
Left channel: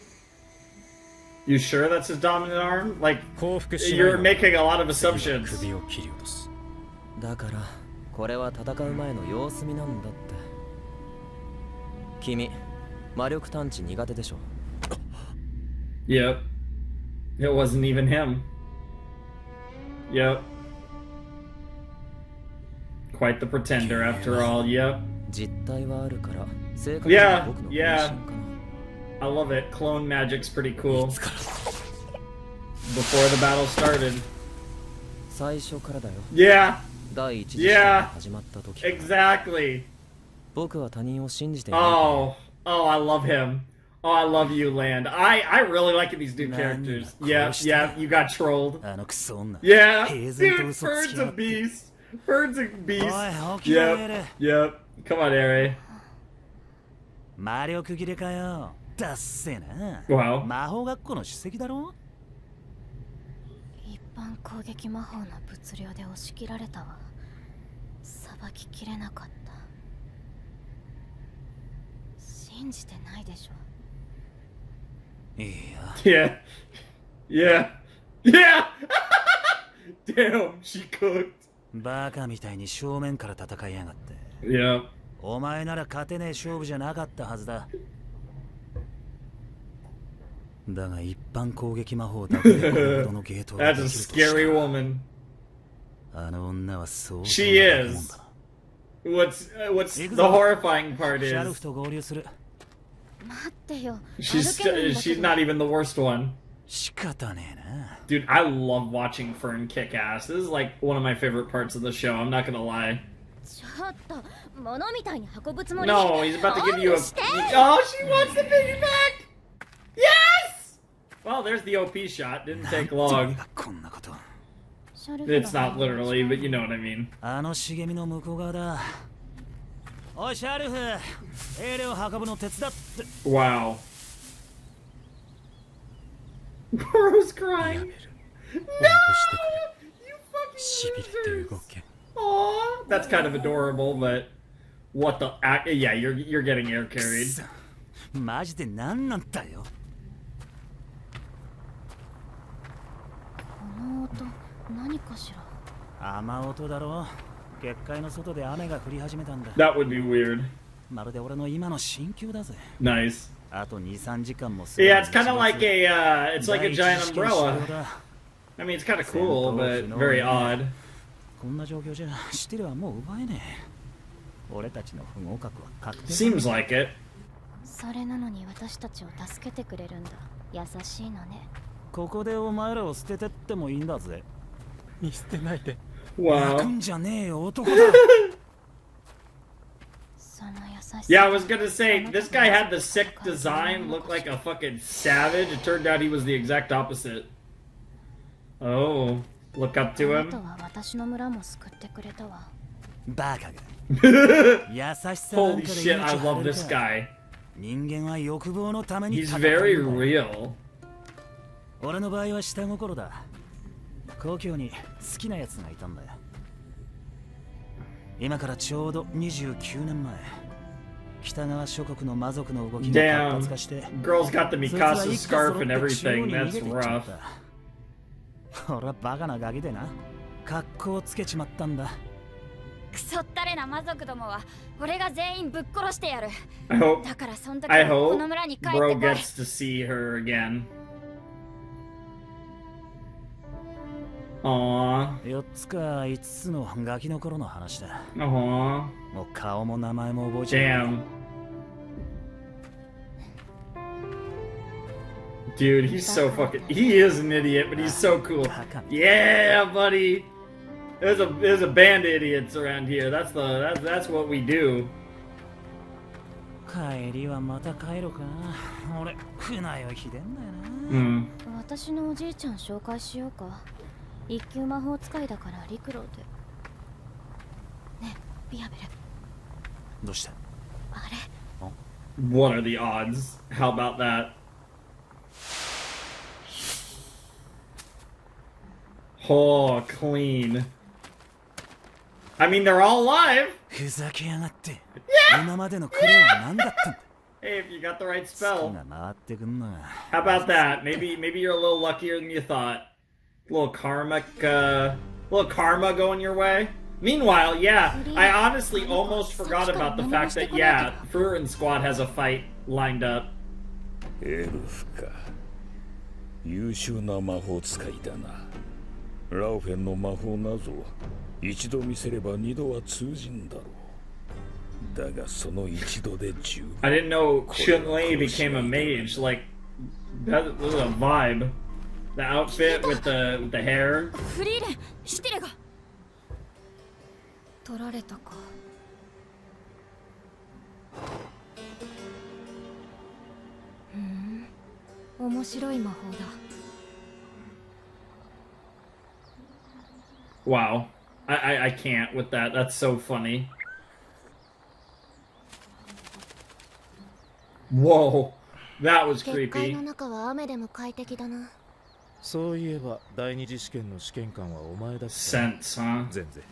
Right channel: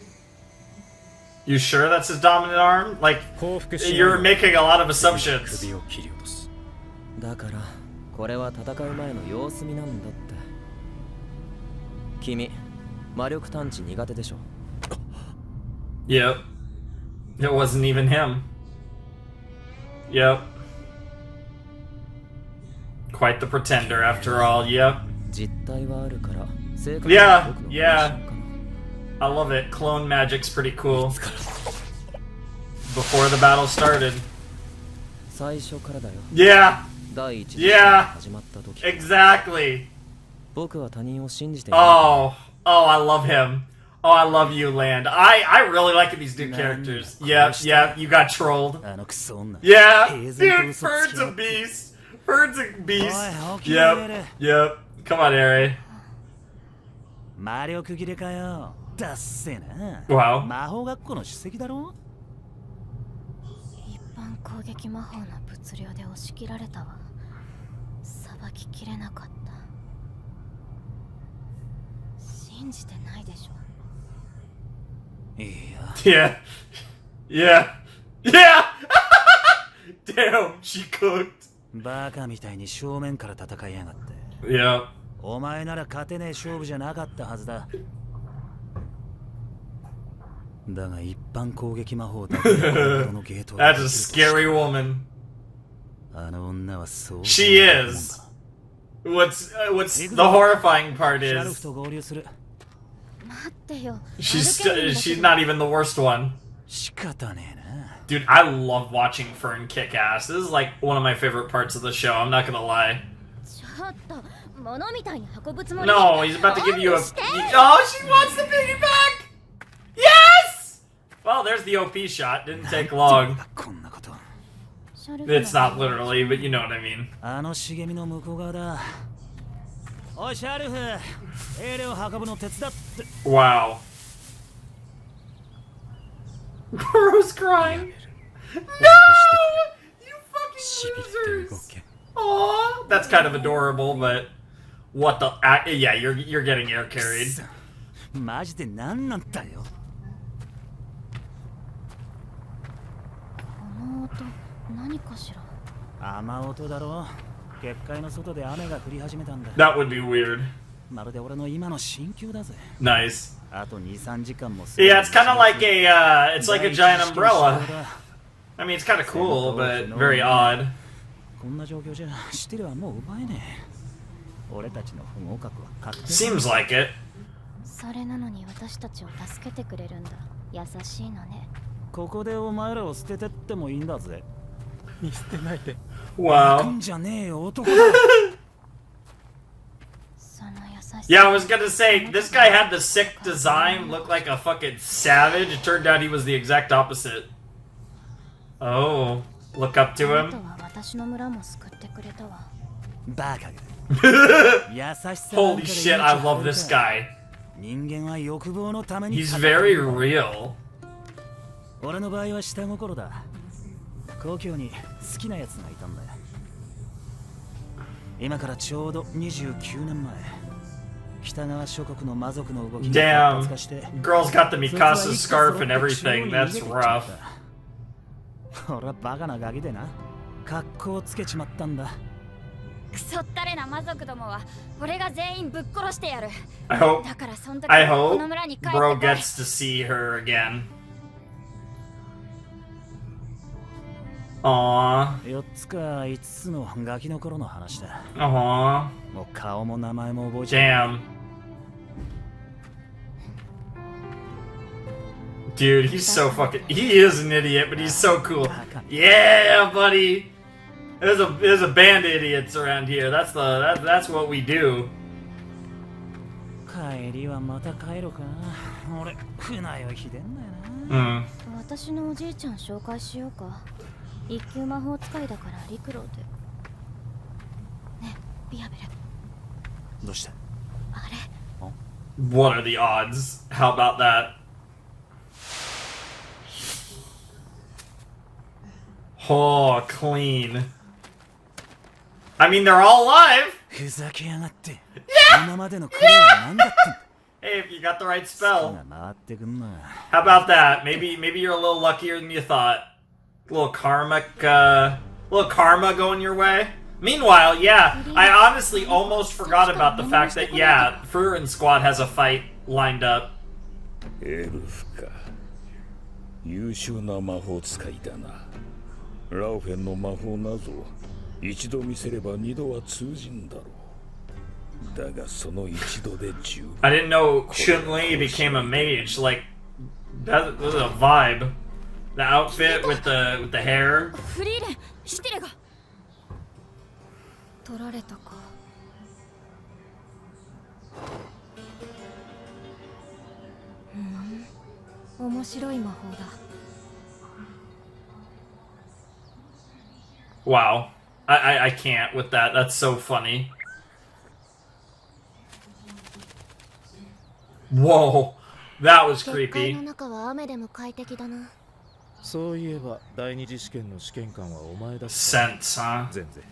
You sure that's his dominant arm? Like, 降伏しない you're making a lot of assumptions. 首を切り落とす。だからこれは戦う前の様子見なんだって。君魔力探知苦手でしょ。Yep. It wasn't even him. Yep. Quite the pretender after all. Yep. 実態はあるから正確には僕の分身かな。I love it. Clone magic's pretty cool. Before the battle started. 最初からだよ。Yeah. 第一次試験が始まった時。Exactly. 僕は他人を信じていない。Oh, I love him. Oh, I love you, Land. I really like these new characters. Yeah, you got trolled. Yeah, dude, Fern's a beast. Fern's a beast. Yep. Come on, Eri. 魔力切れかよ。だっせな。Wow. 魔法学校の首席だろ。一般攻撃魔法の物量で押し切られたわ。さばききれなかった。信じてないでしょ。Yeah. Damn, she cooked. バカみたいに正面から戦いやがって。Yeah. お前なら勝てねえ勝負じゃなかったはずだ。だが一般攻撃魔法だけでこれほどのゲートができるとしたら That's a scary woman. あの女はそう。She is. What's the horrifying part シャル is フと合流する。待ってよ。 she's not even the worst one. 仕方ねえな。 Dude, I love watching Fern kick ass. This is like one of my favorite parts of the show. I'm not gonna lie. ちょっと物みたいに運ぶつもり No, he's about to give you a. Oh, she wants the piggy back. Yes. Well, there's the OP shot. Didn't take long. こんなこと。It's not literally, but you know what I mean. あの茂みの向こう側だ。おいシャルフ、エレを運ぶの手伝って。Wow. Bro's crying. No, you fucking losers. Aw, that's kind of adorable, but what the? Yeah, you're getting air carried. マジで何なんだよ。この音何かしら。雨音だろ。結界の外で雨が降り始めたんだ。That would be weird. まるで俺の今の心境だぜ。Nice. あと2、3時間も。Yeah, it's kind of like it's like a giant umbrella. I mean, it's kind of cool, but very odd. こんな状況じゃシティレはもう奪えねえ。俺たちの不合格は確定。 Seems like it. それなのに私たちを助けてくれるんだ。優しいのね。ここでお前らを捨ててってもいいんだぜ。見捨てないで。Wow. 泣くんじゃねえよ男だ。その優 Yeah, I was gonna say, this guy had the sick design, looked like a fucking savage. It turned out he was the exact opposite. Oh, look up to him. バカが優しさ Holy shit, I love this guy. 人間は欲望のために He's very real. 俺の場合は下心だ。故郷に好きなやつがいたんだよ。今からちょうど29年前、北側諸国の魔族の動きが活発化して、 Girl's got the Mikasa scarf and everything. That's rough. 俺はバカなガキでな、格好をつけちまったんだ。クソったれな魔族どもは俺が全員ぶっ殺してやる。 I hope だからそん時 I こ hope の村に帰って Bro こい。 gets to see her again. Aww. 4つか5つのガキの頃の話だ。 Aww. もう顔も名前も覚えちゃう。 Damn. Dude, he's so fucking. He is an idiot, but he's so cool. Yeah, buddy. There's a band of idiots around here. That's what we do. 帰りはまた帰ろうかな。俺船酔いひでんだよな。私のおじいちゃん紹介しようか。一級魔法使いだから陸路で。ね、ビアベル。どうした？あれ？ What are the odds? How about that? Oh, clean. I mean, they're all alive. ふざけやがって。今までの苦労は何だったんだ。 Hey, if you got the right 好 spell. きが回ってくんな。 How about that? Maybe you're a little luckier than you thought. Little karma going your way. Meanwhile, yeah, I honestly almost forgot about the fact that yeah, Furīren squad has a fight lined up. エルフか。優秀な魔法使いだな。ラウフェンの魔法なぞ一度見せれば二度は通じんだろう。だがその一度で十分。 I didn't know Chun-Li became a mage. Like that was a vibe. The outfit with the hair. フリーレン、シティレが取られたか。面白い魔法だ。 Wow. I can't with that. That's so funny. Whoa. That was 結界 creepy. の中は雨でも快適だな。そういえば第二次試験の試験官はお前だった。 Sense, huh? 全然。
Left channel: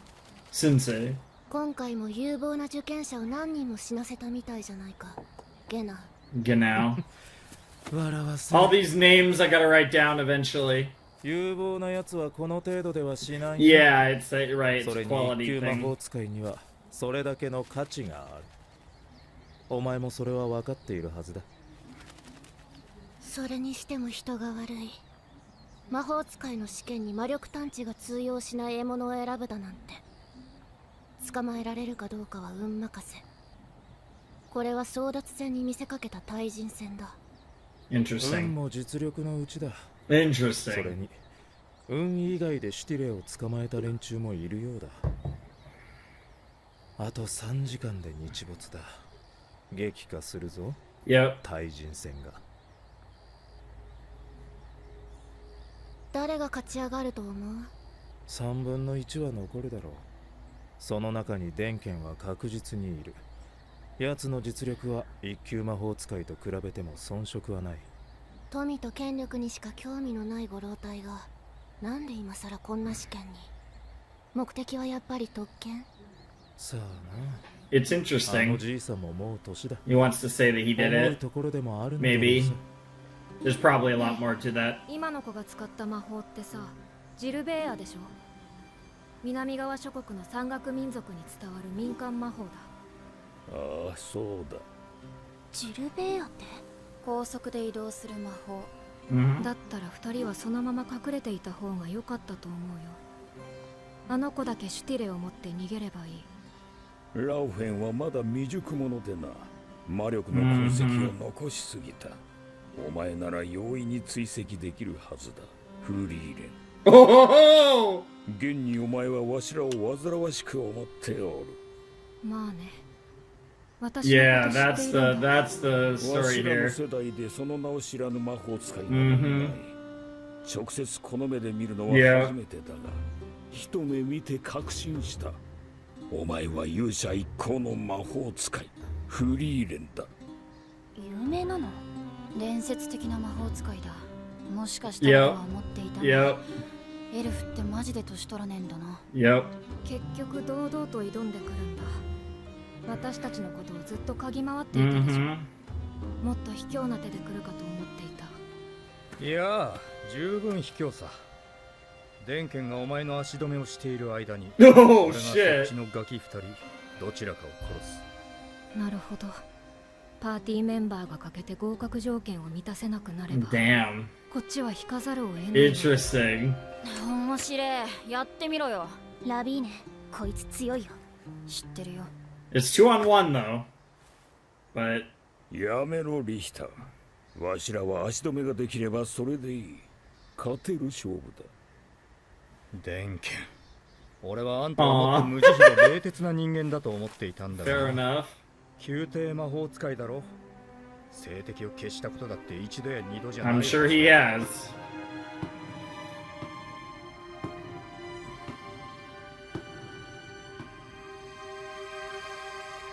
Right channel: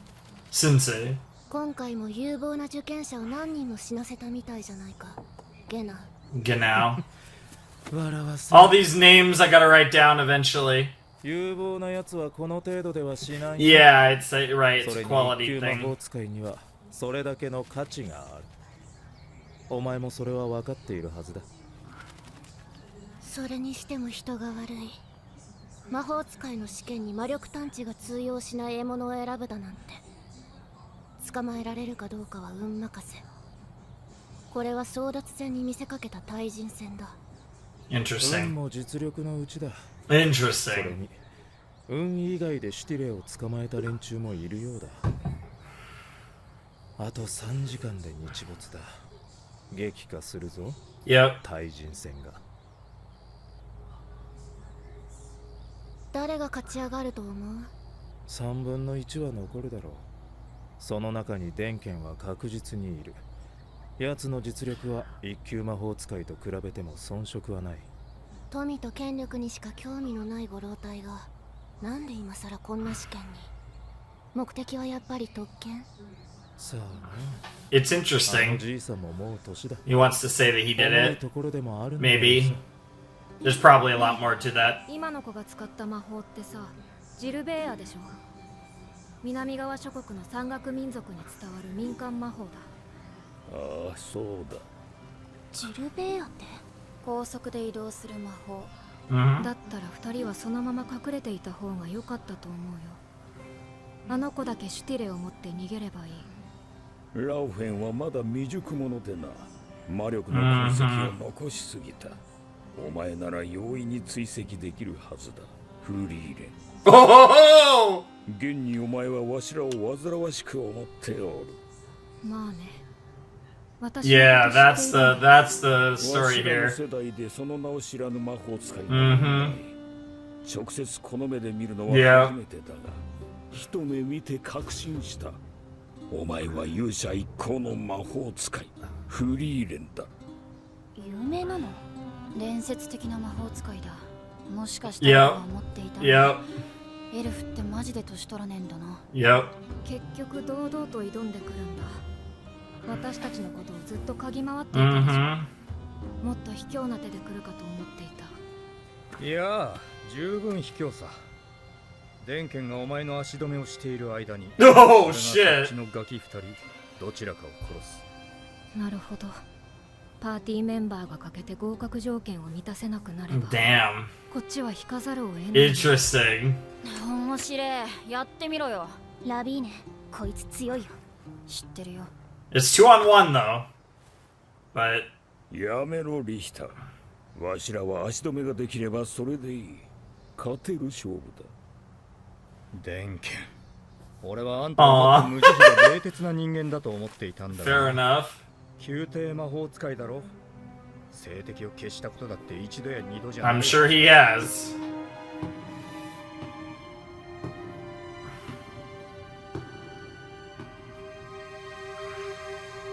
Sensei. 今回も有望な受験者を何人も死なせたみたいじゃないか。ゲナ。 Genau. 笑わせ。 All these names I gotta write down eventually. 有望なやつはこの程度ではしない。Yeah, it's right. そ It's れ a に quality 一級魔 thing. 法使いにはそれだけの価値がある。お前もそれは分かっているはずだ。それにしても人が悪い。魔法使いの試験に魔力探知が通用しない獲物を選ぶだなんて。捕まえられるかどうかは運任せ。これは争奪戦に見せかけた対人戦だ。運 Interesting. も実力のうちだ。そ Interesting. れに運以外でシュティレを捕まえた連中もいるようだ。あと3時間で日没だ。激化するぞ。 Yep. 対人戦が。誰が勝ち上がると思う？ 3分の1は残るだろう。その中に電剣は確実にいる。奴の実力は一級魔法使いと比べても遜色はない。富と権力にしか興味のないご老体がなんで今さらこんな試験に。目的はやっぱり特権？さあな。 It's あの interesting. じいさんももう年だ。 He wants to say that he 重 did い it. ところでもあるんだろう Maybe. さ。 There's probably a lot more to that. 今の子が使った魔法ってさ、ジルベーアでしょ。南側諸国の山岳民族に伝わる民間魔法だ。ああ、そうだ。ジルベーアって？高速で移動する魔法。 Mhm. だったら2人はそのまま隠れていた方が良かったと思うよ。あの子だけシュティレを持って逃げればいい。ラウフェンはまだ未熟者でな。魔力の痕跡を残しすぎた。お前なら容易に追跡できるはずだ。フリーレン。 Oh! 現にお前はわしらを煩わしく思っておる。まあね。Yeah, that's the story わしらの here. 世代でその名を知らぬ魔法使いなどない。直接この目で見るのは初めてだが、一目見て確信した。お前は勇者一行の魔法使い、フリーレンだ。有名なの？伝説的な魔法使いだ。もしかしたらとは思っていたが、エルフってマジで年取らねえんだな。結局堂々と挑んでくるんだ。私たちのことをずっと嗅ぎ回っていたでしょ。もっと卑怯な手で来るかと思っていた。いや、十分卑怯さ。デンケンがお前の足止めをしている間に、俺がそっちのガキ二人どちらかを殺す。なるほど。パーティーメンバーが欠けて合格条件を満たせなくなれば、こっちは引かざるを得ない。Interesting. 面白い。やってみろよ。ラビーネ、こいつ強いよ。知ってるよ。It's 2-on-1 though. But やめろリヒター。わしらは足止めができればそれでいい。勝てる勝負だ。デンケン、俺はあんたはもっと無慈悲で冷徹な人間だと思っていたんだが。Fair enough. 宮廷魔法使いだろ。政敵を消したことだって一度や二度じゃない。I'm sure he has.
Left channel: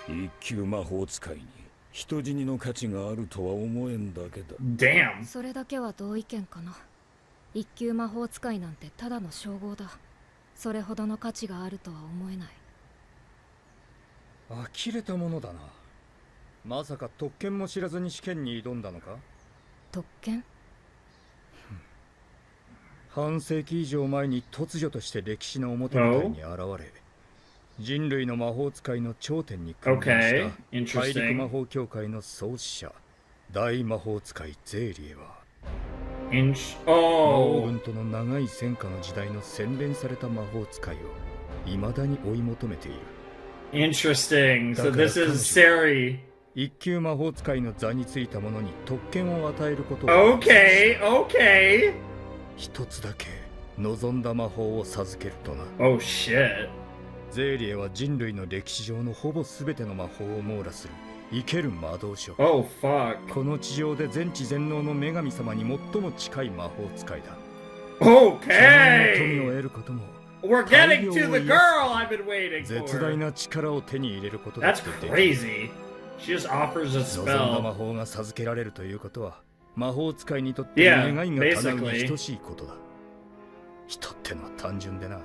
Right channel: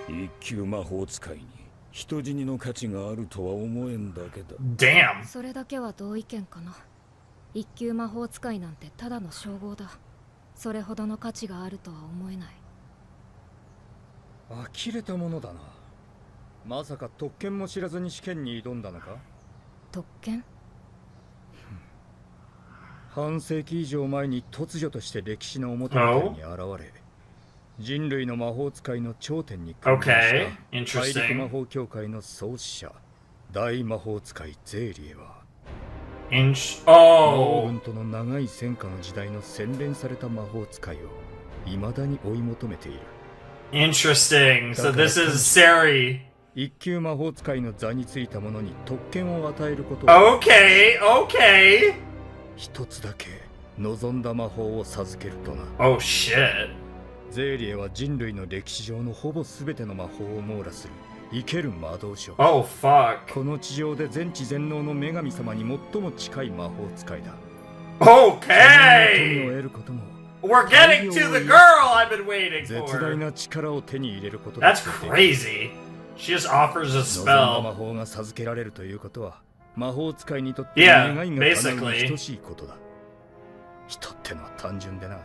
一級魔法使いに人死にの価値があるとは思えんだけだ。Damn. それだけは同意見かな。一級魔法使いなんてただの称号だ。それほどの価値があるとは思えない。呆れたものだな。まさか特権も知らずに試験に挑んだのか？特権？半世紀以上前に突如として歴史の表舞台に現れ、人類の魔法使いの頂点に君臨した大陸魔法協会の創始者、大魔法使いゼーリエは、魔王軍との長い戦火の時代の洗練された魔法使いを未だに追い求めている。Interesting. So this is Sari. 一級魔法使いの座についた者に特権を与えることを。Okay. 一つだけ望んだ魔法を授けるとな。Oh shit. ゼーリエは人類の歴史上のほぼ全ての魔法を網羅する生ける魔導書。Oh fuck. この地上で全知全能の女神様に最も近い魔法使いだ。Okay. 富を得ることも。We're getting to the girl I've been waiting for. 絶大な力を手に入れることだ。That's crazy. She just offers a spell. 望んだ魔法が授けられるということは、魔法使いにとって願いが叶うに等しいことだ。人ってのは単純でな。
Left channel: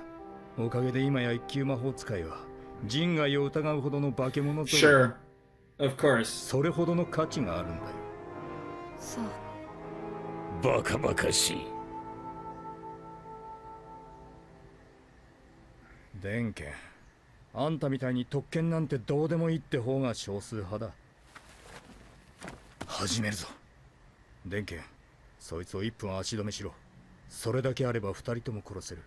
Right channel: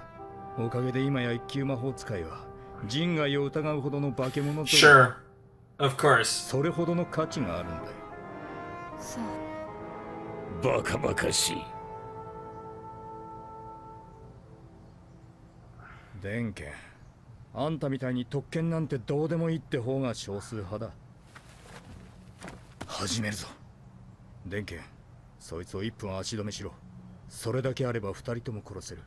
おかげで今や一級魔法使いは人外を疑うほどの化け物と。Sure. Of course. それほどの価値があるんだよ。そう。バカバカしい。デンケン、あんたみたいに特権なんてどうでもいいって方が少数派だ。始めるぞ。デンケン、そいつを1分足止めしろ。それだけあれば2人とも殺せる。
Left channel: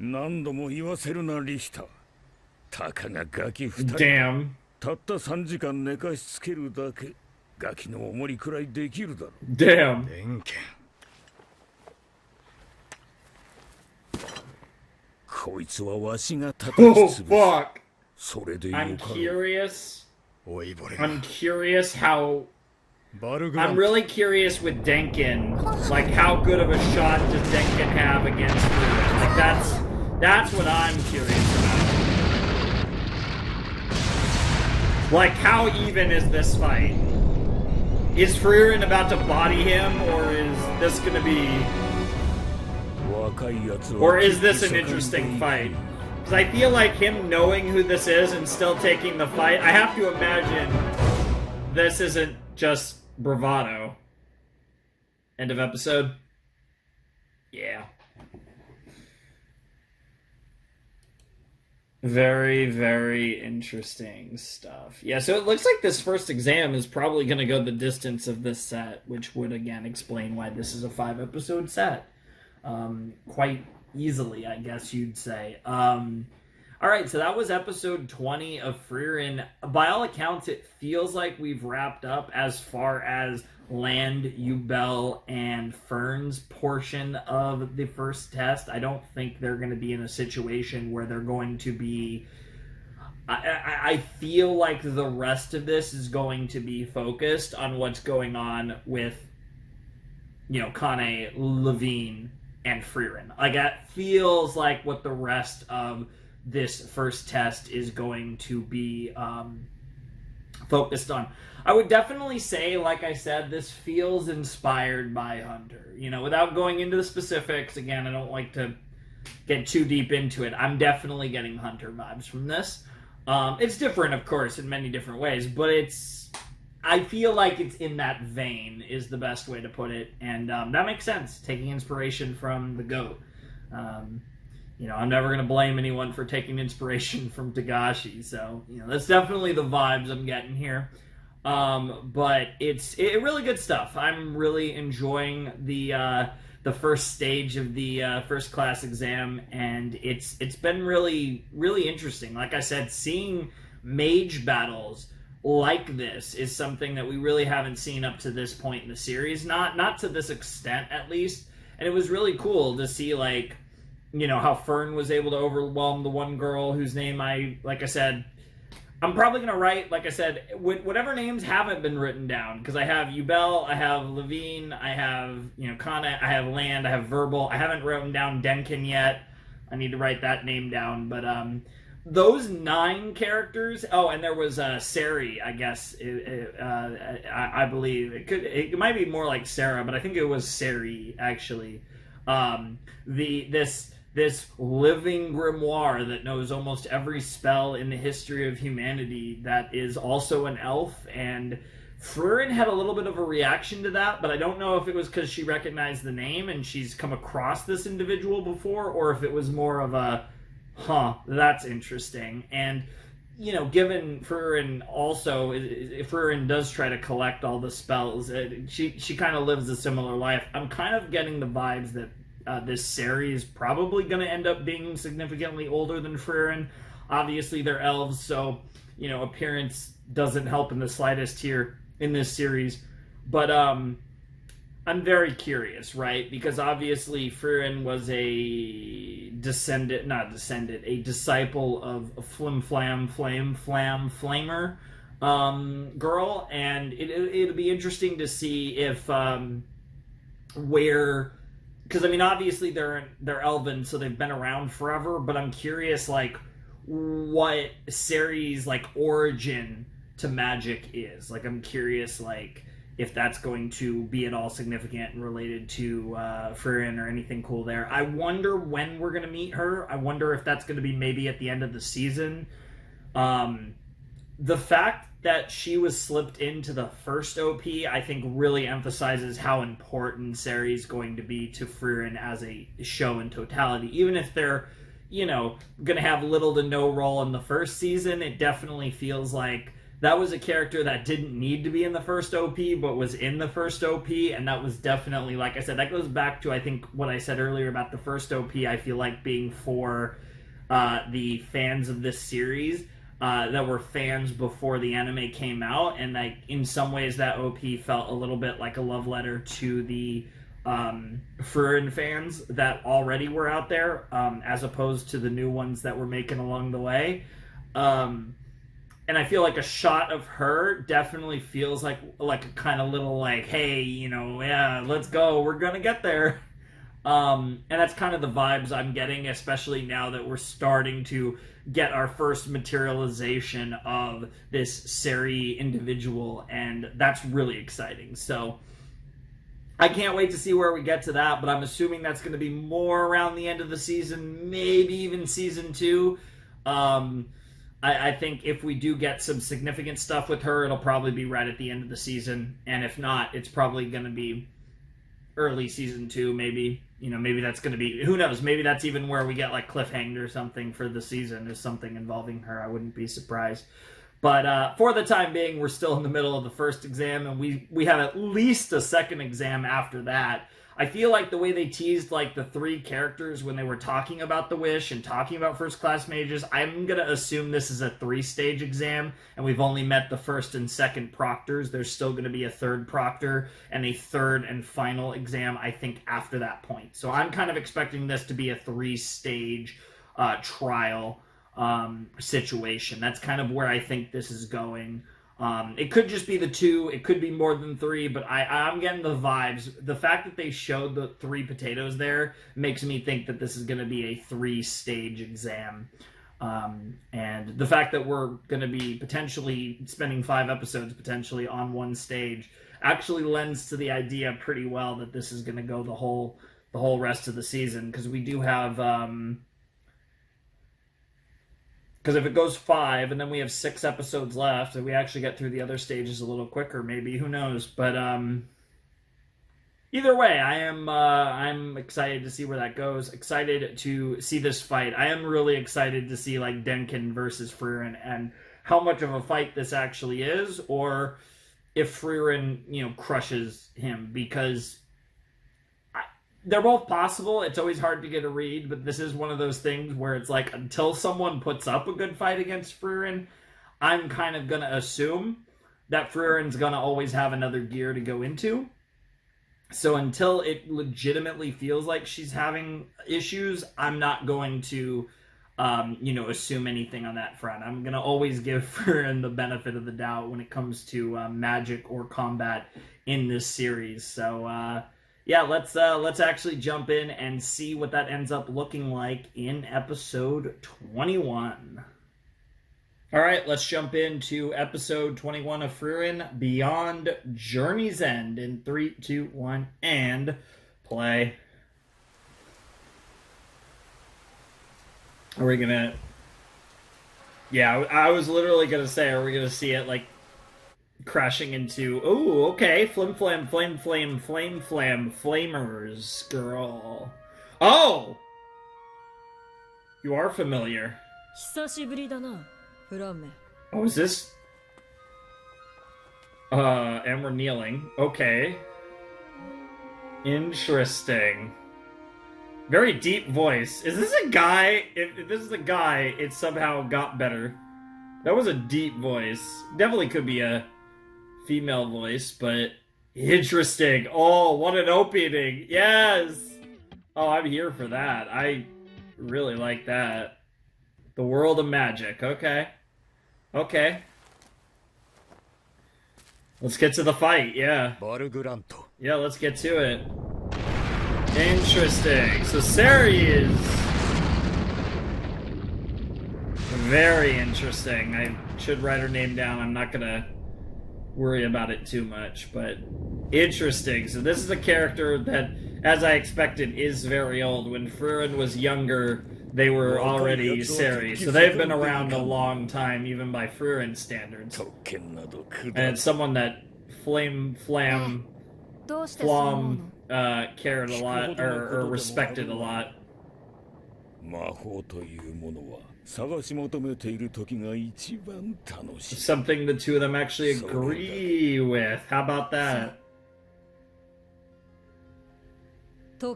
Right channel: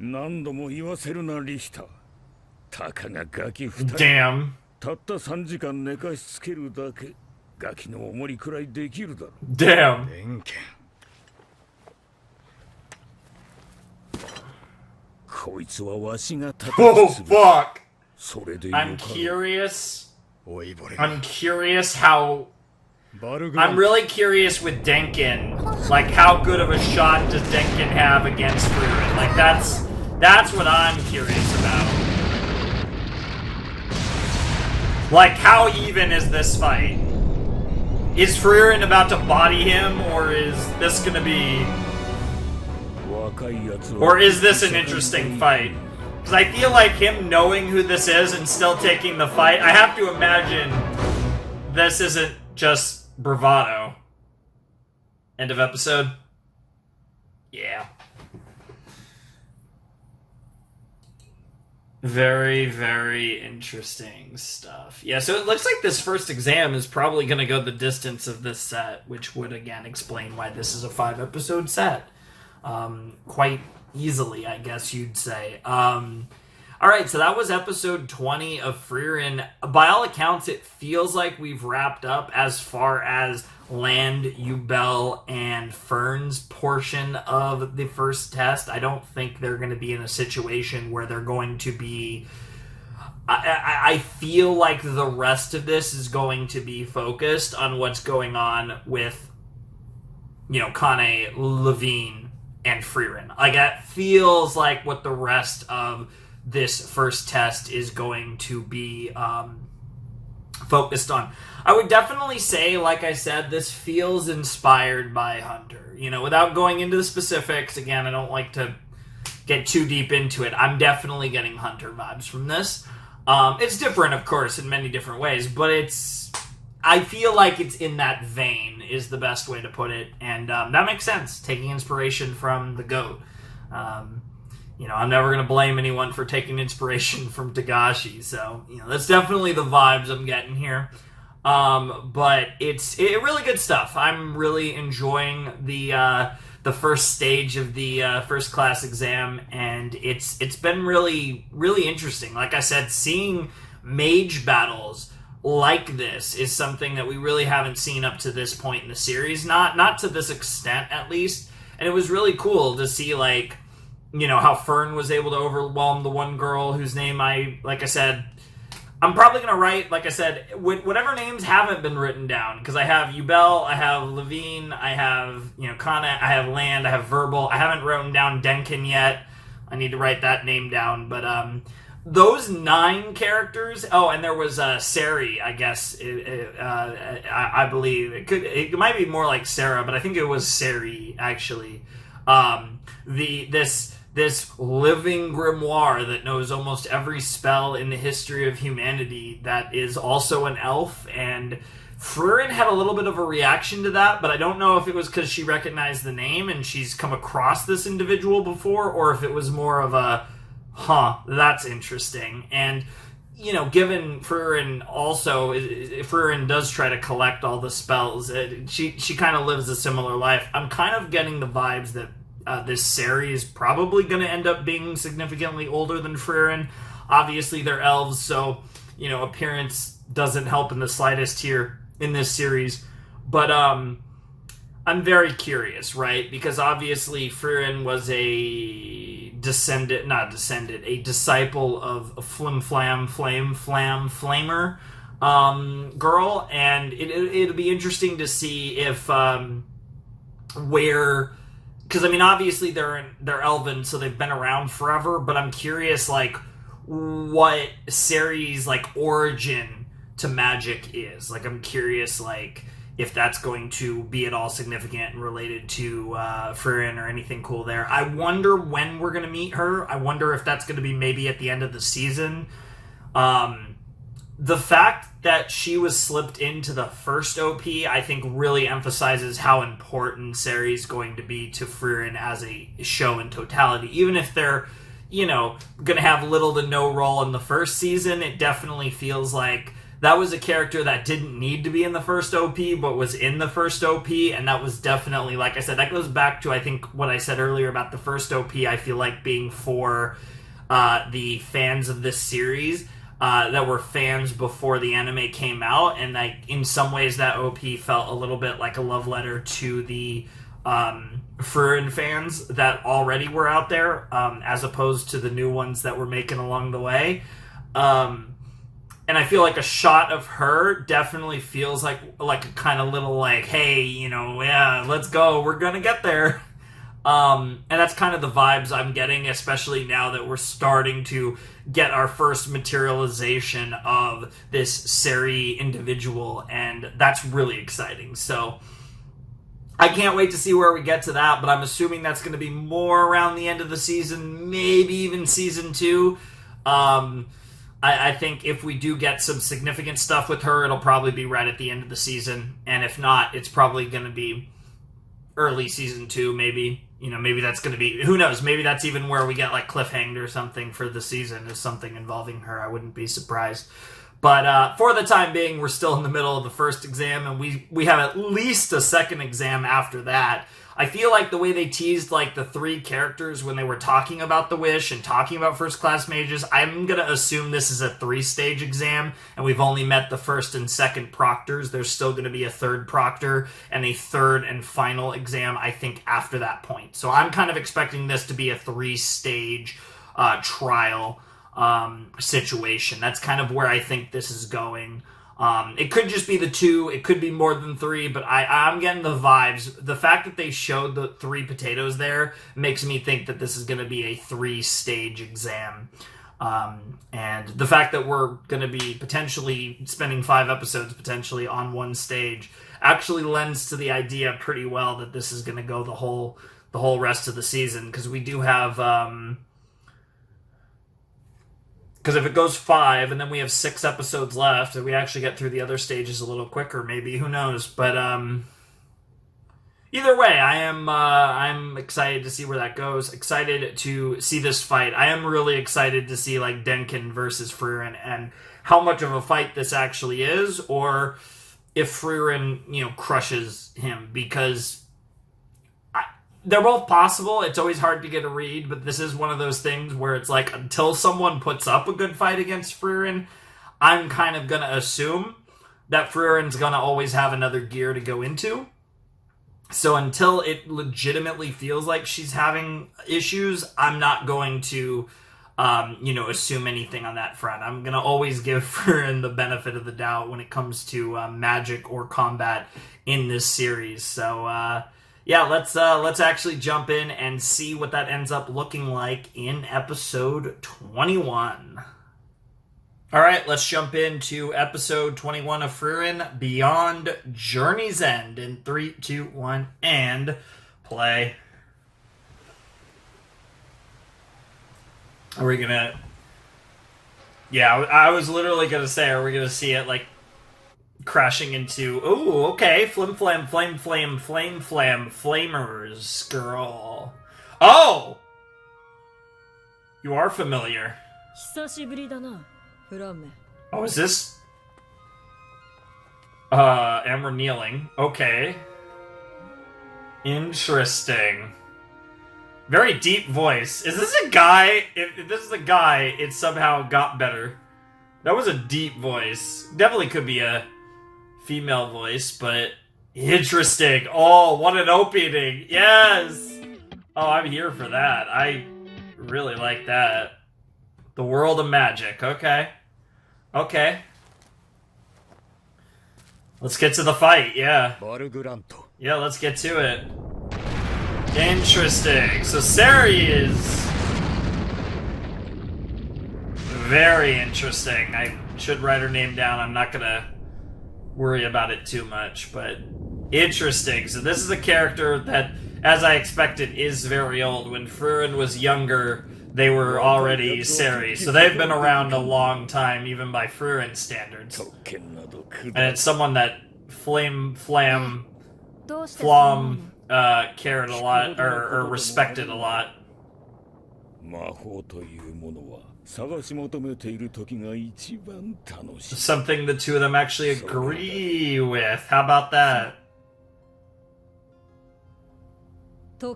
何度も言わせるなリヒター。たかがガキ2人。Damn. たった3時間寝かしつけるだけ。ガキの重りくらいできるだろう。Damn. デンケン、こいつはわしが叩き Oh 潰す。fuck. それでよかろう。 I'm curious. おいぼれ。I'm curious how. バルグラン I'm really curious with Denkin. Like, how good of a shot does Denkin have against Furīren? Like, that's what I'm curious about. Like, how even is this fight? Is Frieren about to body him, or is this gonna be... Or is this an interesting fight? Because I feel like him knowing who this is and still taking the fight, I have to imagine this isn't just bravado. End of episode? Yeah. Very, very interesting stuff. Yeah, so it looks like this first exam is probably going to go the distance of this set, which would, again, explain why this is a 5-episode set. Quite easily, I guess you'd say. Alright, so that was episode 20 of Frieren. By all accounts, it feels like we've wrapped up as far as Land, Ubel, and Fern's portion of the first test. I don't think they're going to be in a situation where they're going to be I feel like the rest of this is going to be focused on what's going on with, Kane, Levine, and Frieren. Like, it feels like what the rest of this first test is going to be focused on. I would definitely say, like I said, this feels inspired by Hunter. Without going into the specifics, again, I don't like to get too deep into it. I'm definitely getting Hunter vibes from this. It's different, of course, in many different ways, but I feel like it's in that vein is the best way to put it, and that makes sense, taking inspiration from the GOAT. I'm never going to blame anyone for taking inspiration from Togashi, so, that's definitely the vibes I'm getting here. But it's really good stuff. I'm really enjoying the first stage of the first class exam, and it's been really, really interesting. Like I said, seeing mage battles like this is something that we really haven't seen up to this point in the series, not to this extent at least. And it was really cool to see, like, how Fern was able to overwhelm the one girl whose name I'm probably going to write, like I said, whatever names haven't been written down, because I have Yubel, I have Levine, I have, Kana, I have Land, I have Verbal. I haven't written down Denkin yet. I need to write that name down, but those 9 characters, and there was Sari, I guess, I believe. It might be more like Sarah, but I think it was Sari, actually. This living grimoire that knows almost every spell in the history of humanity that is also an elf, and Frieren had a little bit of a reaction to that, but I don't know if it was because she recognized the name and she's come across this individual before, or if it was more of a, that's interesting. And, given Frieren also, Frieren does try to collect all the spells, she kind of lives a similar life. I'm kind of getting the vibes that this Sari is probably going to end up being significantly older than Frieren. Obviously, they're elves, so, appearance doesn't help in the slightest here in this series. But I'm very curious, right? Because obviously Frieren was a disciple of Flim Flam Flamer girl, and it'll be interesting to see if because, obviously they're elven, so they've been around forever, but I'm curious, like, what Sari's, like, origin to magic is. Like, I'm curious, like, if that's going to be at all significant and related to Frieren or anything cool there. I wonder when we're going to meet her. I wonder if that's going to be maybe at the end of the season. The fact that she was slipped into the first OP, I think, really emphasizes how important Sari's going to be to Frieren as a show in totality. Even if they're, going to have little to no role in the first season, it definitely feels like that was a character that didn't need to be in the first OP, but was in the first OP, and that was definitely, like I said, that goes back to, I think, what I said earlier about the first OP, I feel like being for the fans of this series. That were fans before the anime came out, and like in some ways that OP felt a little bit like a love letter to the Frieren fans that already were out there, as opposed to the new ones that were making along the way. And I feel like a shot of her definitely feels like a kind of little like, hey, yeah, let's go, we're gonna get there. And that's kind of the vibes I'm getting, especially now that we're starting to get our first materialization of this Sari individual, and that's really exciting. So I can't wait to see where we get to that, but I'm assuming that's going to be more around the end of the season, maybe even season 2. I think if we do get some significant stuff with her, it'll probably be right at the end of the season, and if not, it's probably going to be early season 2, maybe. Maybe that's going to be, who knows, maybe that's even where we get like cliffhanged or something for the season, is something involving her. I wouldn't be surprised. But for the time being, we're still in the middle of the first exam, and we have at least a second exam after that. I feel like the way they teased like the 3 characters when they were talking about the Wish and talking about first class mages, I'm going to assume this is a 3-stage exam, and we've only met the first and second proctors. There's still going to be a third proctor and a third and final exam, I think, after that point. So I'm kind of expecting this to be a 3-stage trial. situation. That's kind of where I think this is going. It could just be the 2, it could be more than 3, but I'm getting the vibes. The fact that they showed the 3 potatoes there makes me think that this is going to be a 3-stage exam. And the fact that we're going to be potentially spending 5 episodes potentially on one stage actually lends to the idea pretty well that this is going to go the whole rest of the season, because we do have because if it goes 5 and then we have 6 episodes left and we actually get through the other stages a little quicker, maybe, who knows. But either way, I'm excited to see where that goes. Excited to see this fight. I am really excited to see like Denkin versus Frieren and how much of a fight this actually is, or if Frieren, crushes him, because they're both possible. It's always hard to get a read, but this is one of those things where it's like, until someone puts up a good fight against Frieren, I'm kind of going to assume that Frieren's going to always have another gear to go into. So until it legitimately feels like she's having issues, I'm not going to, assume anything on that front. I'm going to always give Frieren the benefit of the doubt when it comes to magic or combat in this series. So, yeah, let's actually jump in and see what that ends up looking like in episode 21. All right, let's jump into episode 21 of Frieren, Beyond Journey's End. In 3, 2, 1, and play. Are we gonna... Yeah, I was literally gonna say, are we gonna see it, like, crashing into... Ooh, okay. Flim, flam, flame, flame, flame, flam, flamers, girl. Oh! You are familiar. Oh, is this... and we're kneeling. Okay. Interesting. Very deep voice. Is this a guy? If this is a guy, it somehow got better. That was a deep voice. Definitely could be a female voice, but interesting. Oh, what an opening. Yes! Oh, I'm here for that. I really like that. The world of magic. Okay. Okay. Let's get to the fight, yeah. Yeah, let's get to it. Interesting. So Sari is very interesting. I should write her name down. I'm not gonna worry about it too much, but interesting. So this is a character that, as I expected, is very old. When Frieren was younger, they were already Sari. So they've been around a long time, even by Frieren standards. And it's someone that Flom cared a lot, or respected a lot. Something the two of them actually agree with. How about that? I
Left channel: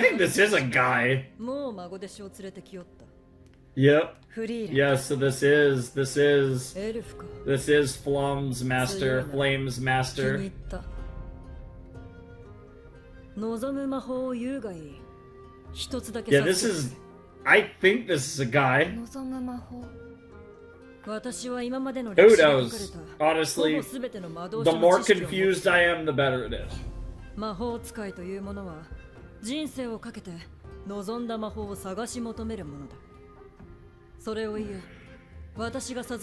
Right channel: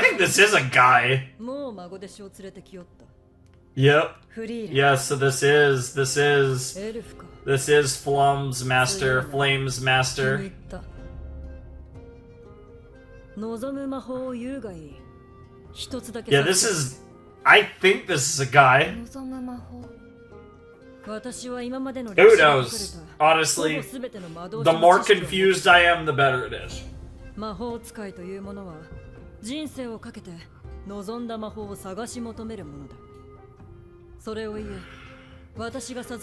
think this is a guy. Yep. Yeah, so this is Flom's master, Flame's master. Yeah, this is... I think this is a guy. Who knows? Honestly, the more confused I am, the better it is. And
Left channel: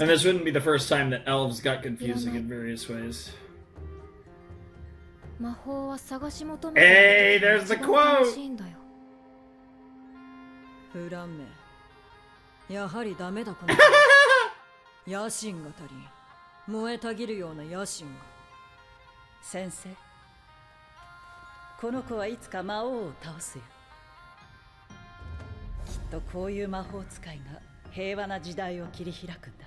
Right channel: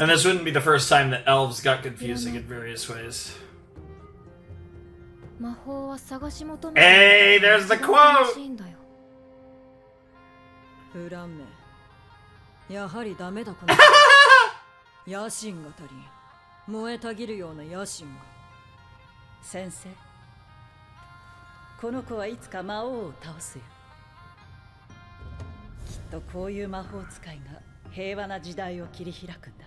this wouldn't be the first time that elves got confusing in various ways. Hey, there's the quote! Sensei, この子はいつか魔王を倒すよ。きっとこういう魔法使いが平和な時代を切り開くんだ。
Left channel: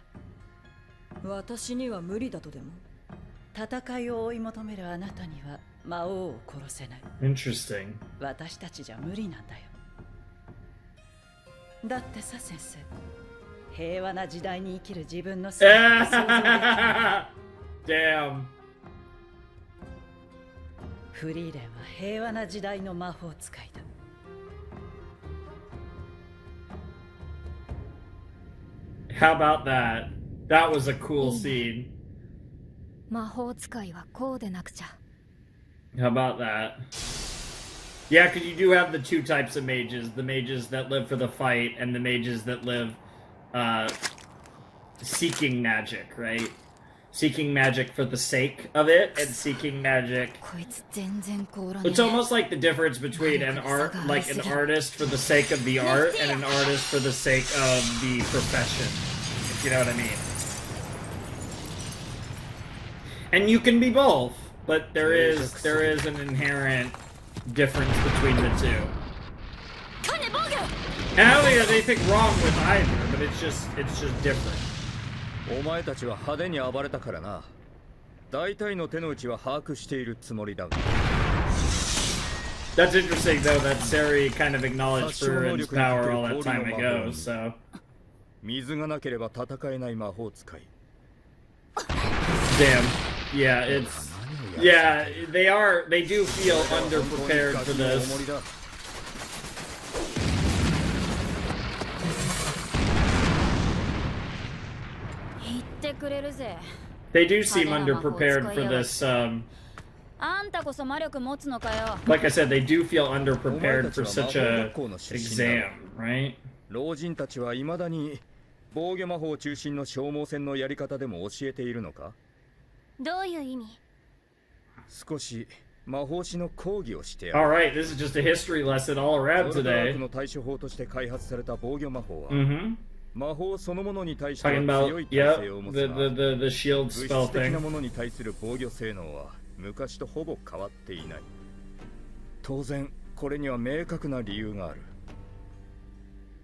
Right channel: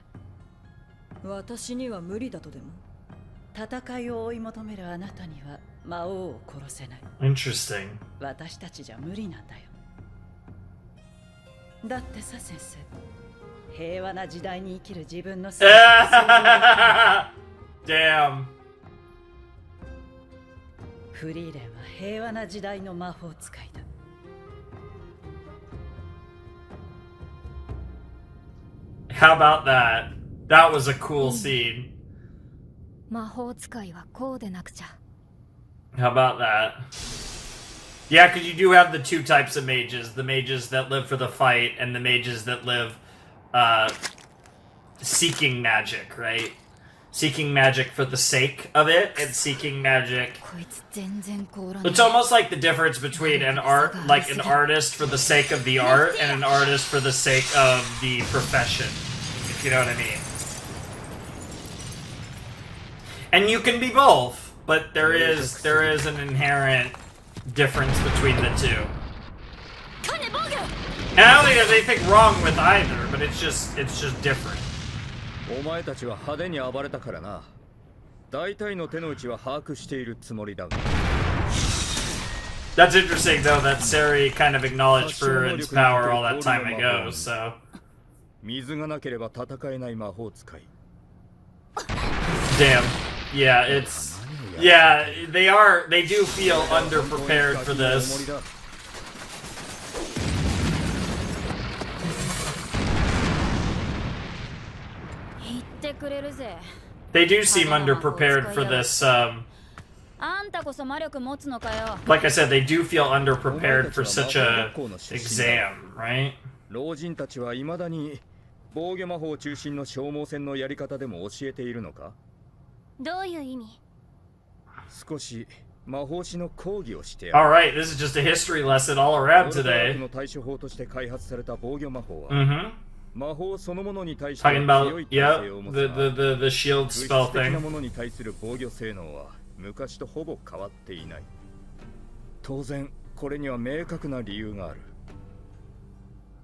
私には無理だとでも。戦いを追い求めるあなたには魔王を殺せない。Interesting. 私たちじゃ無理なんだよ。だってさ、先生。平和な時代に生きる自分の姿を想像できる。Damn. フリーレンは平和な時代の魔法使いだ。How about that? That was a cool scene. 魔法使いはこうでなくちゃ。 How about that? Yeah, because you do have the two types of mages. The mages that live for the fight and the mages that live seeking magic, right? Seeking magic for the sake of it and seeking magic. It's almost like the difference between an artist for the sake of the art and an artist for the sake of the profession. If you know what I mean. And you can be both, but there is an inherent difference between the two. And I don't think there's anything wrong with either, but it's just different. お前たちは派手に暴れたからな。大体の手の内は把握しているつもりだが。That's interesting though that Sari kind of acknowledged Furiren's power all that time ago, so. 水がなければ戦えない魔法使い。Damn. Yeah, it's yeah, they do feel underprepared for this. They do seem underprepared for this, like I said, they do feel underprepared for such a exam, right? 老人たちは未だに防御魔法中心の消耗戦のやり方でも教えているのか？どういう意味？少し魔法師の講義をしてやる。 Alright, this is just a history lesson all around ソルダー today. クの対処法として開発された防御魔法は、魔法そのものに対しては Talking 強 about, い耐性を持つが、 the shield 物 spell 質的な thing. ものに対する防御性能は昔とほぼ変わっていない。当然、これには明確な理由がある。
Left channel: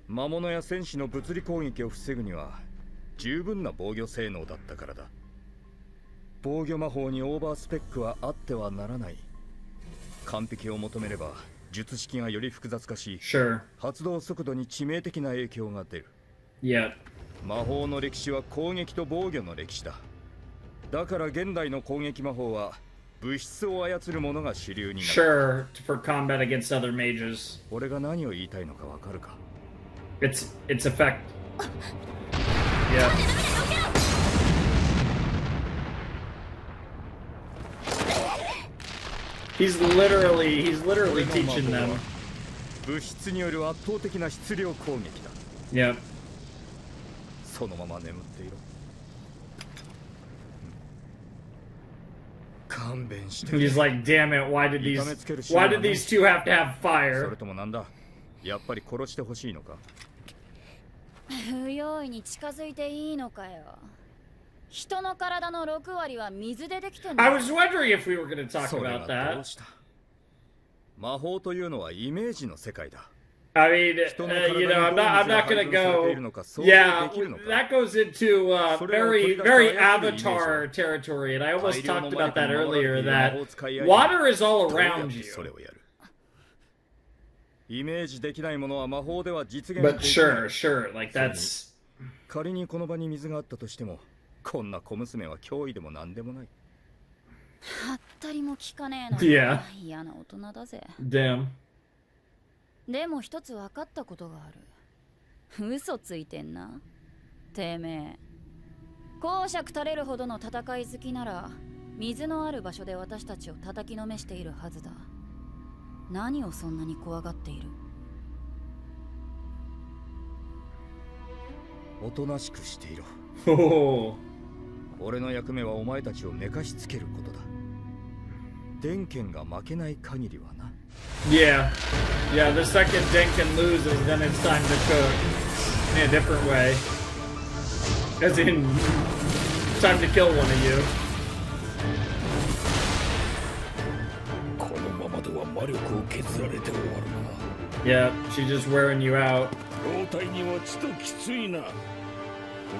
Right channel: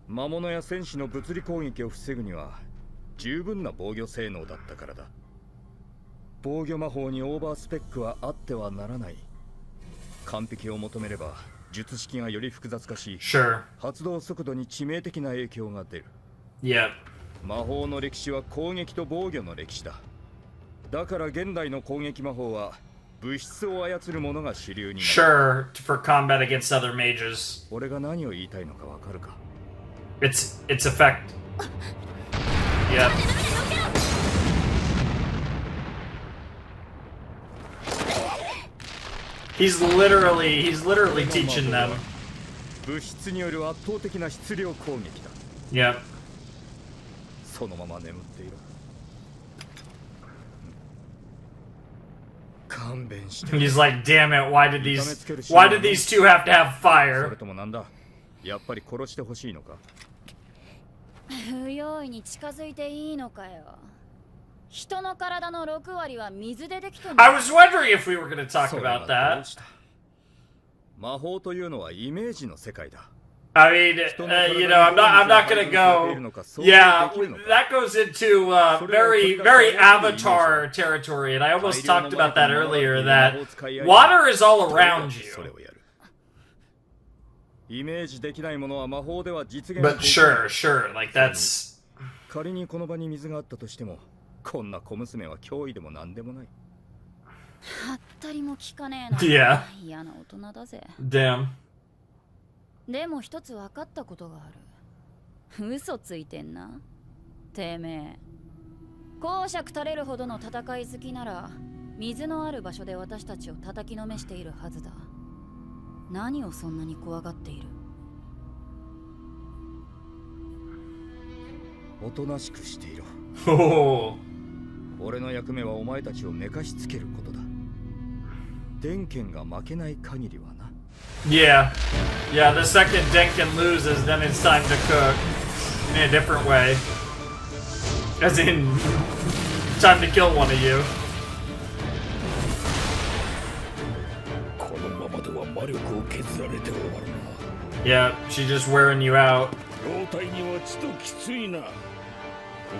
魔物や戦士の物理攻撃を防ぐには十分な防御性能だったからだ。防御魔法にオーバースペックはあってはならない。完璧を求めれば術式がより複雑化し、Sure. 発動速度に致命的な影響が出る。Yep. 魔法の歴史は攻撃と防御の歴史だ。だから現代の攻撃魔法は物質を操るものが主流になる。Sure, for combat against other mages. 俺が何を言いたいのかわかるか？ Its effect. Yeah. He's literally teaching them. 物質による圧倒的な質量攻撃だ。Yep. そのまま眠っていろ。勘弁して。 He's like, damn it, why did these two have to have そ fire? れともなんだ？やっぱり殺してほしいのか？不用意に近づいていいのかよ。人の体の6割は水でできてる。 I was wondering if we were going to talk それ about はどう that. した？魔法というのはイメージの世界だ。 I mean, I'm not going to go. Yeah, that goes into very Avatar territory, and I almost talked about that earlier. That water is all around you. それをやる。イメージできないものは魔法では実現 But できない。 sure, like that's. 仮にこの場に水があったとしても、こんな小娘は脅威でも何でもない。はったりも聞かねえな。Yeah. 嫌な大人だぜ。 Damn. でも一つ分かったことがある。嘘ついてんな。てめえ。公爵垂れるほどの戦い好きなら、水のある場所で私たちを叩きのめしているはずだ。何をそんなに怖がっている？おとなしくしていろ。 Oh. 俺の役目はお前たちを寝かしつけることだ。電剣が負けない限りはな。Yeah. Yeah, the second Denkin loses, then it's time to cook. In a different way. As in, time to kill one of you. このままでは魔力を削られて終わるな。 Yeah, she's just wearing you out. 老体にはちときついな。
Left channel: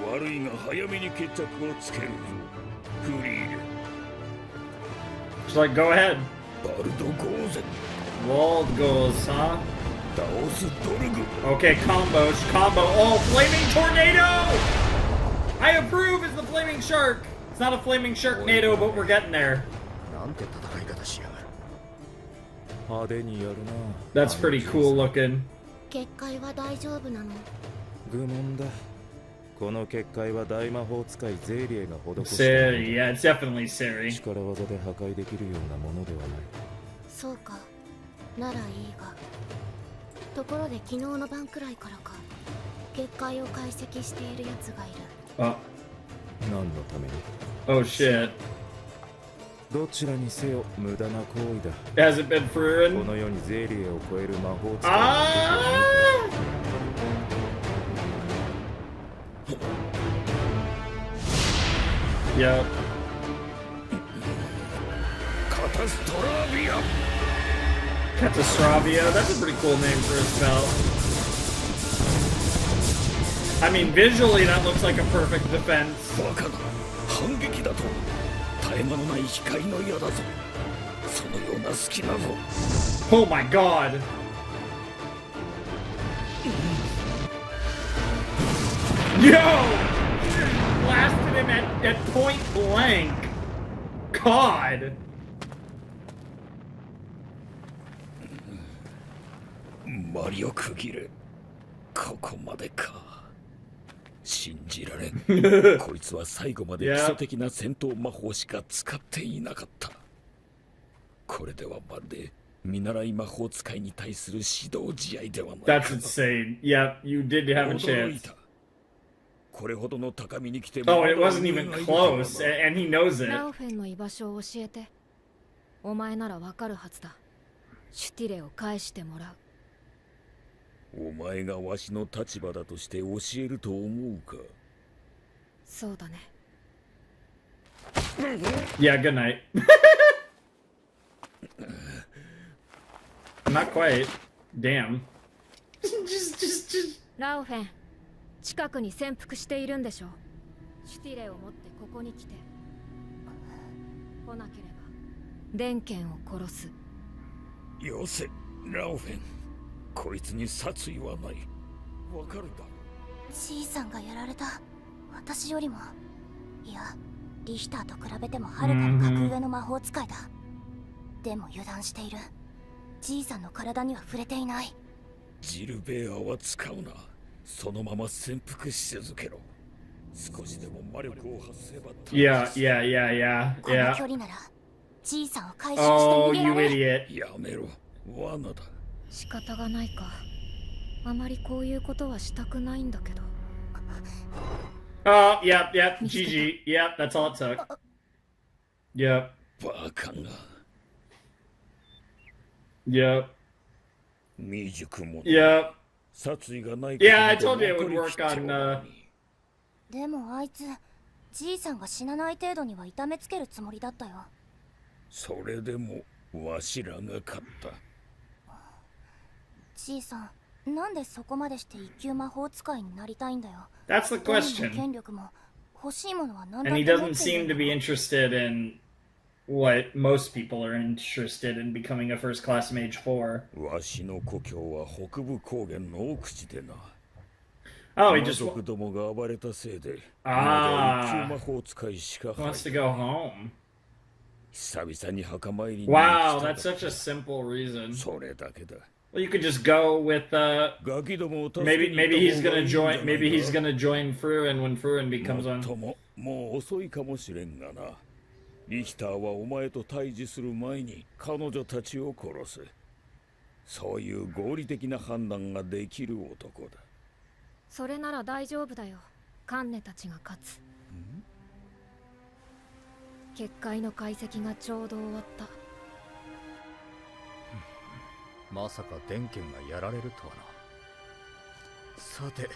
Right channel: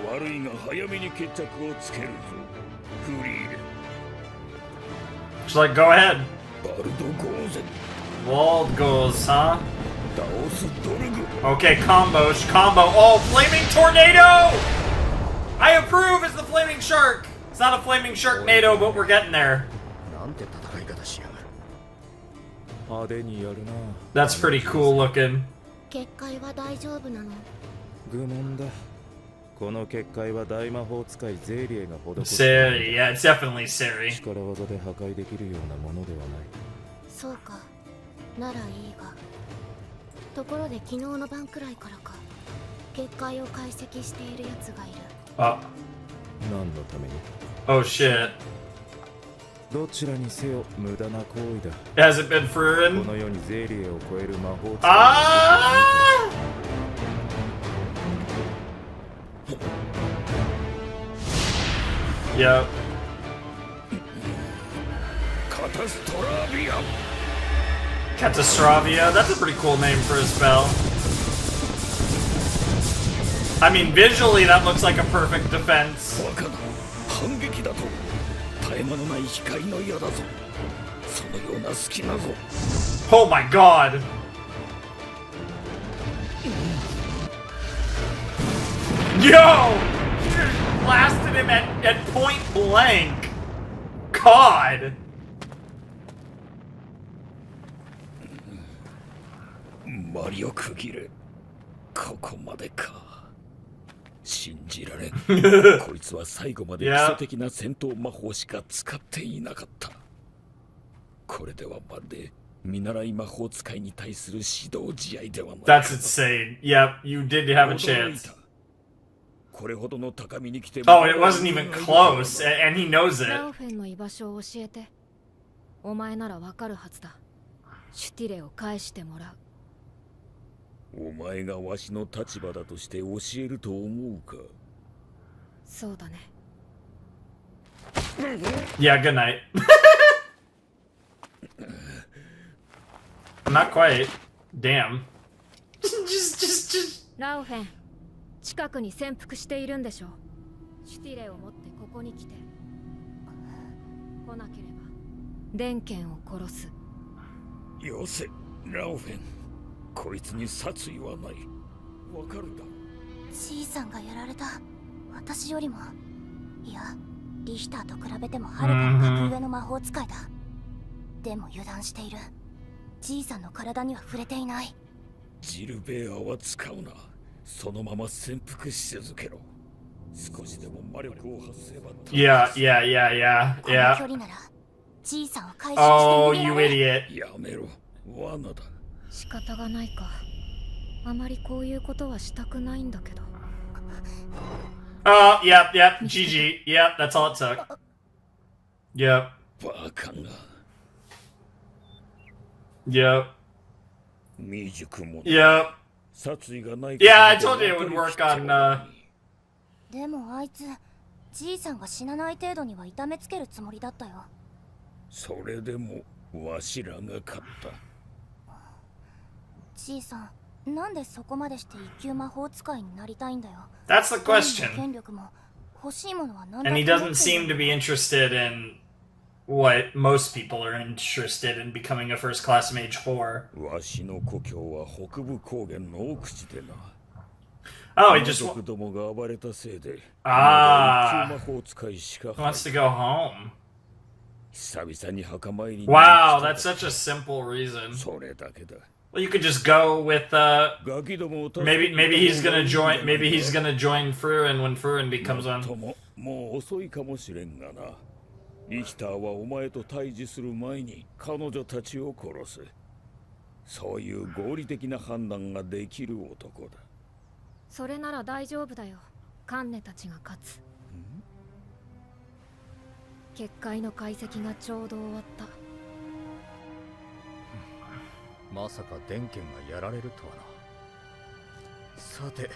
悪いが早めに決着をつけるぞ。フリーレン。 She's like, go ahead. バルドゴーゼン。 Walled goes, huh? 倒すドルグ。 Okay, combo. Oh, flaming tornado! I approve as the flaming shark. It's not a flaming sharknado, but we're getting there. なんて戦い方しやがる。派手にやるな。 That's pretty cool looking. 結界は大丈夫なの？愚問だ。この結界は大魔法使いゼーリエが施した。Seri, yeah, it's definitely Seri. 力技で破壊できるようなものではない。そうか、ならいいが。ところで昨日の晩くらいからか、結界を解析しているやつがいる。あ、何のために？ oh shit. どちらにせよ無駄な行為だ。Has it been Frieren? この世にゼーリエを超える魔法使いYep. Catastravia. Catastravia. That's a pretty cool name for a spell. I mean, visually that looks like a perfect defense. バカな反撃だと絶え間のない光の矢だぞ。そのような隙なぞ。 Oh my god. Yo! Blasted him at point blank. God. マリオ区切れ。ここまでか。信じられん。こいつは最後まで基礎的な戦闘魔法しか使っていなかった。これではまるで見習い魔法使いに対する指導試合ではないか。 That's insane. Yep, you did have a chance. これほどの高みに来て Oh, it wasn't even close, and he knows it. ラウフェンの居場所を教えて。お前ならわかるはずだ。シュティレを返してもらう。お前がわしの立場だとして教えると思うか。そうだね。Yeah, good night. Not quite. Damn. just. ラウフェン、近くに潜伏しているんでしょ。シュティレを持ってここに来て。来なければデンケンを殺す。よせ、ラオフェン。こいつに殺意はない。わかるだろ。じいさんがやられた。私よりも、いや、リヒターと比べてもはるかに格上の魔法使いだ。でも油断している。じいさんの体には触れていない。ジルベアは使うな。そのまま潜伏し続けろ。少しでも魔力を発せば。Yeah. この距離なら、じいさんを回収して逃げられる。 Oh, you idiot. やめろ。罠だ。仕方がないか。あまりこういうことはしたくないんだけど。Oh, yep. GG. Yep, that's all it took. Yep. バカが。Yep. 未熟者。Yep. 殺意がない。Yeah, I told you it would work on. でもあいつ、じいさんが死なない程度には痛めつけるつもりだったよ。それでもわしらが勝った。じいさん、なんでそこまでして一級魔法使いになりたいんだよ。 That's the question. 権力も欲しいものは何だ And って he 持っ doesn't てい seem る to be interested in what most people are interested in, becoming a first class mage for. わしの故郷は北部高原の奥地でな。Oh, he just 族どもが暴れたせいで、あー一級魔法使いしか wants to go home. 久々に墓参りに Wow, that's such a simple reason. それだけだ。 Well, you could just go with maybe he's gonna join Frieren when Frieren becomes on. もう遅いかもしれんがな。リヒターはお前と対峙する前に彼女たちを殺す。そういう合理的な判断ができる男だ。それなら大丈夫だよ。カンネたちが勝つ。結界の解析がちょうど終わった。まさか電剣がやられるとはな。さて、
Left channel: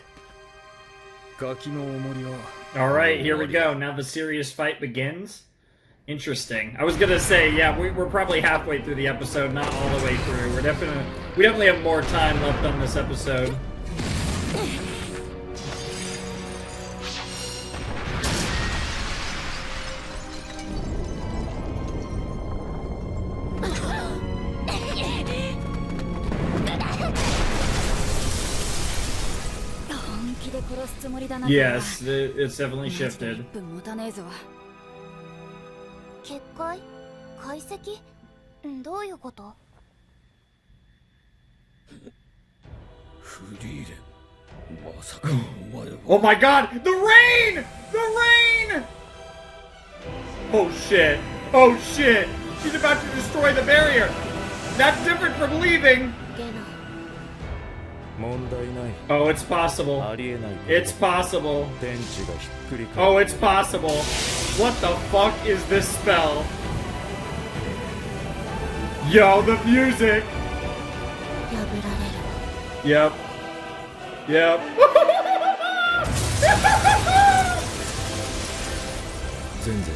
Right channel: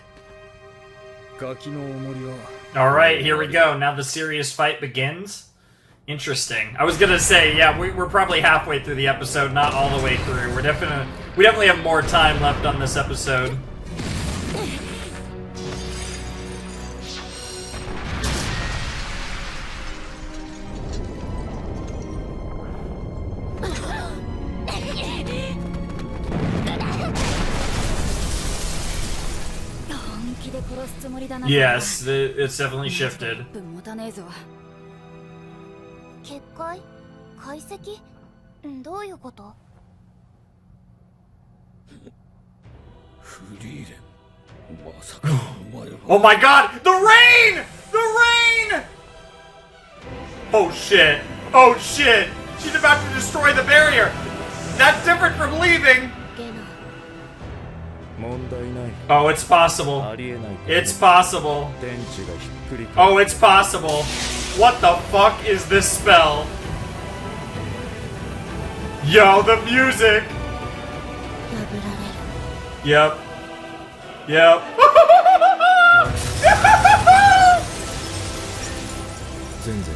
ガキの重りは。Alright, here we go. Now the serious fight begins. Interesting. I was gonna say, yeah, we're probably halfway through the episode, not all the way through. We definitely have more time left on this episode. Yes, it's definitely shifted. 結界？解析？どういうこと？フリーレン、まさかお前は。Oh my god! The rain! The rain! Oh shit. Oh shit. She's about to destroy the barrier. That's different from leaving. 問題ない。 Oh, it's possible. ありえない。 It's possible. 天地がひっくり返る。 Oh, it's possible. What the fuck is this spell? Yo, the music. 破られる。 Yep. Yep. 全然。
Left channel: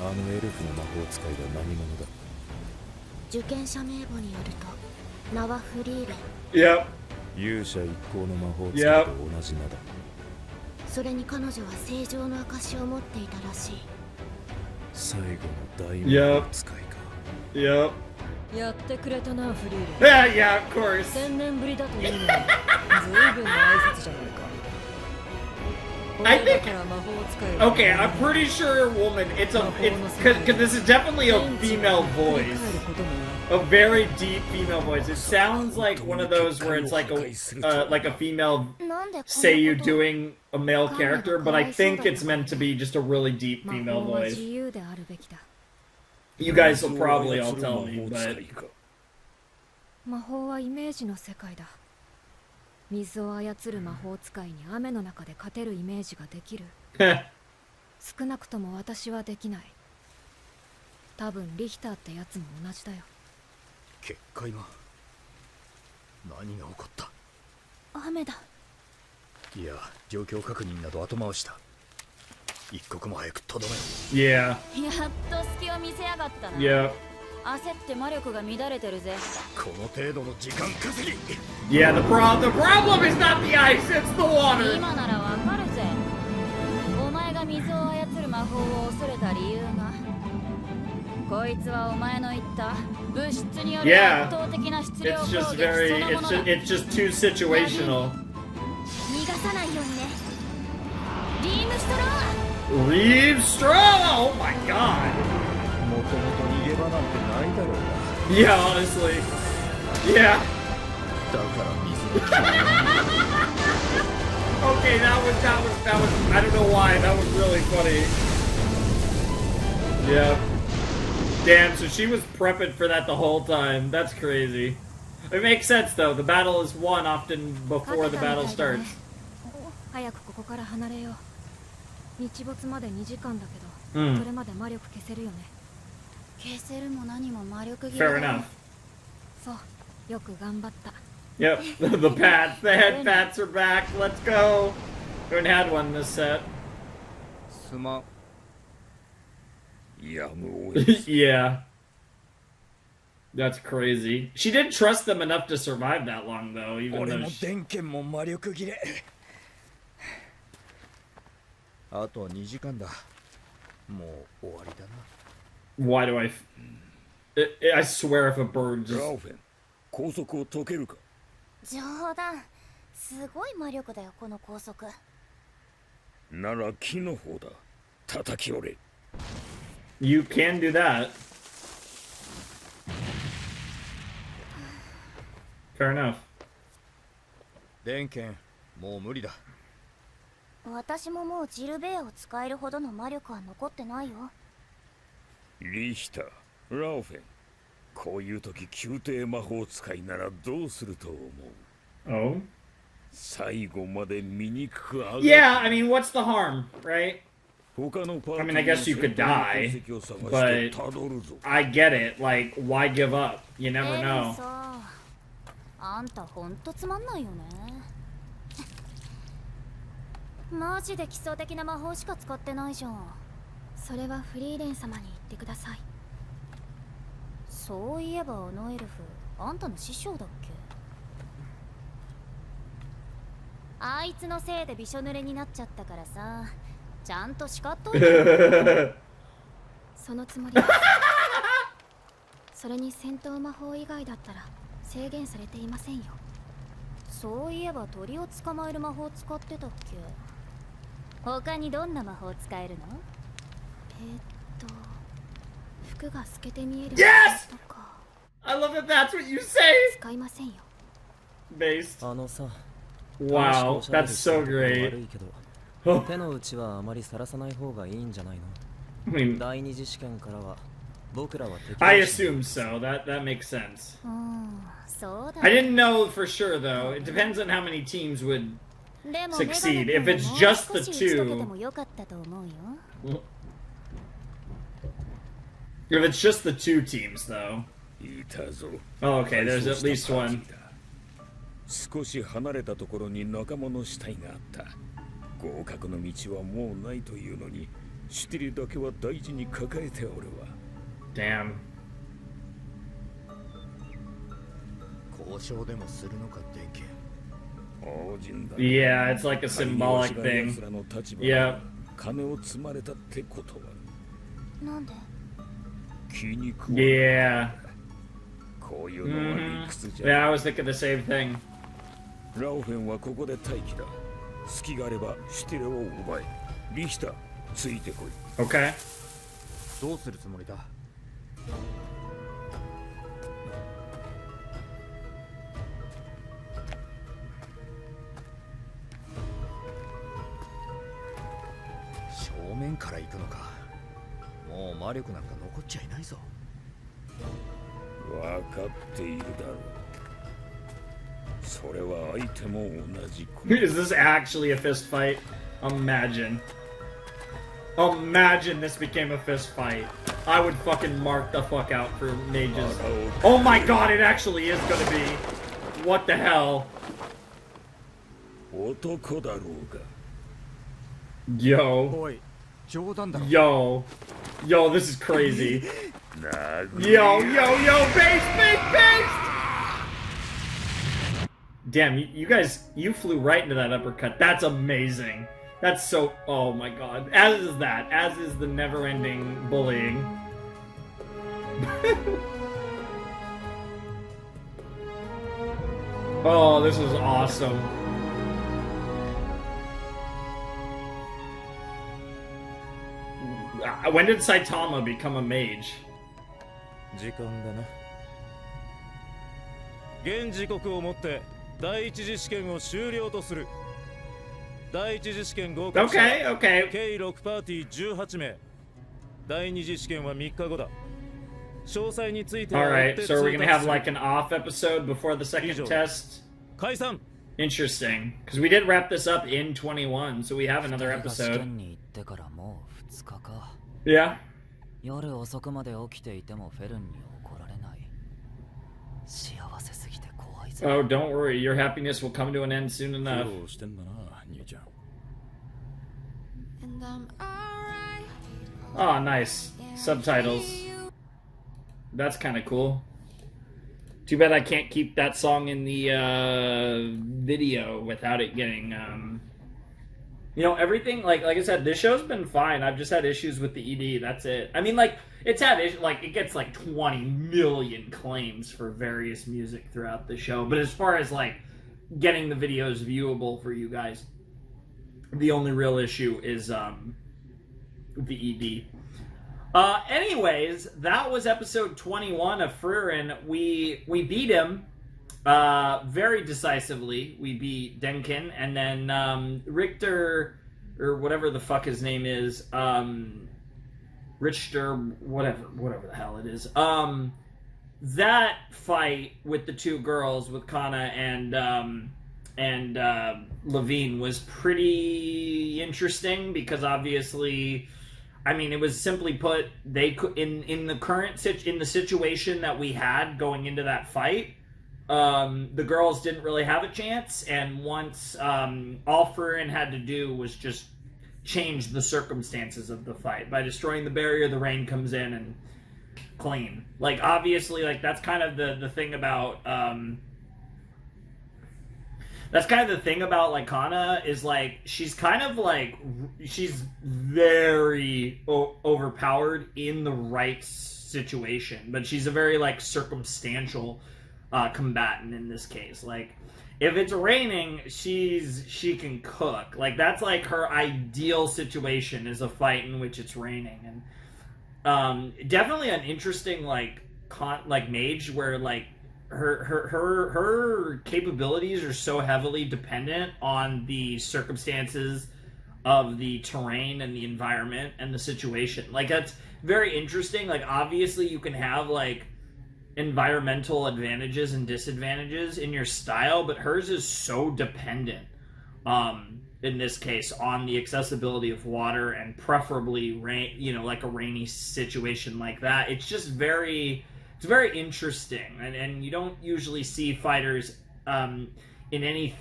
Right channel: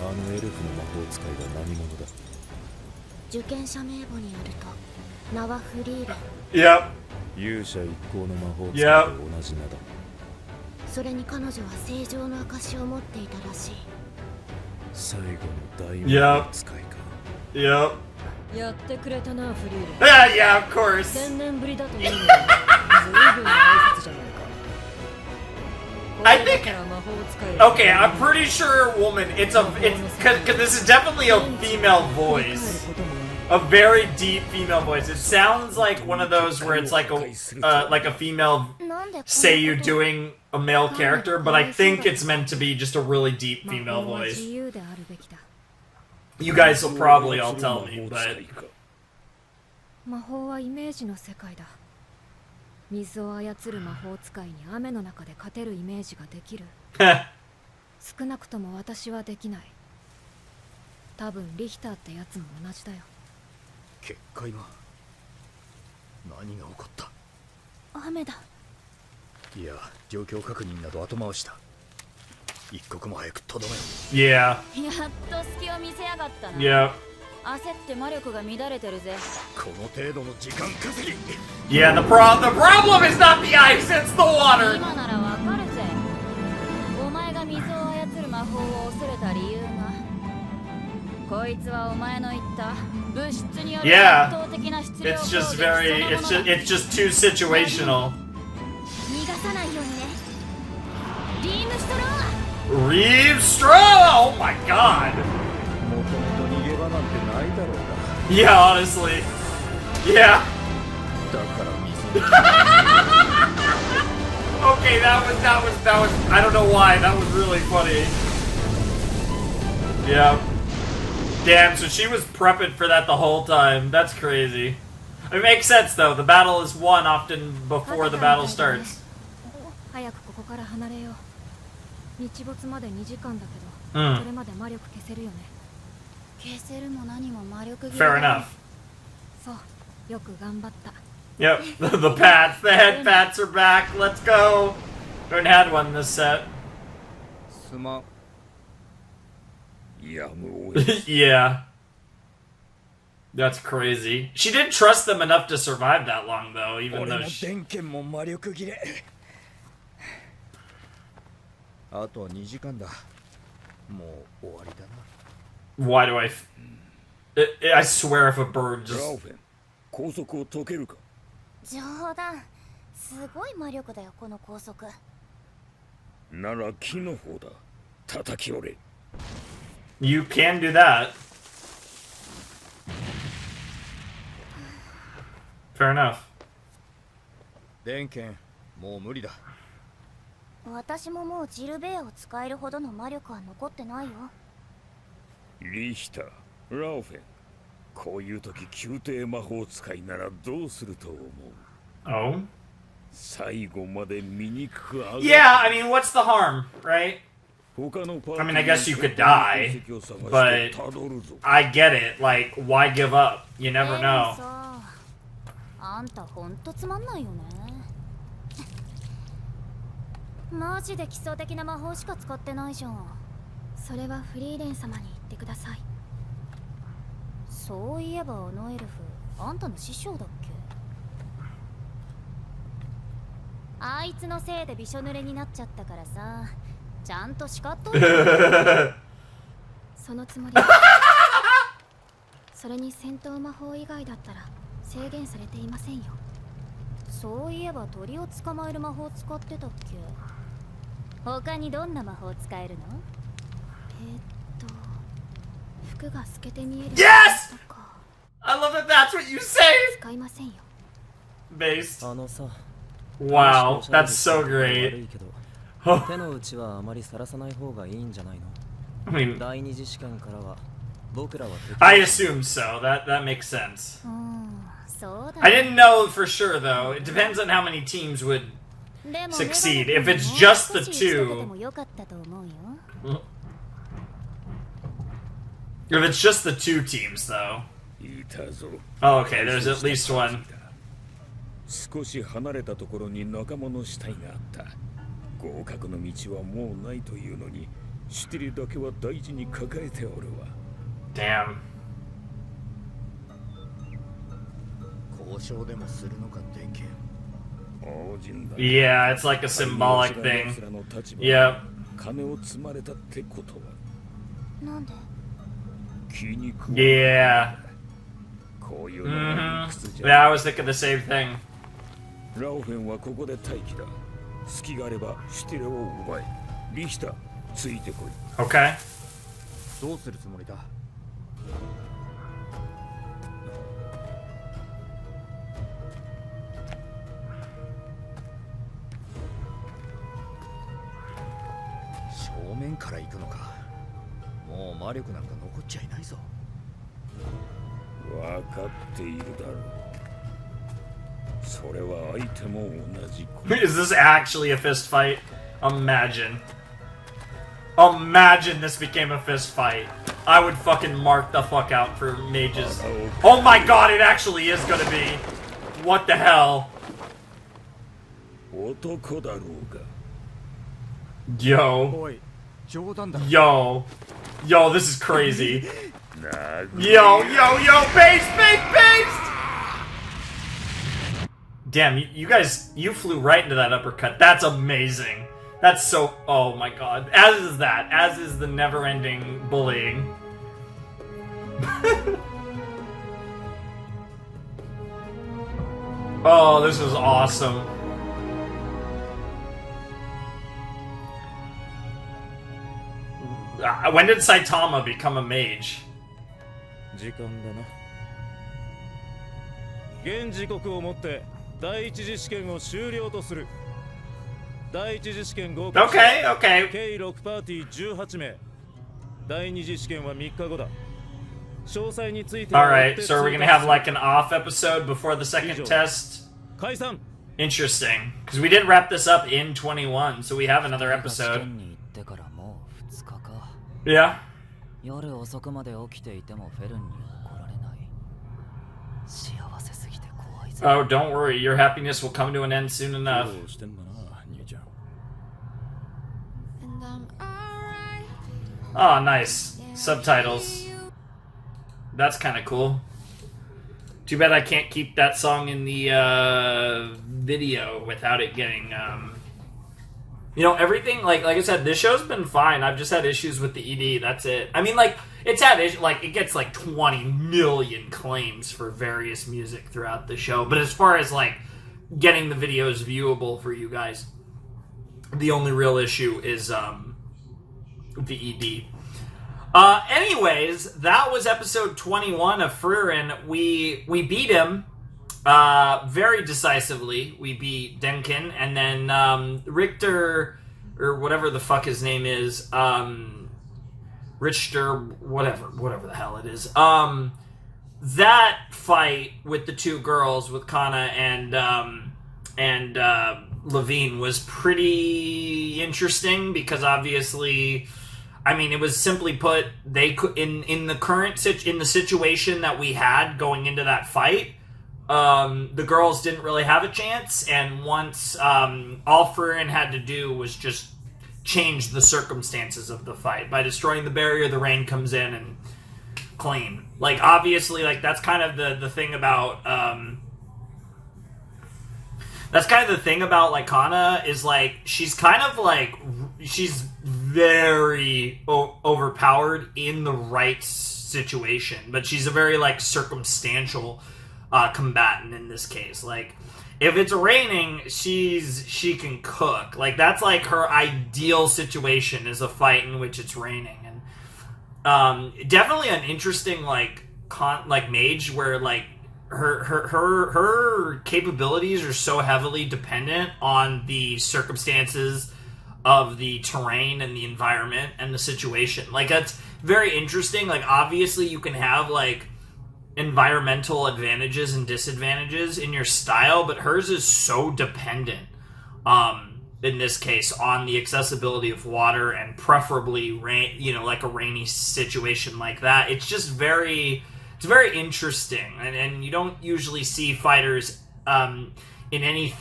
あのエルフの魔法使いが何者だ。受験者名簿によると名はフリーレン。 Yep. 勇者一行の魔法使いと同じ名だ。それに彼女は正常の証を持っていたらしい。最後の大魔法使いか。Yep. やってくれたな、フリーレン。Yeah, of course. 1000年ぶりだというのに、ずいぶんの挨拶じゃないか。 I think. Okay, I'm pretty sure, woman. It's because this is definitely a female voice, a very deep female voice. It sounds like one of those where it's like a female seiyuu doing a male character, but I think it's meant to be just a really deep female voice. You guys will probably all tell me, but. 魔法はイメージの世界だ。水を操る魔法使いに雨の中で勝てるイメージができる。少なくとも私はできない。多分リヒターってやつも同じだよ。結界が何が起こった？雨だ。いや、状況確認など後回しだ。一刻も早くとどめろ。Yeah. やっと隙を見せやがったな。 Yeah. 焦って魔力が乱れてるぜ。この程度の時間稼ぎ。 Yeah, the problem is not the ice, it's the water. 今ならわかるぜ。お前が水を操る魔法を恐れた理由が。こいつはお前の言った物質による圧倒的な質量攻撃そのものだ。It's just too situational. 逃がさないようにね。リームストロー。 Reeve Straw! Oh my god. もともと逃げ場なんてないだろうが。 Yeah, honestly. Yeah. だから水に。 Okay, that was. I don't know why. That was really funny. Yeah. Damn. So she was prepping for that the whole time. That's crazy. It makes sense though. The battle is won often before the battle starts. 早くここから離れよう。日没まで2時間だけうんど、それまで魔力消せるよね。消せるも何も魔力切れ Fair だ。 enough. そう、よく頑張った。 Yep. The pats, the head pats are back. Let's go. Haven't had one this set. すまん。やむを Yeah. That's crazy. She didn't trust them enough to survive that long, though, even 俺 though も she... 電源も魔力切れ。あとは2時間だ。もう終わりだな。 Why do I... I swear if a bird just... ラオフェン、拘束を解けるか？冗談。すごい魔力だよこの高速。なら木の方だ。叩き折れ。 You can do that. Fair enough. 電源もう無理だ。私ももうジルベアを使えるほどの魔力は残ってないよ。リヒター、ラオフェン、こういう時宮廷魔法使いならどうすると思う？ Oh? 最後まで醜く上がる。 Yeah, I mean, what's the harm, right? 他のパーティー I mean, I guess you could die, の痕跡を探して but たどるぞ。 I get it. Like, why give up? You never エレン know. さ、あんたほんとつまんないよね。マジで基礎的な魔法しか使ってないじゃん。それはフリーレン様に言ってください。そういえばあのエルフ、あんたの師匠だっけ？あいつのせいでびしょ濡れになっちゃったからさ、ちゃんと叱っといて。そのつもりです。それに戦闘魔法以外だったら制限されていませんよ。そういえば鳥を捕まえる魔法使ってたっけ？他にどんな魔法使えるの？服が透けて見える Yes! とか。 I love that that's what you say! 使いませんよ。 Based. あのさ、Wow, that's so great. 手の内はあまりさらさない方がいいんじゃないの？ I mean, 第二次試験からは僕らは敵 I assume so. That makes sense. そうだ I didn't know for sure though. It depends on how many teams would でも succeed. メガネ If 君 it's も just 少 the し打ち解けて two, もよかったと思うよ if it's just the two teams though. いたぞ。 Oh, okay, there's at least one. 少し離れたところに仲間の死体があった。合格の道はもうないというのに、シュティリだけは大事に抱えておるわ。Damn. 交渉でもするのか、電気。 Yeah, it's like a symbolic thing. Yeah. 金を積まれたってことは。なんで Yeah. こういうのは理屈じゃ。Yeah, I was thinking the same thing. ラオフェンはここで待機だ。隙があればシュティレを奪え。リヒター、ついてこい。Okay. どうするつもりだ？正面から行くのか。もう魔力なんか残っちゃいないぞ。わかっているだろう。それは相手も同じこと。Is this actually a fist fight? Imagine. Imagine this became a fist fight. I would fucking mark the fuck out for mages. Oh my god, it actually is gonna be. What the hell? 男だろうが。 Yo. おい、冗談だろ。 Yo. Yo, this is crazy. 殴 Yo, base! Damn, you guys, you flew right into that uppercut. That's amazing. That's so, oh my god. As is that. As is the never-ending bullying. Oh, this is awesome. When did Saitama become a mage? 時間だな。現時刻をもって第一次試験を終了とする。第一次試験合格者 Okay. 計6パーティー18名。第二次試験は3日後だ。詳細については Alright, so are we gonna have like an off episode before the second test? 解散。 Interesting. Because we did wrap this up in 21, so we have another episode. Yeah. 夜遅くまで起きていてもフェルンに怒られない。幸せすぎて怖いぞ。 Oh, don't worry. Your happiness will come to an end soon enough. Oh, nice. Subtitles. That's kind of cool. Too bad I can't keep that song in the video without it getting... You know, everything, like I said, this show's been fine. I've just had issues with the ED, that's it. I mean, like, it's had issues, like, it gets, like, 20 million claims for various music throughout the show. But as far as, like, getting the videos viewable for you guys, the only real issue is, the ED. Anyways, that was episode 21 of Frieren. We beat him. Very decisively. We beat Denkin, and then Richter, or whatever the fuck his name is, Richter, whatever the hell it is. That fight with the two girls, with Kana and Levine, was pretty interesting because obviously, I mean, it was simply put, they could in the situation that we had going into that fight. The girls didn't really have a chance, and once all Frieren had to do was just change the circumstances of the fight. By destroying the barrier, the rain comes in and clean. Like, obviously, like, that's kind of the thing about like Kana is like she's very overpowered in the right situation, but she's a very like circumstantial combatant in this case. Like, if it's raining, she can cook. Like, that's like her ideal situation, is a fight in which it's raining. And definitely an interesting like mage where like her capabilities are so heavily dependent on the circumstances of the terrain and the environment and the situation. Like, that's very interesting. Like, obviously you can have like environmental advantages and disadvantages in your style, but hers is so dependent in this case on the accessibility of water, and preferably rain, you know, like a rainy situation like that. It's just very interesting, and you don't usually see fighters in any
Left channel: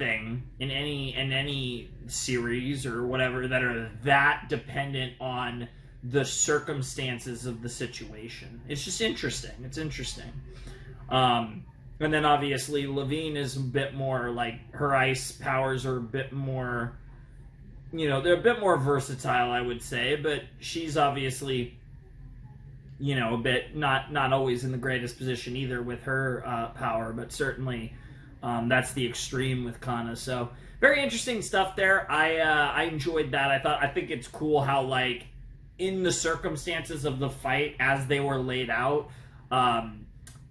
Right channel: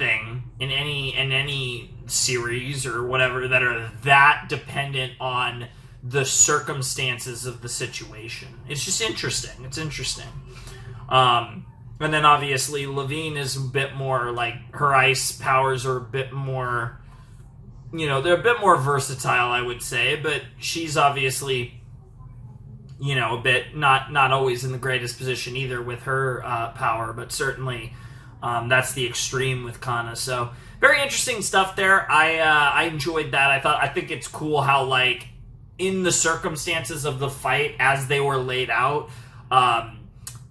series or whatever that are that dependent on the circumstances of the situation. It's just interesting. It's interesting. And then obviously Levine is a bit more like, her ice powers are a bit more, you know, they're a bit more versatile, I would say, but she's obviously, you know, a bit not always in the greatest position either with her power, but certainly that's the extreme with Kana. So very interesting stuff there. I enjoyed that. I think it's cool how, like, in the circumstances of the fight as they were laid out,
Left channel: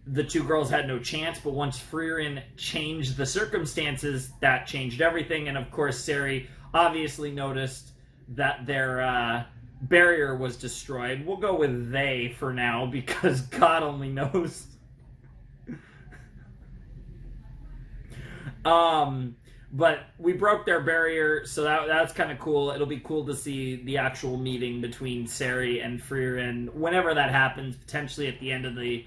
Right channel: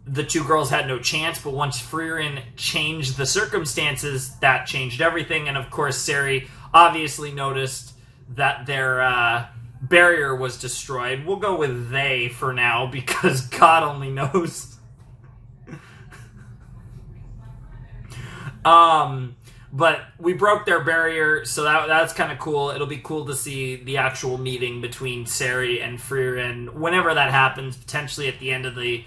the two girls had no chance, but once Frieren changed the circumstances, that changed everything. And of course, Sari obviously noticed that their barrier was destroyed. We'll go with they for now, because God only knows. But we broke their barrier, so that's kind of cool. It'll be cool to see the actual meeting between Sari and Frieren whenever that happens, potentially at the end of the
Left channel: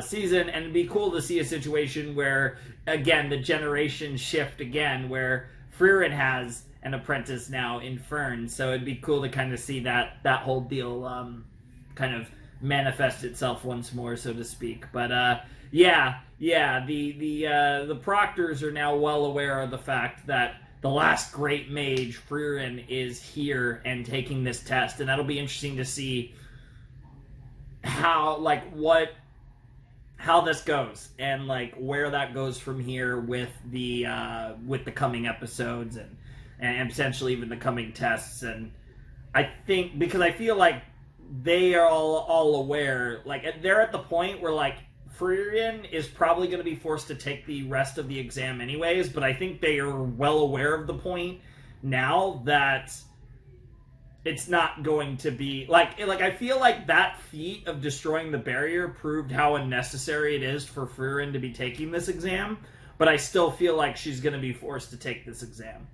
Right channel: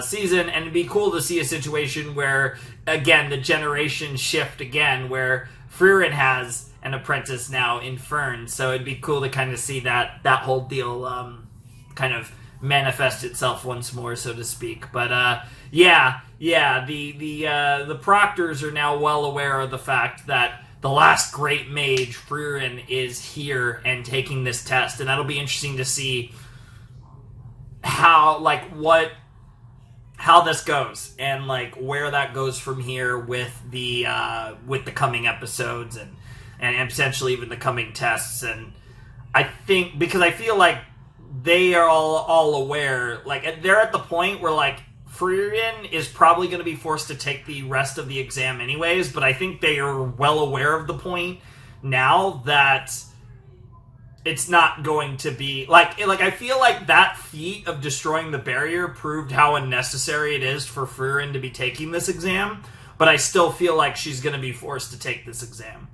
season. And it'd be cool to see a situation where, again, the generations shift again, where Frieren has an apprentice now in Fern. So it'd be cool to kind of see that whole deal kind of manifest itself once more, so to speak. But the Proctors are now well aware of the fact that the last great mage, Frieren, is here and taking this test, and that'll be interesting to see how this goes, and like where that goes from here with the coming episodes and potentially even the coming tests. And I think, because I feel like they are all aware, like they're at the point where like Frieren is probably going to be forced to take the rest of the exam anyways, but I think they are well aware of the point now that it's not going to be like I feel like that feat of destroying the barrier proved how unnecessary it is for Frieren to be taking this exam, but I still feel like she's going to be forced to take this exam.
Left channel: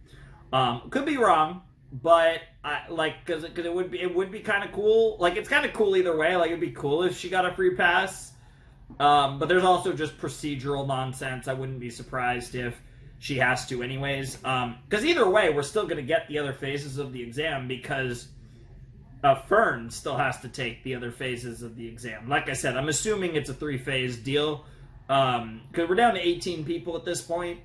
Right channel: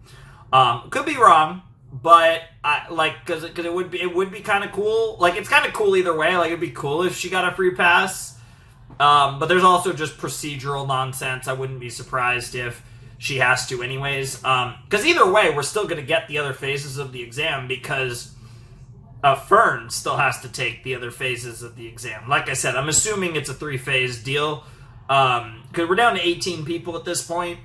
Could be wrong, but because it would be kind of cool. Like, it's kind of cool either way. Like, it'd be cool if she got a free pass. But there's also just procedural nonsense. I wouldn't be surprised if she has to anyways. Because either way, we're still going to get the other phases of the exam, because Fern still has to take the other phases of the exam. Like I said, I'm assuming it's a 3-phase deal. Because we're down to 18 people at this point.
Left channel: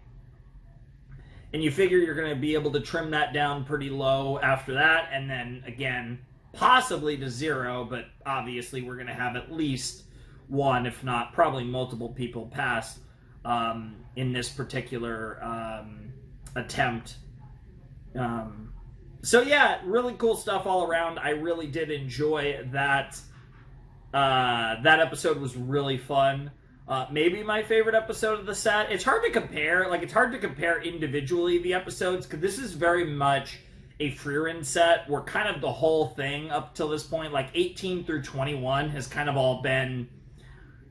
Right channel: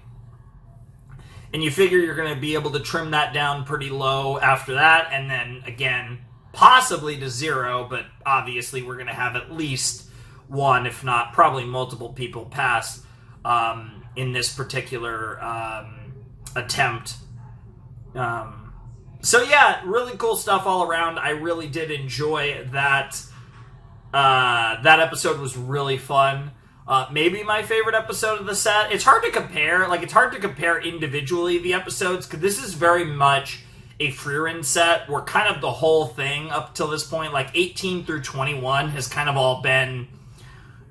And you figure you're going to be able to trim that down pretty low after that. And then, again, possibly to 0. But obviously we're going to have at least one, if not probably multiple people pass in this particular attempt. So yeah, really cool stuff all around. I really did enjoy that. That episode was really fun. Maybe my favorite episode of the set. It's hard to compare. Like, it's hard to compare individually the episodes, because this is very much a Frieren set where kind of the whole thing up till this point, like 18 through 21, has kind of all been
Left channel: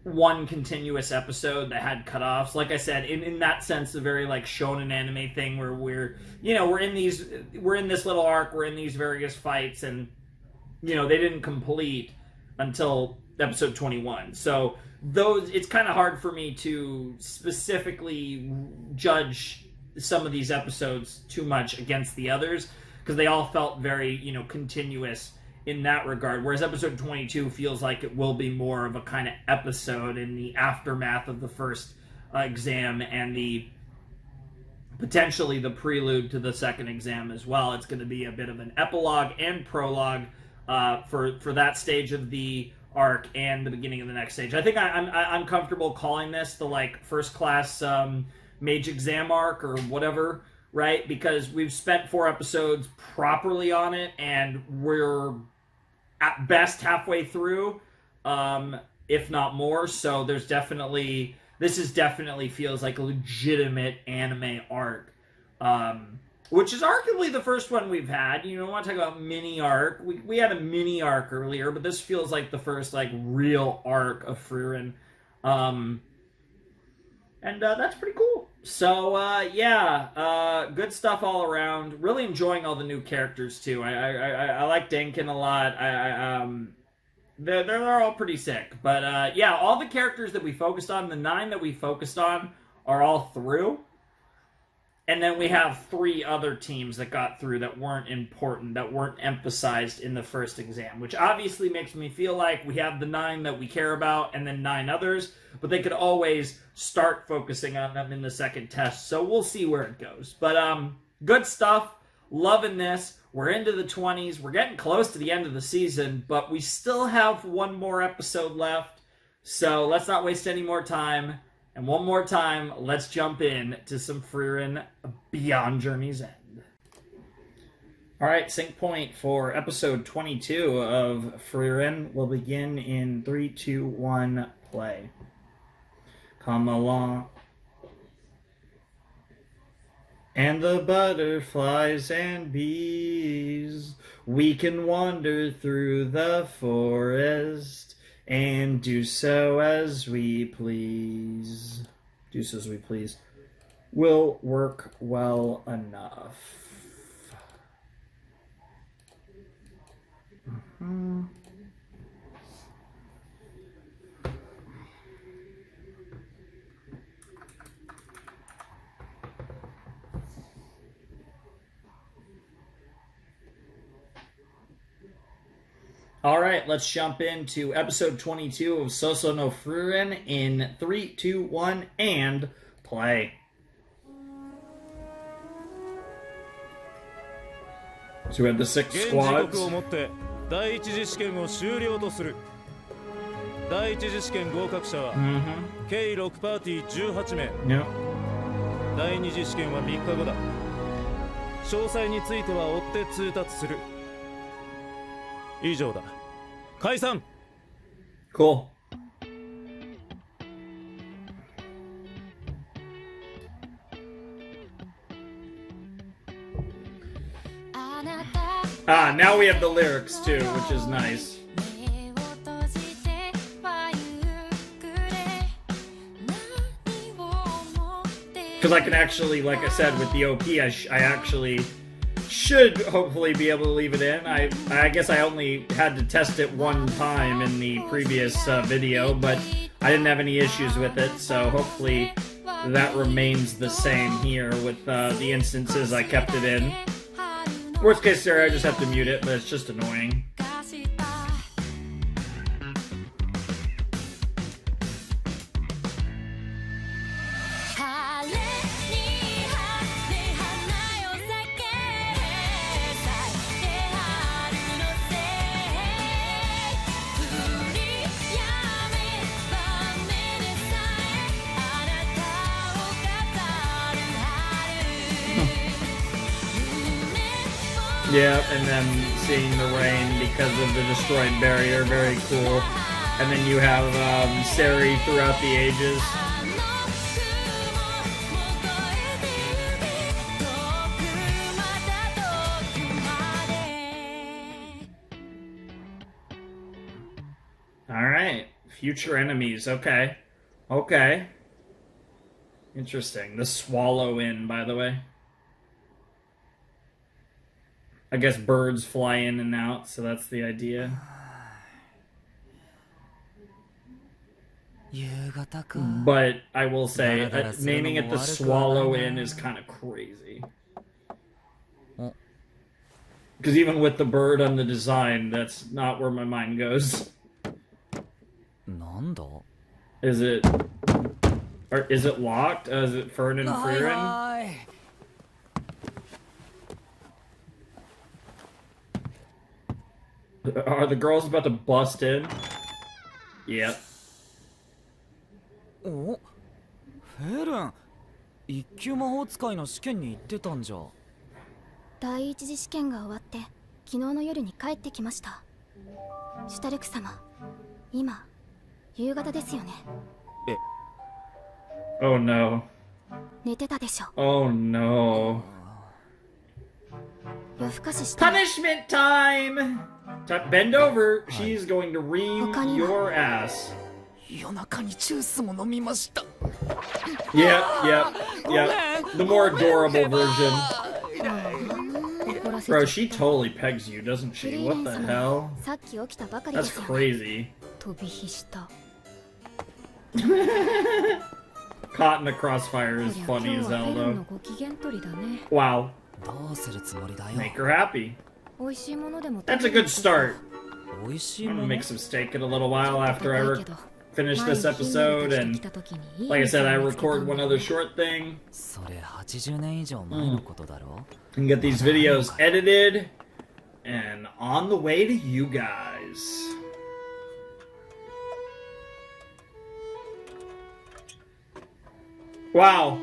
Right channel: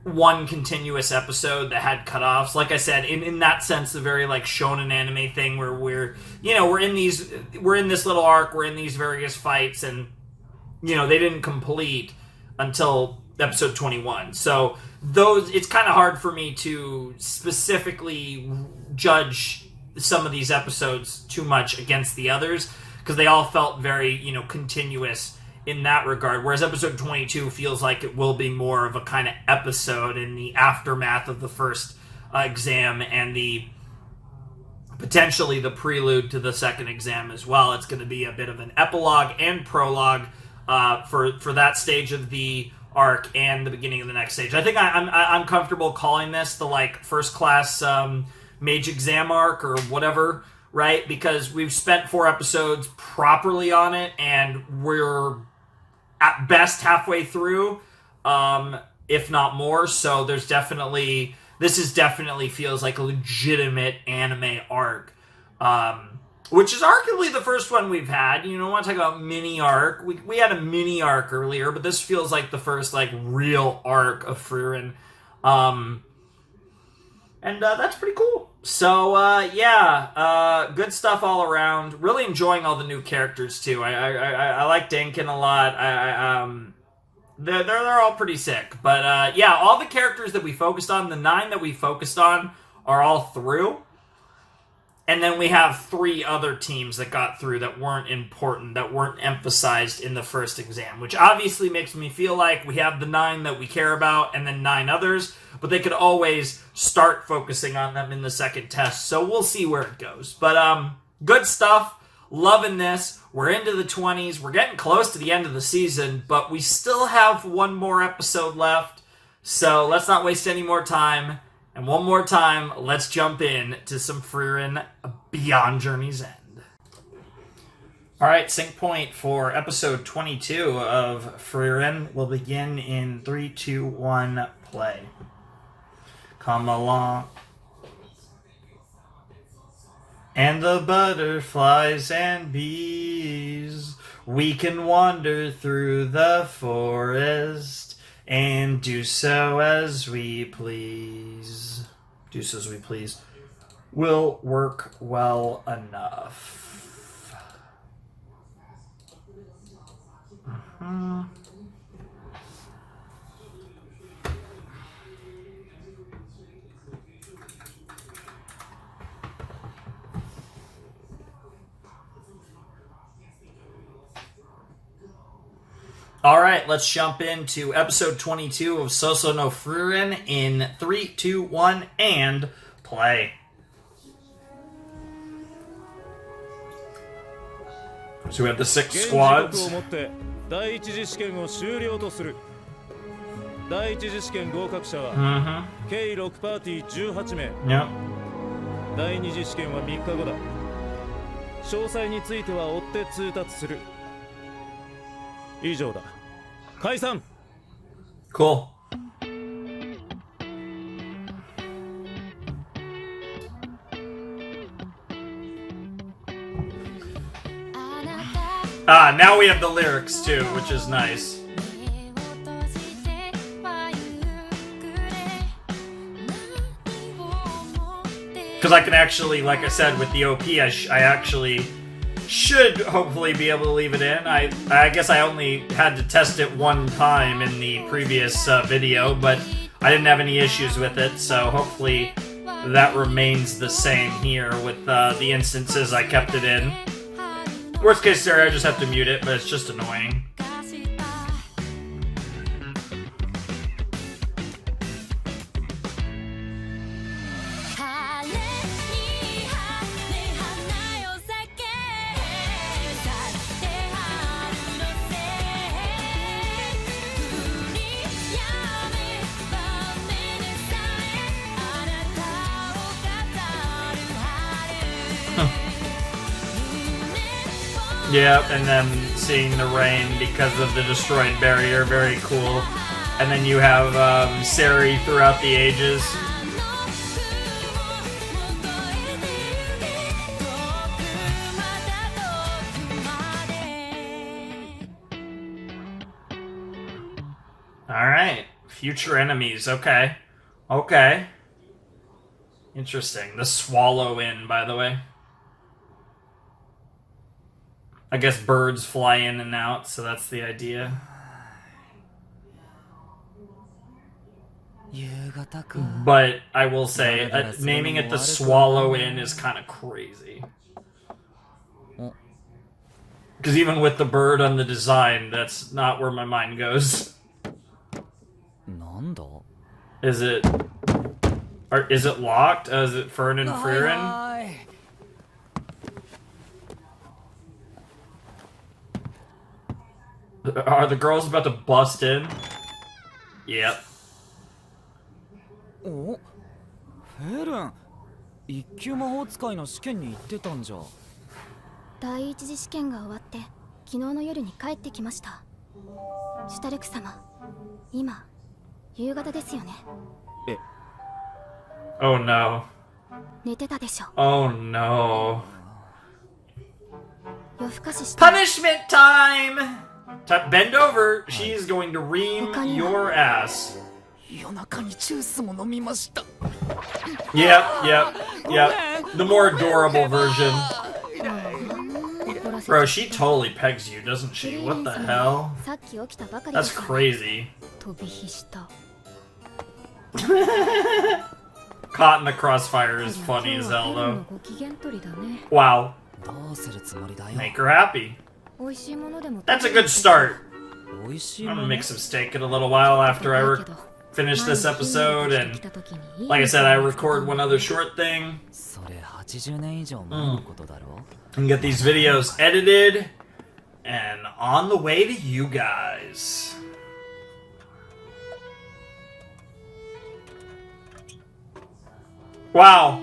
one continuous episode that had cutoffs. Like I said, in that sense, the very like shonen anime thing where we're in this little arc, we're in these various fights, and they didn't complete until episode 21. So it's kind of hard for me to specifically judge some of these episodes too much against the others, because they all felt very continuous in that regard, whereas episode 22 feels like it will be more of a kind of episode in the aftermath of the first exam and potentially the prelude to the second exam as well. It's going to be a bit of an epilogue and prologue for that stage of the arc and the beginning of the next stage. I think I'm comfortable calling this the like first class Mage exam arc or whatever, right? Because we've spent 4 episodes properly on it, and we're at best halfway through, if not more. So there's definitely this is definitely feels like a legitimate anime arc. Which is arguably the first one we've had. You know, I want to talk about mini arc. We had a mini arc earlier, but this feels like the first, like, real arc of Frieren. And that's pretty cool. So, good stuff all around. Really enjoying all the new characters, too. I like Denkin a lot. They're all pretty sick. But, all the characters that we focused on, the 9 that we focused on, are all through. And then we have 3 other teams that got through that weren't important, that weren't emphasized in the first exam, which obviously makes me feel like we have the 9 that we care about and then 9 others, but they could always start focusing on them in the second test, so we'll see where it goes. But good stuff, loving this. We're into the 20s, we're getting close to the end of the season, but we still have one more episode left, so let's not waste any more time. And one more time, let's jump in to some Frieren Beyond Journey's End. Alright, sync point for episode 22 of Frieren will begin in 3, 2, 1, play. Come along. And the butterflies and bees, we can wander through the forest. And do so as we please. Do so as we please. Will work well enough. Mm-hmm. Alright, let's jump into episode 22 of Sōsō no Frieren in 3, 2, 1, and play. So we have the 6 squads. 第一次試験を終了とする。第一次試験合格者は、計6パーティー18名。第二次試験は3日後だ。詳細については追って通達する。以上だ。解散。Cool. Now we have the lyrics too, which is nice. Because I can actually, like I said, with the OP, I actually should hopefully be able to leave it in. I guess I only had to test it one time in the previous video, but I didn't have any issues with it, so hopefully that remains the same here with the instances I kept it in. Worst case scenario, I just have to mute it, but it's just annoying. Yeah, and then seeing the rain because of the destroyed barrier, very cool. And then you have Seri throughout the ages. Alright, future enemies, okay. Okay. Interesting. The Swallow Inn, by the way. I guess birds fly in and out, so that's the idea. But I will say, naming it the Swallow Inn is kind of crazy. Because even with the bird on the design, that's not where my mind goes. Is it... Or is it locked? Is it Fern and Frieren? Are the girls about to bust in? Yep. Oh, Frieren, 一級魔法使いの試験に行ってたんじゃ。第一次試験が終わって昨日の夜に帰ってきました。シュタルク様、今夕方ですよね。Oh no. 寝てたでしょ。 Oh no. 夜更かしした。 Punishment time! Bend over. She's going to ream your ass. 夜中にジュースも飲みました。Yep. The more adorable version. Bro, she totally pegs you, doesn't she? What the hell? さっき起きたばかりで That's す。 crazy. 飛び火した。 Caught in the crossfire is こり funny ゃ as 今日は hell フェルン though. のご機嫌取りだね。 Wow. どうするつもりだよ。 Make her happy. 美味しいものでも That's a good start. 美味しい I'm も gonna の。 make some steak in a little while after I 高いけど finish this episode, and like I said, I record one other short thing それ80年以上前のことだろ。 and get these videos edited and on the way to you guys. Wow.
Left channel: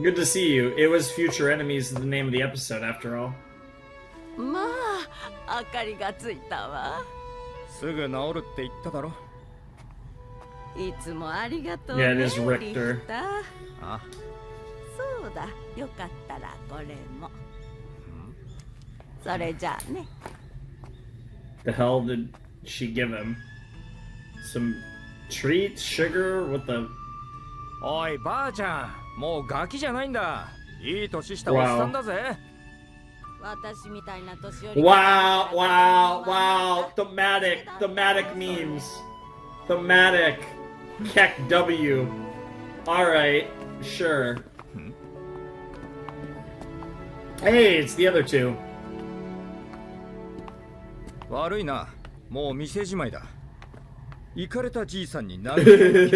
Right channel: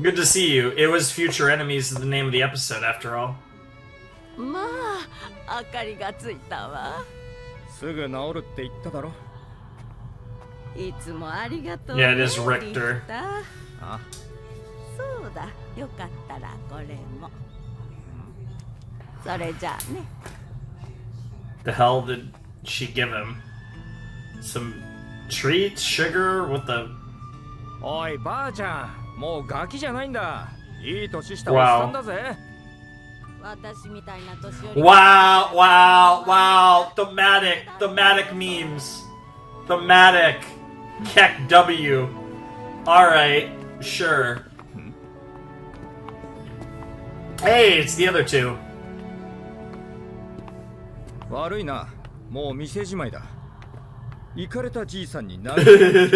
Good to see you. It was Future Enemies is the name of the episode after all. まあ、明かりがついたわ。すぐ治るって言っただろ。いつもありがとう Yeah, ね。 it is Richter. リヒターあ、そうだ、よかったらこれも。それじゃあね。 The hell did she give him? Some treats, sugar, what the? おいばあちゃん、もうガキじゃないんだ。いい年したおっさんだぜ。私みたいな年寄り。Wow. Thematic memes. Thematic. Keck W. Alright, sure. Hey, it's the other two. 悪いな、もう店じまいだ。イカれたじいさんに何回も健康に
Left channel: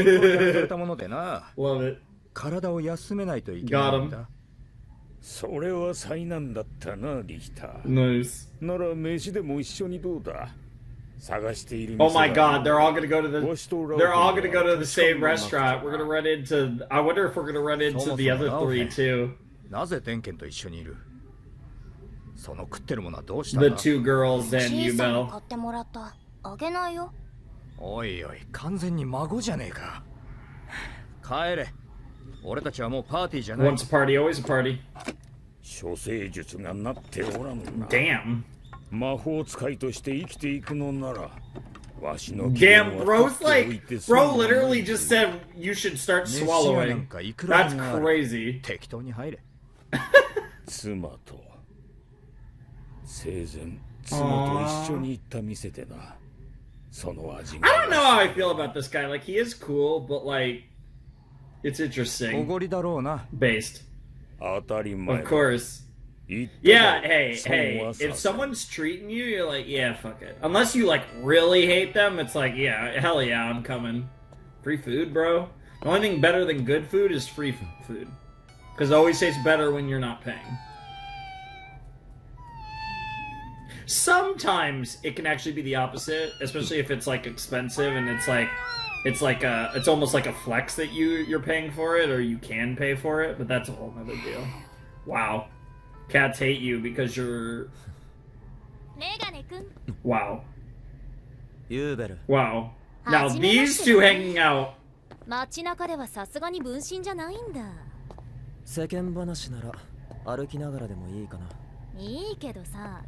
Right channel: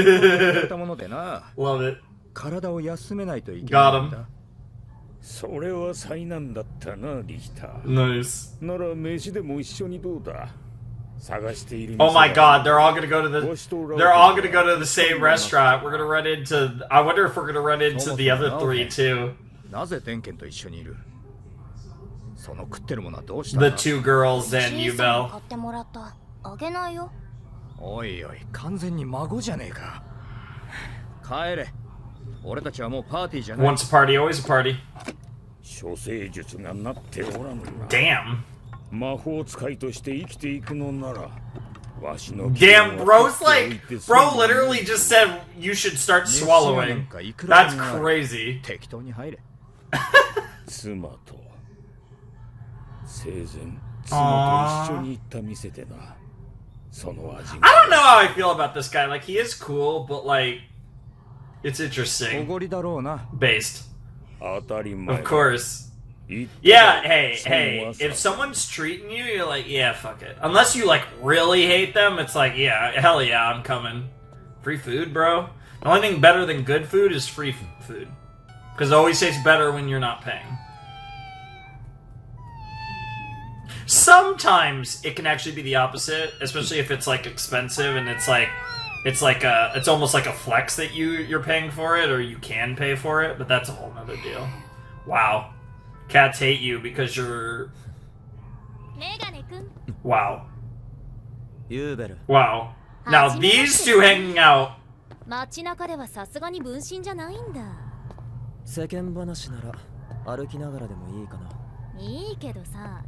されたものでな。Love it. 体を休めないといけないんだ。それは災難だったな、リヒター。 Nice. なら飯でも一緒にどうだ。探している Oh 店 my が god, they're all gonna go to the they're all gonna go to the same restaurant. We're gonna run into I wonder if we're gonna run into the other three too. なぜ天剣と一緒にいる？その食ってるものはどうしたんだ？ The two girls and 小 you さな Bell. 買ってもらった。あげないよ。おいおい、完全に孫じゃねえか。帰れ。俺たちはもうパーティーじゃない。 Once a party, always a party. 処世術がなっておらぬな。 Damn. 魔法使いとして生きていくのなら、わしの Damn, bro's like, bro literally just said you should start swallowing. That's crazy. 適当に入れ。妻と生前妻と一緒に行った店でな。その味が。 I don't know how I feel about this guy. Like he is cool, but like it's お interesting. ごりだろうな。 Based. 当たり前 Of course. 言った Yeah, ら hey, 損 hey, は if させ someone's treating you, you're like, yeah, fuck it. Unless you like really hate them, it's like, yeah, hell yeah, I'm coming. Free food, bro. The only thing better than good food is free food. Because it always tastes better when you're not paying. Sometimes it can actually be the opposite, especially if it's like expensive and it's almost like a flex that you're paying for it or you can pay for it, but that's a whole nother deal. Wow. Cats hate you because you're メガネくん。 wow. ユーベル。 Wow. Now these two hanging out. 街中ではさすがに分身じゃないんだ。世間話なら歩きながらでもいいかな。いいけどさ。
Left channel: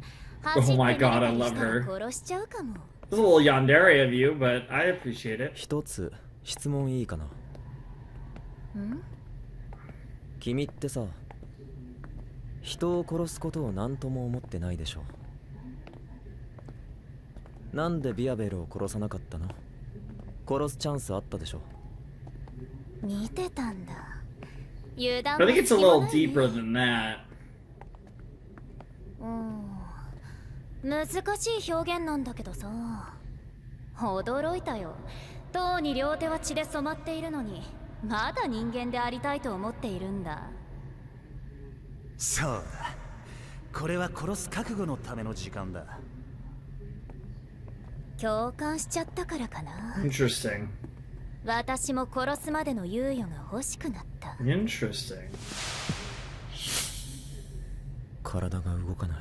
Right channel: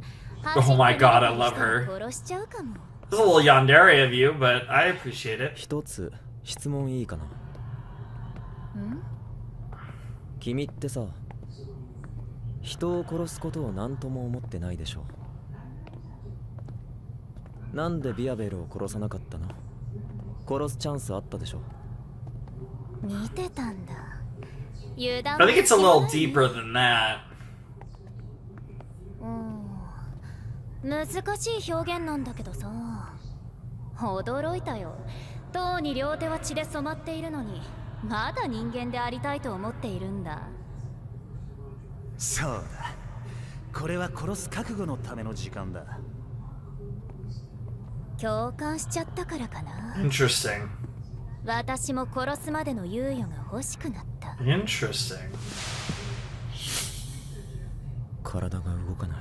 Oh my god, I love her. 殺しちゃうかも。 It's a little yandere of you, but I appreciate it. 一つ質問いいかな。ん？君ってさ、人を殺すことを何とも思ってないでしょ。なんでビアベルを殺さなかったの？殺すチャンスあったでしょ。見てたんだ。油断 But I think it's a little deeper than that. 難しい表現なんだけどさ。驚いたよ。とうに両手は血で染まっているのに、まだ人間でありたいと思っているんだ。そうだ。これは殺す覚悟のための時間だ。共感しちゃったからかな。Interesting. 私も殺すまでの猶予が欲しくなった。Interesting. 体が動かない。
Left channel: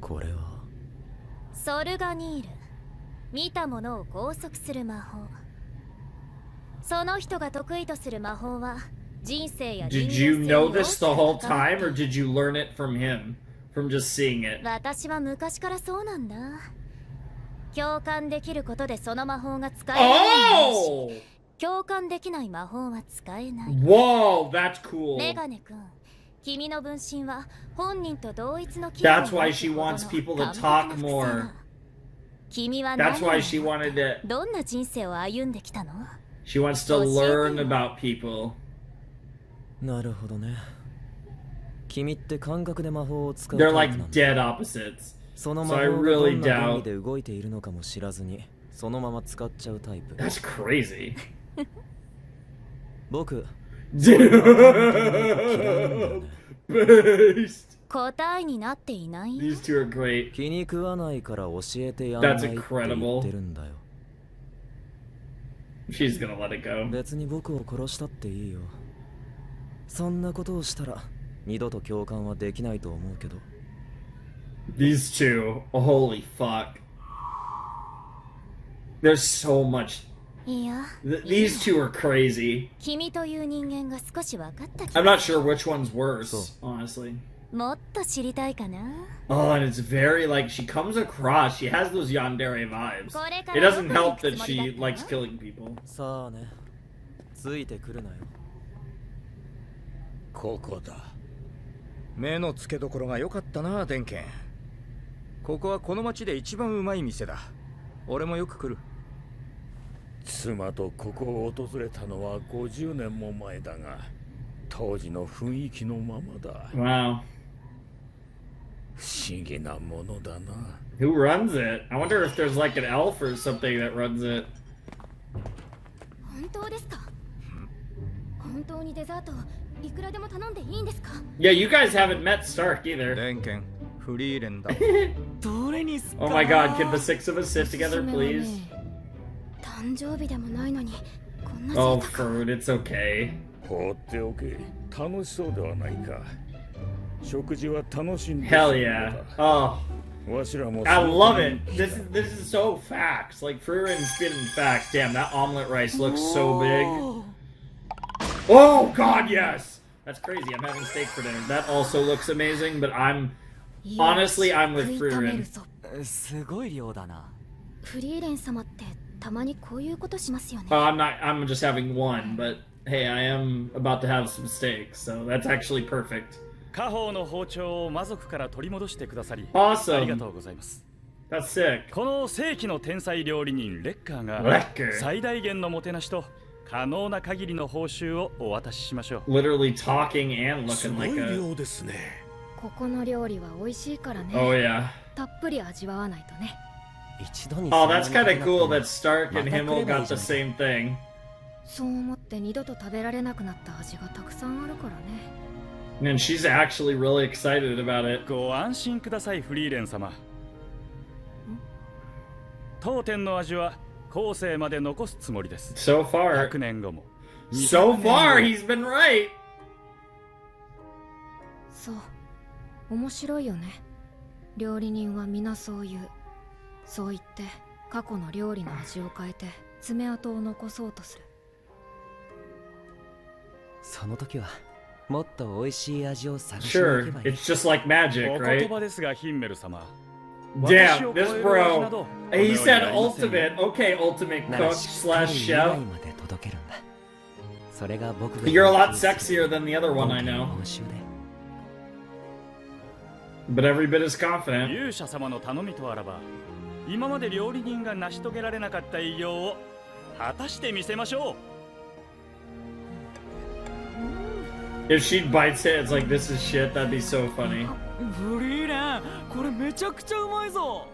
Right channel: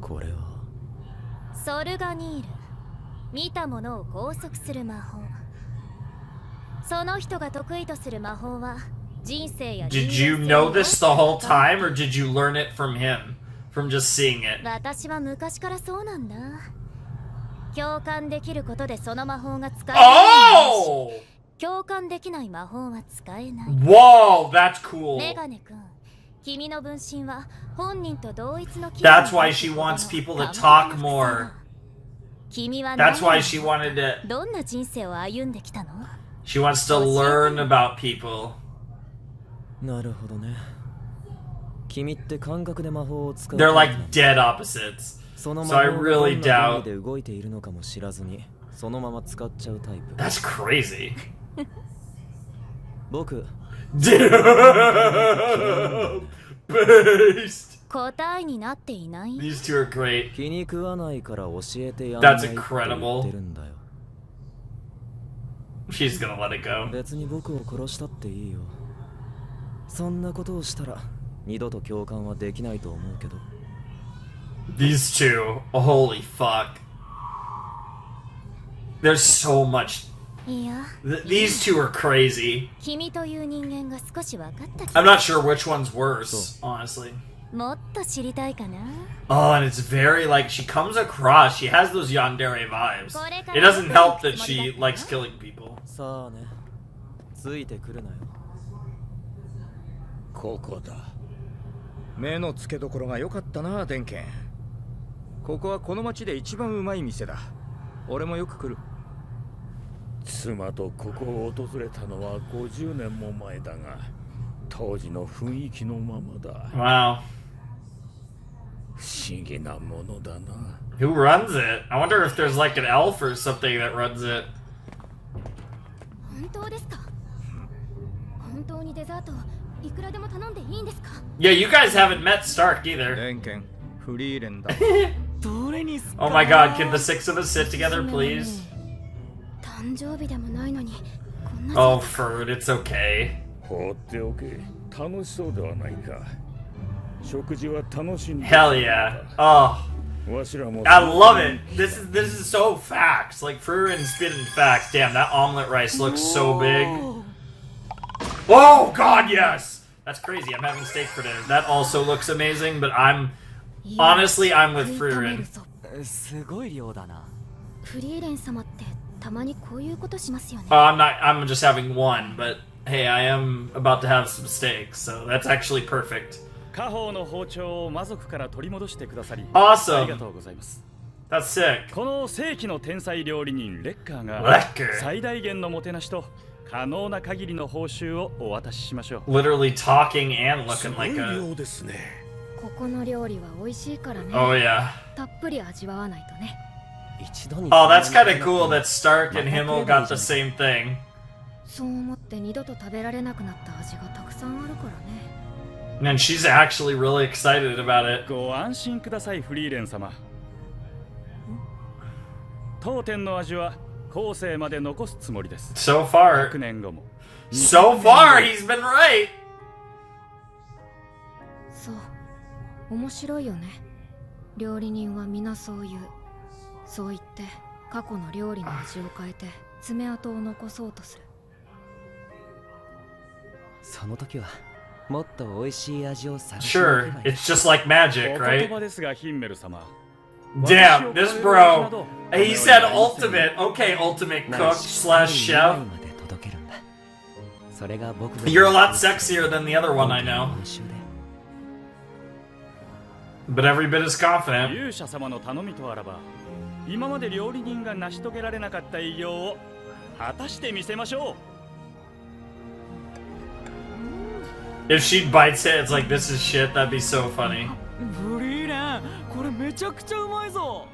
これはソルガニール。見たものを拘束する魔法。その人が得意とする魔法は人生や Did you know this the whole time, or did you learn it from him? From just seeing it? 私は昔からそうなんだ。共感できることでその魔法が使えないし、共感できない魔法は使えない。Whoa, that's cool. メガネ君、君の分身は本人と同一の That's why she wants people to talk more. 君は That's why she wanted to. どんな人生を歩んできたの？ She wants to learn about people. なるほどね。君って感覚で魔法を使う。They're like dead opposites. その So 魔 I 法がど really んな原理 doubt. で動いているのかも知らずにそのまま使っちゃうタイプ。That's crazy. 僕。Based. 答えになっていない。 These two are great. 気に食わないから教えてやんないって言 That's incredible. ってるんだよ。She's gonna let it go. 別に僕を殺したっていいよ。そんなことをしたら二度と共感はできないと思うけど。These two, holy fuck. There's so much. いや、 These two are crazy. 君という人間が少し分かった気 I'm が not sure which one's worse, honestly. もっと知りたいかな。 Oh, and it's very like she comes across. She has those yandere vibes. It doesn't help that she likes killing people. さあね、ついてくるなよ。ここだ。目の付けどころが良かったな、デンケン。ここはこの町で一番うまい店だ。俺もよく来る。妻とここを訪れたのは50年も前だが、当時の雰囲気のままだ。Wow. 不思議なものだな。 Who runs it? I wonder if there's like an elf or something that runs it. 本当ですか？本当にデザートいくらでも頼んでいいんですか？ Yeah, you guys haven't met Stark either. デンケン、フリーレンだ。どれにすか？ Oh my god, can the six of us sit together, please? 誕生日でもないのにこんな Oh, 贅沢。 Ferd, it's okay. 放っておけ。楽しそうではないか。食事は楽しんで。 Hell yeah. Oh, わしらも I love it. This is so facts. Like Frieren spitting facts. Damn, that omelet rice looks so big. Oh god, yes. That's crazy. I'm having steak for dinner. That also looks amazing, but I'm honestly I'm with Frieren. すごい量だな。フリーレン様ってたまにこういうことしますよね。 I'm just having one, but hey, I am about to have some steak, so that's actually perfect. 家宝の包丁を魔族から取り戻してくださり Awesome. ありがとうございます。 That's sick. この世紀の天才料理人レッカーが Lecker. 最大限のもてなしと可能な限りの報酬をお渡ししましょう。 Literally talking and す looking ごい like a. 量ですね。ここの料理は美味しいからね。 Oh yeah. たっぷり味わわないとね。一度に Oh, that's kind of cool that Stark and Himmel got the same thing. そう思って二度と食べられなくなった味がたくさんあるからね。 And she's actually really excited about it. ご安心ください、フリーレン様。当店の味は後世まで残すつもりです。 So far. 100年後も。 So far, he's been right. そう。面白いよね。料理人は皆そう言う。そう言って過去の料理の味を変えて爪痕を残そうとする。その時はもっと美味しい味を探しに行 Sure, けばいい。 it's just like magic, お言 right? 葉ですが、ヒンメル様。 Damn, this bro. He said ultimate. Okay, ultimate cook slash chef. まで届けるんだ。それが僕が You're a lot sexier than the other one I know. 報酬で。 But every bit as confident. 勇者様の頼みとあらば、今まで料理人が成し遂げられなかった偉業を果たしてみせましょう。 If she bites it, it's like this is shit. That'd be so funny. フリーレン、これめちゃくちゃうまいぞ。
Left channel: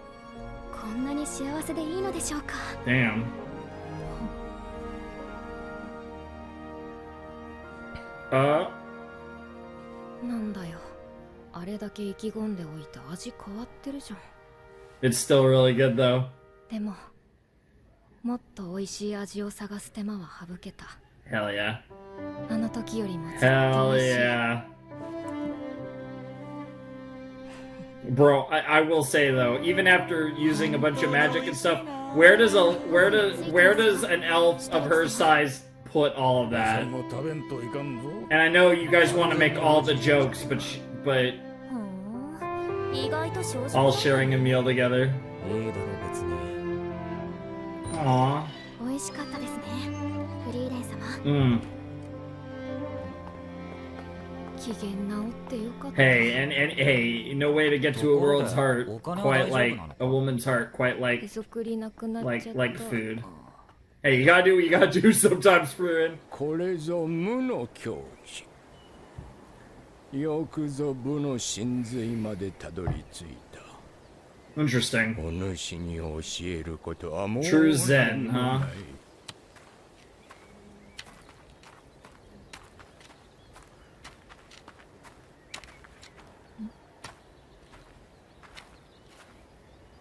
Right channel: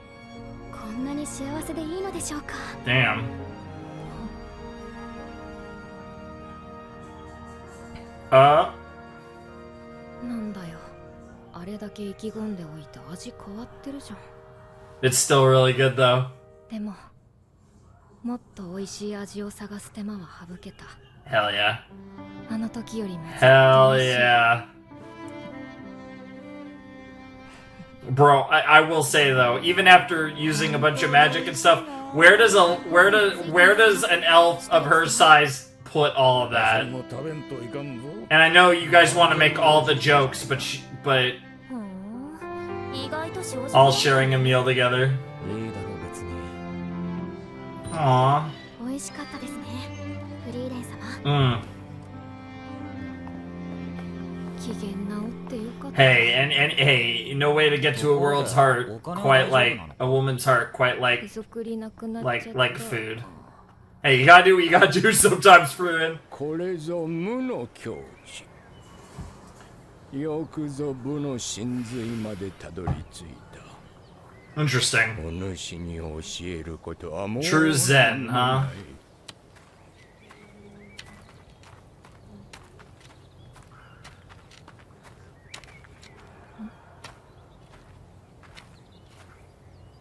こんなに幸せでいいのでしょうか。 Damn. なんだよ。あれだけ意気込んでおいて味変わってるじゃん。 It's still really good though. でも、もっと美味しい味を探す手間は省けた。 Hell yeah. あの時よりもずっと Hell 美味しい。 yeah. Bro, I will say though, even after using a bunch of magic and stuff, where does an elf of her size put all of that. And I know you guys want to make all the jokes, but all sharing a meal together. Aww. 美味しかったですね、フリーレン様。Hey, and hey, no way to get to a world's heart quite like a woman's heart, quite like food. Hey, you gotta do what you gotta do sometimes, Frieren. これぞ無の境地。よくぞ部の真髄までたどり着いた。Interesting. お主に教えることはもう True Zen, huh?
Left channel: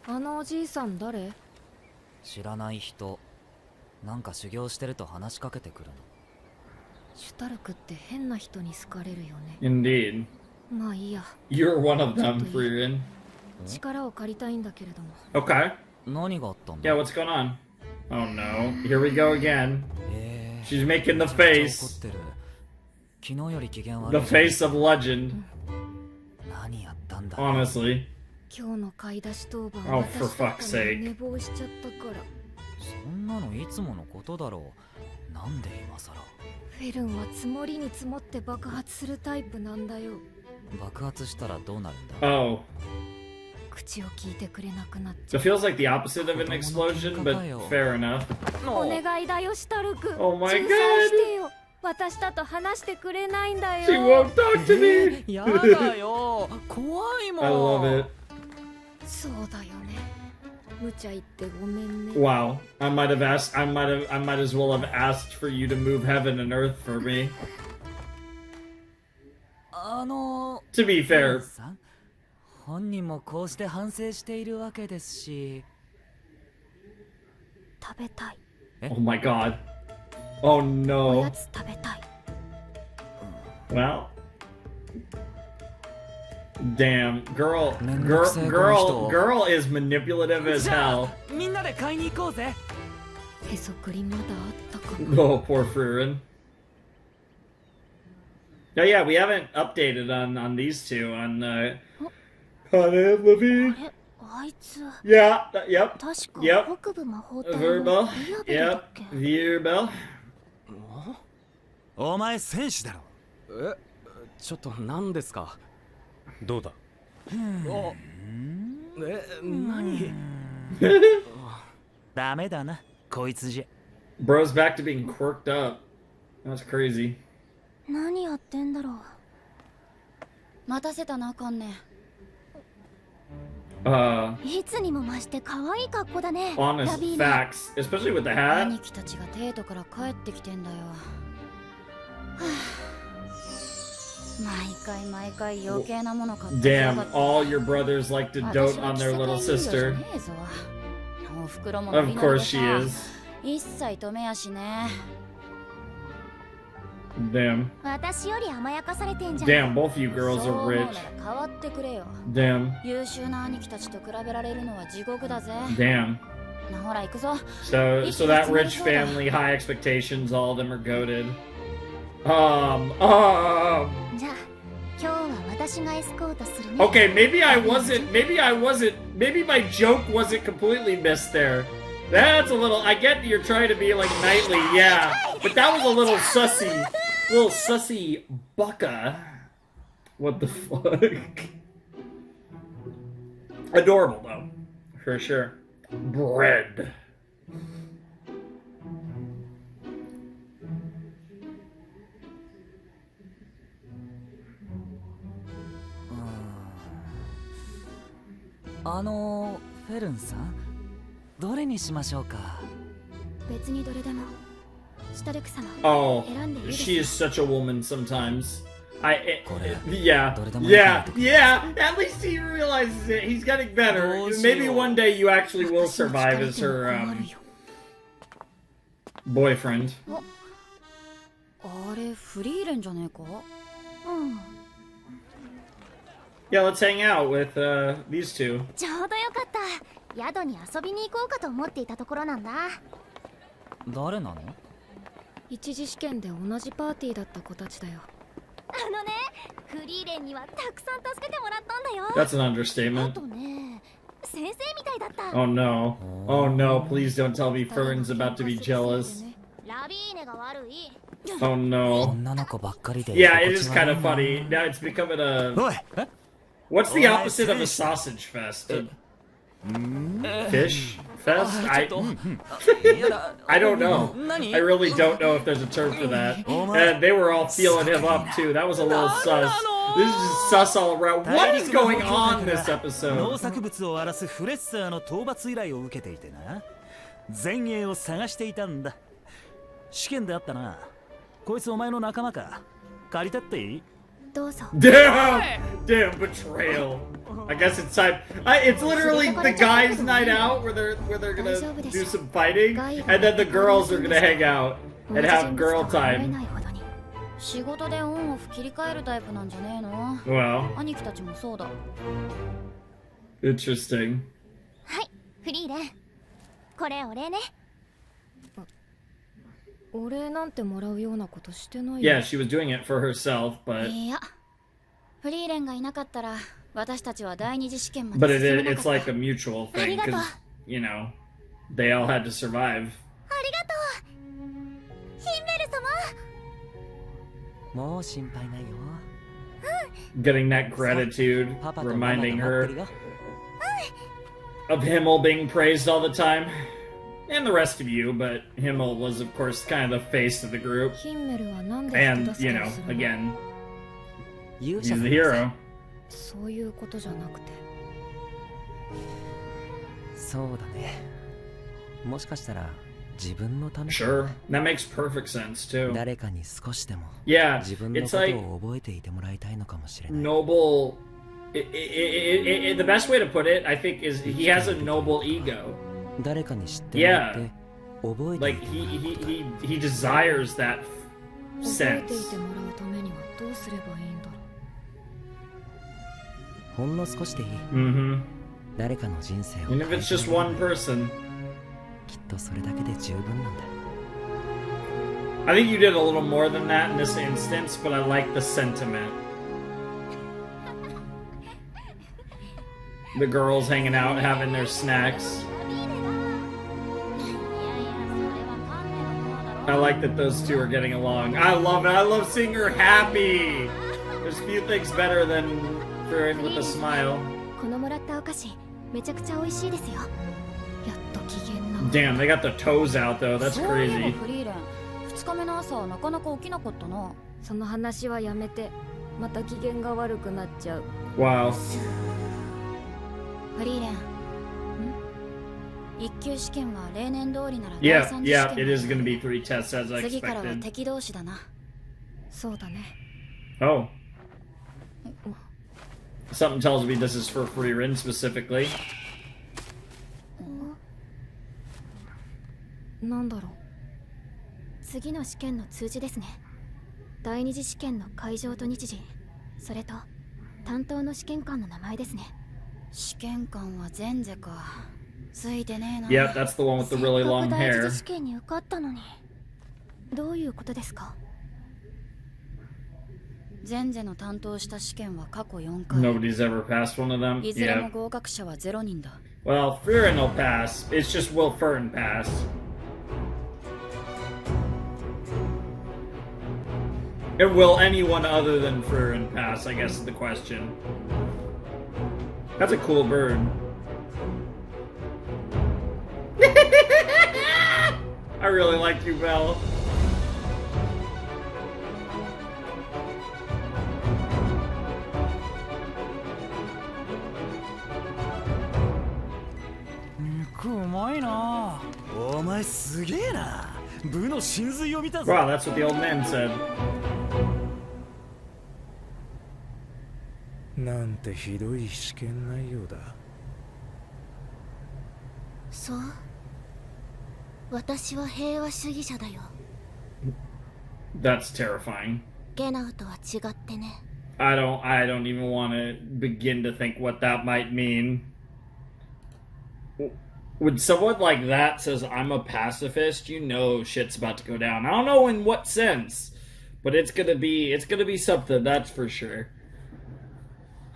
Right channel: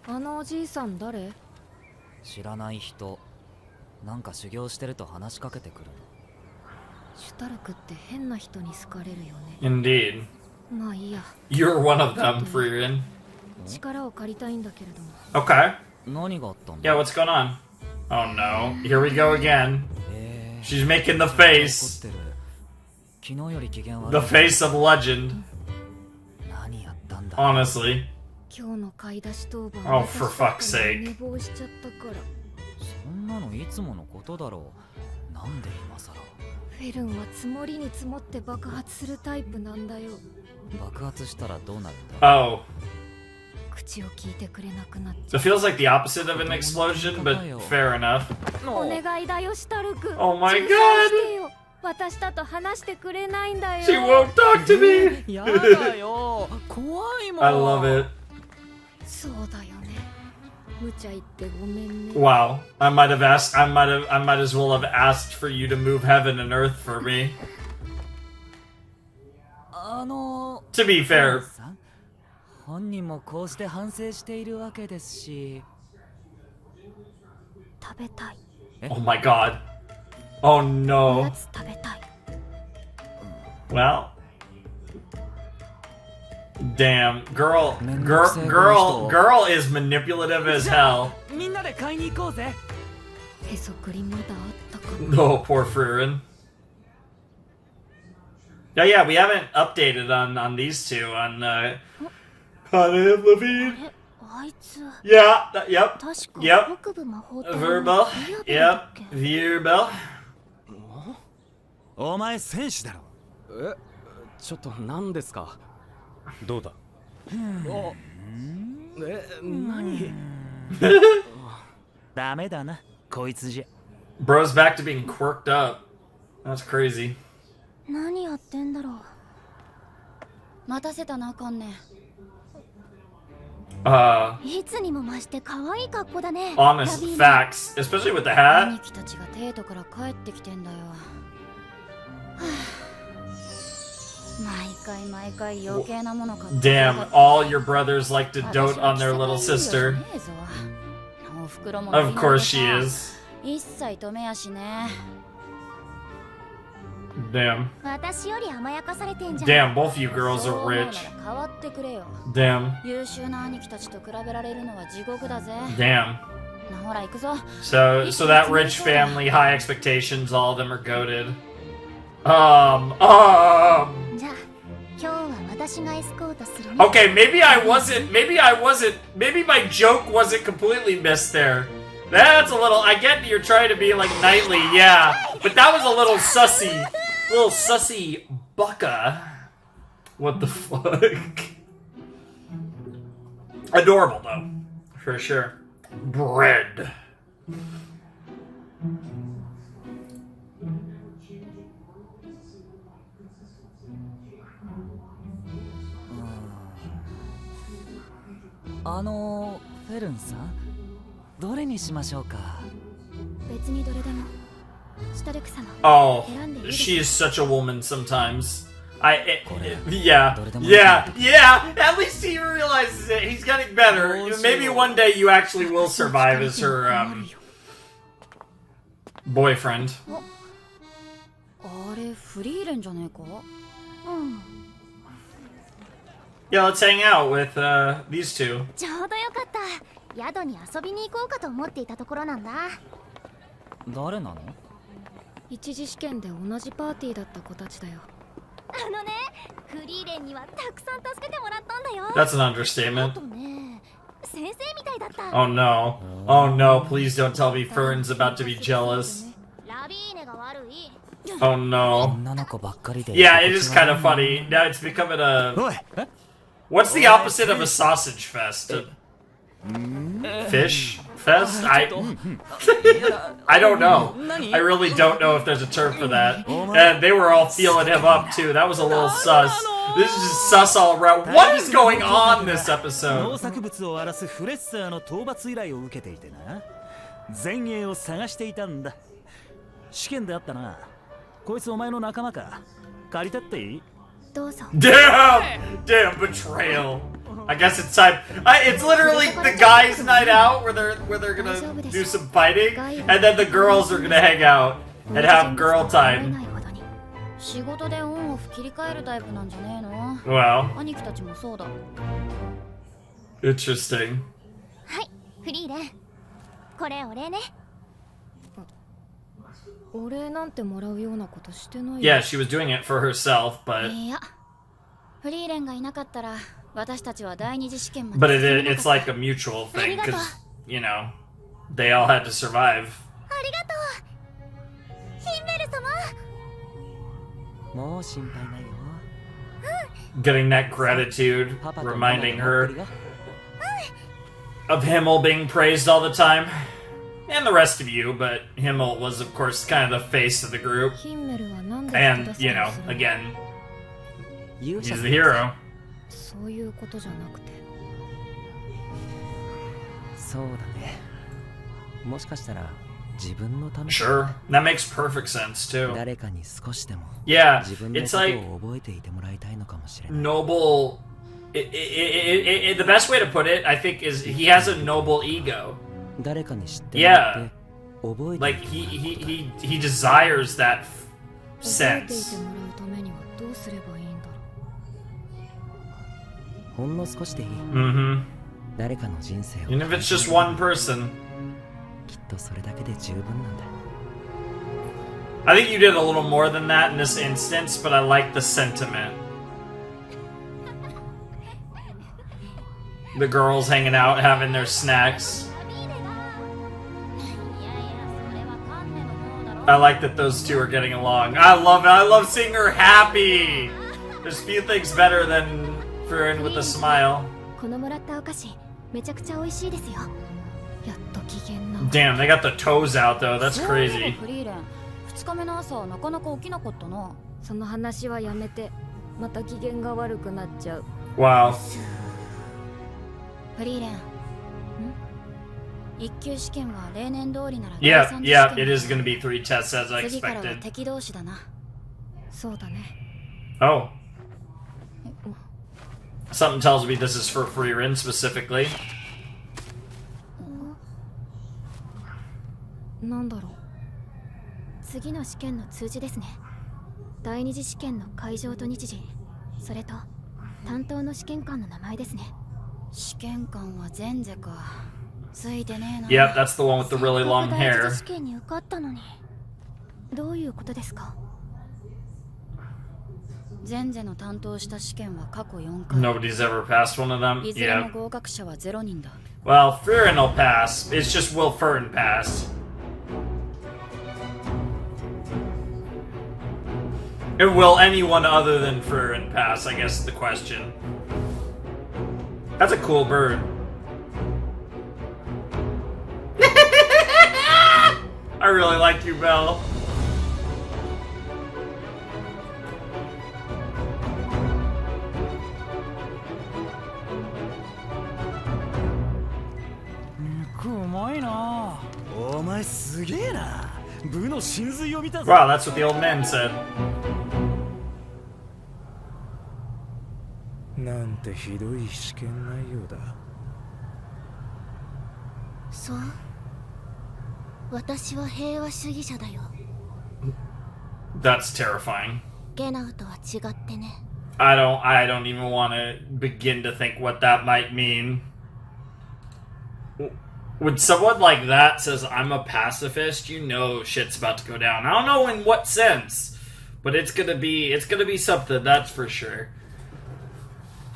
あのおじいさん誰？知らない人。なんか修行してると話しかけてくるの。シュタルクって変な人に好かれるよね。Indeed. まあいいや。 You're one of them, Frieren. 力を借りたいんだけれども。Okay. 何があったんだ？ Yeah, what's going on? Oh no, here we go again. She's making the face. 昨日より機嫌悪い。 The face of legend. 何やったんだ？ Honestly. 今日の買い出し当番 Oh, for fuck's sake. 寝坊しちゃったから。そんなのいつものことだろう。なんで今さら。フェルンは積もりに積もって爆発するタイプなんだよ。爆発したらどうなるんだ？ Oh. 口を聞いてくれなくなっちゃ So it feels like the opposite of an explosion, but fair enough. う。お願いだよ、シュタルク。 Oh my god. 仲裁してよ。私だと話してくれないんだよ。 She won't talk to me. やだよ。怖いもん。 I love it. そうだよね。無茶言ってごめんね。 Wow. I might as well have asked for you to move heaven and earth for me. To be fair. 本人もこうして反省しているわけですし。食べたい。 Oh my god. Oh お no. やつ食べたい。 Well. Damn, girl is manipulative as hell. みんなで買いに行こうぜ。へそくりまだあったかな。 Oh, poor Frieren. Yeah, we haven't updated on these two on Hana and Levine. あいつ。Yeah, yep. 確か Yep. 北部魔法隊 Verbal. リアベルだっ Yep. け。 Verbal. お前戦士だろ。ちょっと何ですか？どうだ？何？ダメだな、こいつじゃ。 Bro's back to being quirked up. That's crazy. 何やってんだろう。待たせたなあかんね。いつにも増して可愛い格好だね。 Honest facts, especially with the hat. 兄貴たちがデートから帰ってきてんだよ。毎回余計なもの買ってやが Damn, って。 all your brothers like to dote on their little sister. おふくろも Of course she is. 一切止めやしね。 Damn. 私より甘やかされてんじゃん。 Damn, both you girls そう are 思うな rich. ら変わってくれよ。 Damn. 優秀な兄貴たちと比べられるのは地獄だぜ。 Damn. ほら行くぞ。 So that rich family, high expectations, all of them are goated. じゃあ今日は私がエスコートするね。 Okay, maybe my joke wasn't completely missed there. That's a little, I get you're trying to be like knightly, yeah. But that was a little sussy. Little sussy bucka. What the fuck? Adorable though. For sure. Bread. Oh. フェルンさん、どれにしましょうか？別にどれでも。シュタルク様。 Oh, 選んでいいですか？ she is such a woman sometimes. Yeah. At least he realizes it. He's getting better. Maybe one day you actually will survive as her boyfriend. あれフリーレンじゃねえか？うん。 Yeah, let's hang out with these two. ちょうどよかった。宿に遊びに行こうかと思っていたところなんだ。誰なの？一次試験で同じパーティーだった子たちだよ。あのね、フリーレンにはたくさん助けてもらったんだよ。 That's an あ understatement. とね、先生みたいだった。 Oh no. Oh no, please don't tell me Friren's about to be jealous. ラビーネが悪い。 Oh no. 女の子ばっかりで。Yeah, it is kind of funny. Now it's becoming a... What's the opposite of a sausage fest? Fish fest? I don't know. I really don't know if there's a term for that. And they were all feeling him up too. That was a little sus. This is just sus all around. What is going on this episode? 農作物を荒らすフレッサーの討伐依頼を受けていてな。前衛を探していたんだ。試験であったな。こいつお前の仲間か。借りたっていい？どうぞ。 Damn! Damn betrayal. I guess it's time. It's literally the guys' night out where they're gonna do some fighting, and then the girls are gonna hang out and have girl time. 仕事でオンオフ切り替えるタイプなんじゃねえの？ Wow. 兄貴たちもそうだ。 Interesting. はい、フリーレン。これお礼ね。お礼なんてもらうようなことしてないよ。 Yeah, she was doing it for herself, but いや、フリーレンがいなかったら私たちは第二次試験ま but で進めなか it's った。 like a mutual thing because you know they all had to survive. ありがとう。ヒンメル様。もう心配ないよ。Getting that gratitude, reminding her of Himmel being praised all the time. And the rest of you, but Himmel was, of course, kind of the face of the group. ヒンメルはなんで And, 人助 you けを know, するの？ again, 勇 he's 者 the さん。 hero. そういうことじゃなくて。そうだね。もしかしたら自分のため。 Sure, that makes perfect sense, too. 誰かに少しでも Yeah, 自分の it's こ like とを覚えていてもらいたいのかもしれない。 noble... the best way to put it, I think, is he has a noble ego. 誰かに知ってもらって覚えてい Like, てもらうこと。 he desires that 覚えてい sense. てもらうためにはどうすればいいんだろほんの少しでいい。 Mm-hmm. 誰かの人生を Even if it's just one person. きっとそれだけで十分なんだ。 I think you did a little more than that in this instance, but I like the sentiment. The girls hanging out, having their snacks. I like that those two are getting along. I love it. I love seeing her happy. There's few things better than Frieren with a smile. このもらったお菓子、めちゃくちゃ美味しいですよ。う。やっと機嫌な。 Damn, they got the toes out though. That's そういえば crazy. フリーレン、2日目の朝なかなか起きなかったな。その話はやめて。また機嫌が悪くなっちゃう。 Wow. フリーレン、一級試験は例年通りなら Yeah, 第三次試 yeah, 験 it is going to be 3 tests as I 次からは expected. 敵同士だな。そうだね。 Oh. Something tells me this is for Frieren specifically. なんだろう。次の試験の通知ですね。第二次試験の会場と日時、それと担当の試験官の名前ですね。試験官は前世か。ついてねえな。 Yep, that's the one with the really せっか long く第一 hair. 次試験に受かったのに。どういうことですか？前世の担当した試験は過去4回。 Nobody's ever passed one of them. いずれも Yeah. 合格者は0人だ。 Well, Frieren will pass. It's just will Furn pass. And will anyone other than Frieren pass, I guess is the question. That's a cool bird. I really like you, Belle. Wow, that's what the old man said. なんてひどい試験内容だ。そう。私は平和主義者だよ。 That's terrifying. ゲナーとは違ってね。I don't even want to begin to think what that might mean. when someone like that says, I'm a pacifist, you know shit's about to go down. I don't know in what sense, but it's gonna be something, that's for sure.